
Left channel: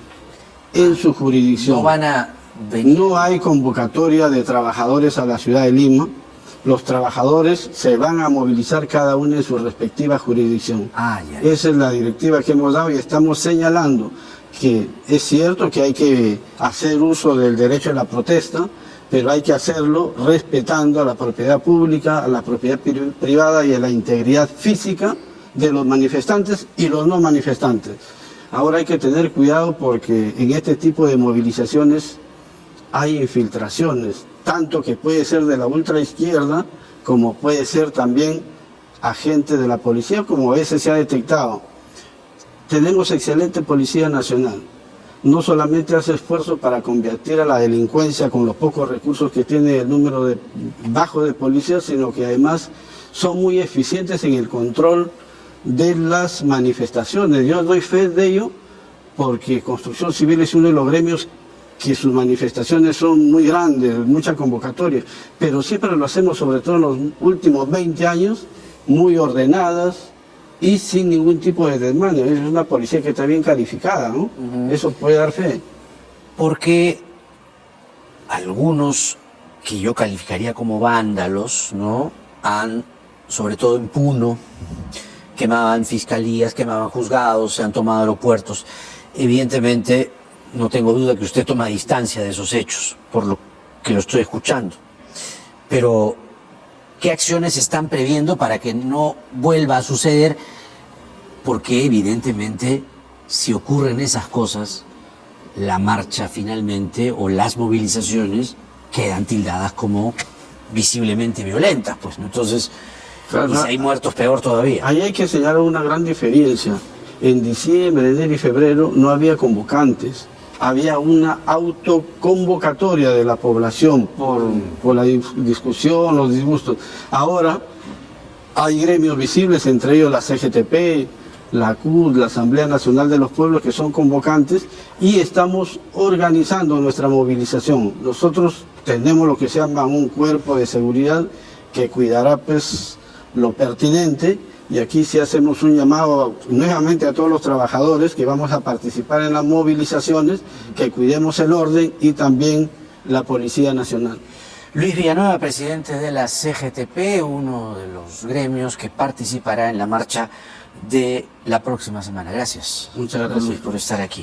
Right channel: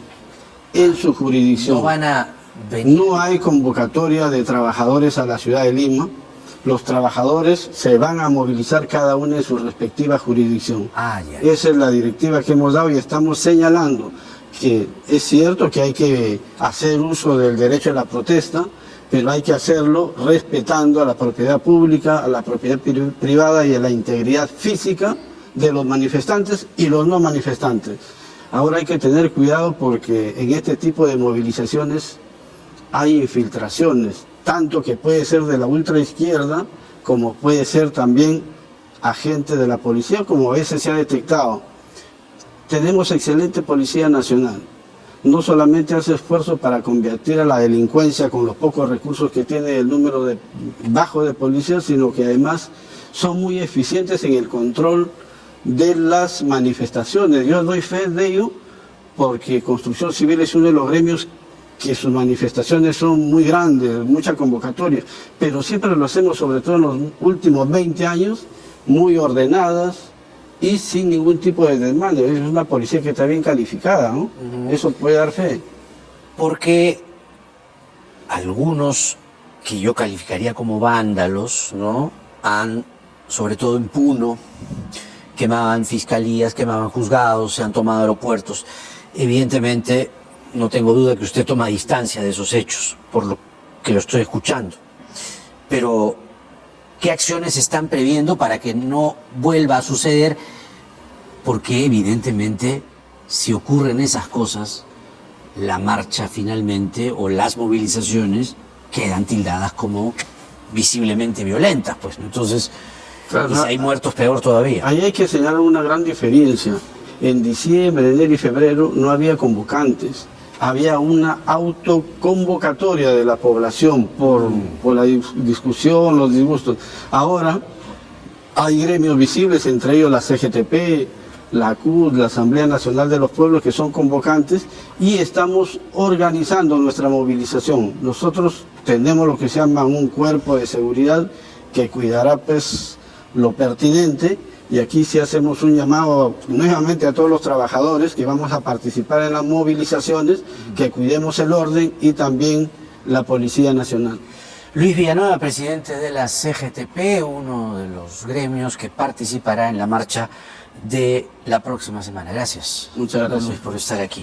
en su jurisdicción. No van a venir. No hay convocatoria de trabajadores a la ciudad de Lima. Los trabajadores se van a movilizar cada uno en su respectiva jurisdicción. Esa es la directiva que hemos dado y estamos señalando que es cierto que hay que hacer uso del derecho a la protesta, pero hay que hacerlo respetando a la propiedad pública, a la propiedad privada y a la integridad física de los manifestantes y los no manifestantes. Ahora hay que tener cuidado porque en este tipo de movilizaciones hay infiltraciones, tanto que puede ser de la ultraizquierda como puede ser también agente de la policía, como a veces se ha detectado. Tenemos excelente Policía Nacional. No solamente hace esfuerzos para combatir a la delincuencia con los pocos recursos que tiene el número bajo de policías, sino que además son muy eficientes en el control de las manifestaciones. Yo doy fe de ello porque Construcción Civil es uno de los gremios que sus manifestaciones son muy grandes, mucha convocatoria, pero siempre lo hacemos, sobre todo en los últimos 20 años, muy ordenadas, y sin ningún tipo de desmando. Es una policía que está bien calificada, ¿no? Eso puede dar fe. Porque algunos que yo calificaría como vándalos, ¿no? Han, sobre todo en Puno, quemaban fiscalías, quemaban juzgados, se han tomado aeropuertos. Evidentemente, no tengo duda que usted toma distancia de esos hechos, por lo que lo estoy escuchando. Pero ¿qué acciones están previendo para que no vuelva a suceder? Porque evidentemente, si ocurren esas cosas, la marcha finalmente o las movilizaciones quedan tildadas como visiblemente violentas, pues, ¿no? Entonces, claro, y si hay muertos, peor todavía. Ahí hay que señalar una gran diferencia. En diciembre, enero y febrero no había convocantes. Había una autoconvocatoria de la población por la discusión, los disgustos. Ahora hay gremios visibles, entre ellos la CGTP, la CUT, la Asamblea Nacional de los Pueblos, que son convocantes, y estamos organizando nuestra movilización. Nosotros tenemos lo que se llama un cuerpo de seguridad que cuidará pues lo pertinente. Y aquí sí hacemos un llamado nuevamente a todos los trabajadores que vamos a participar en las movilizaciones, que cuidemos el orden y también la Policía Nacional. Luis Villanueva, presidente de la CGTP, uno de los gremios que participará en la marcha de la próxima semana. Gracias. Muchas gracias por estar aquí.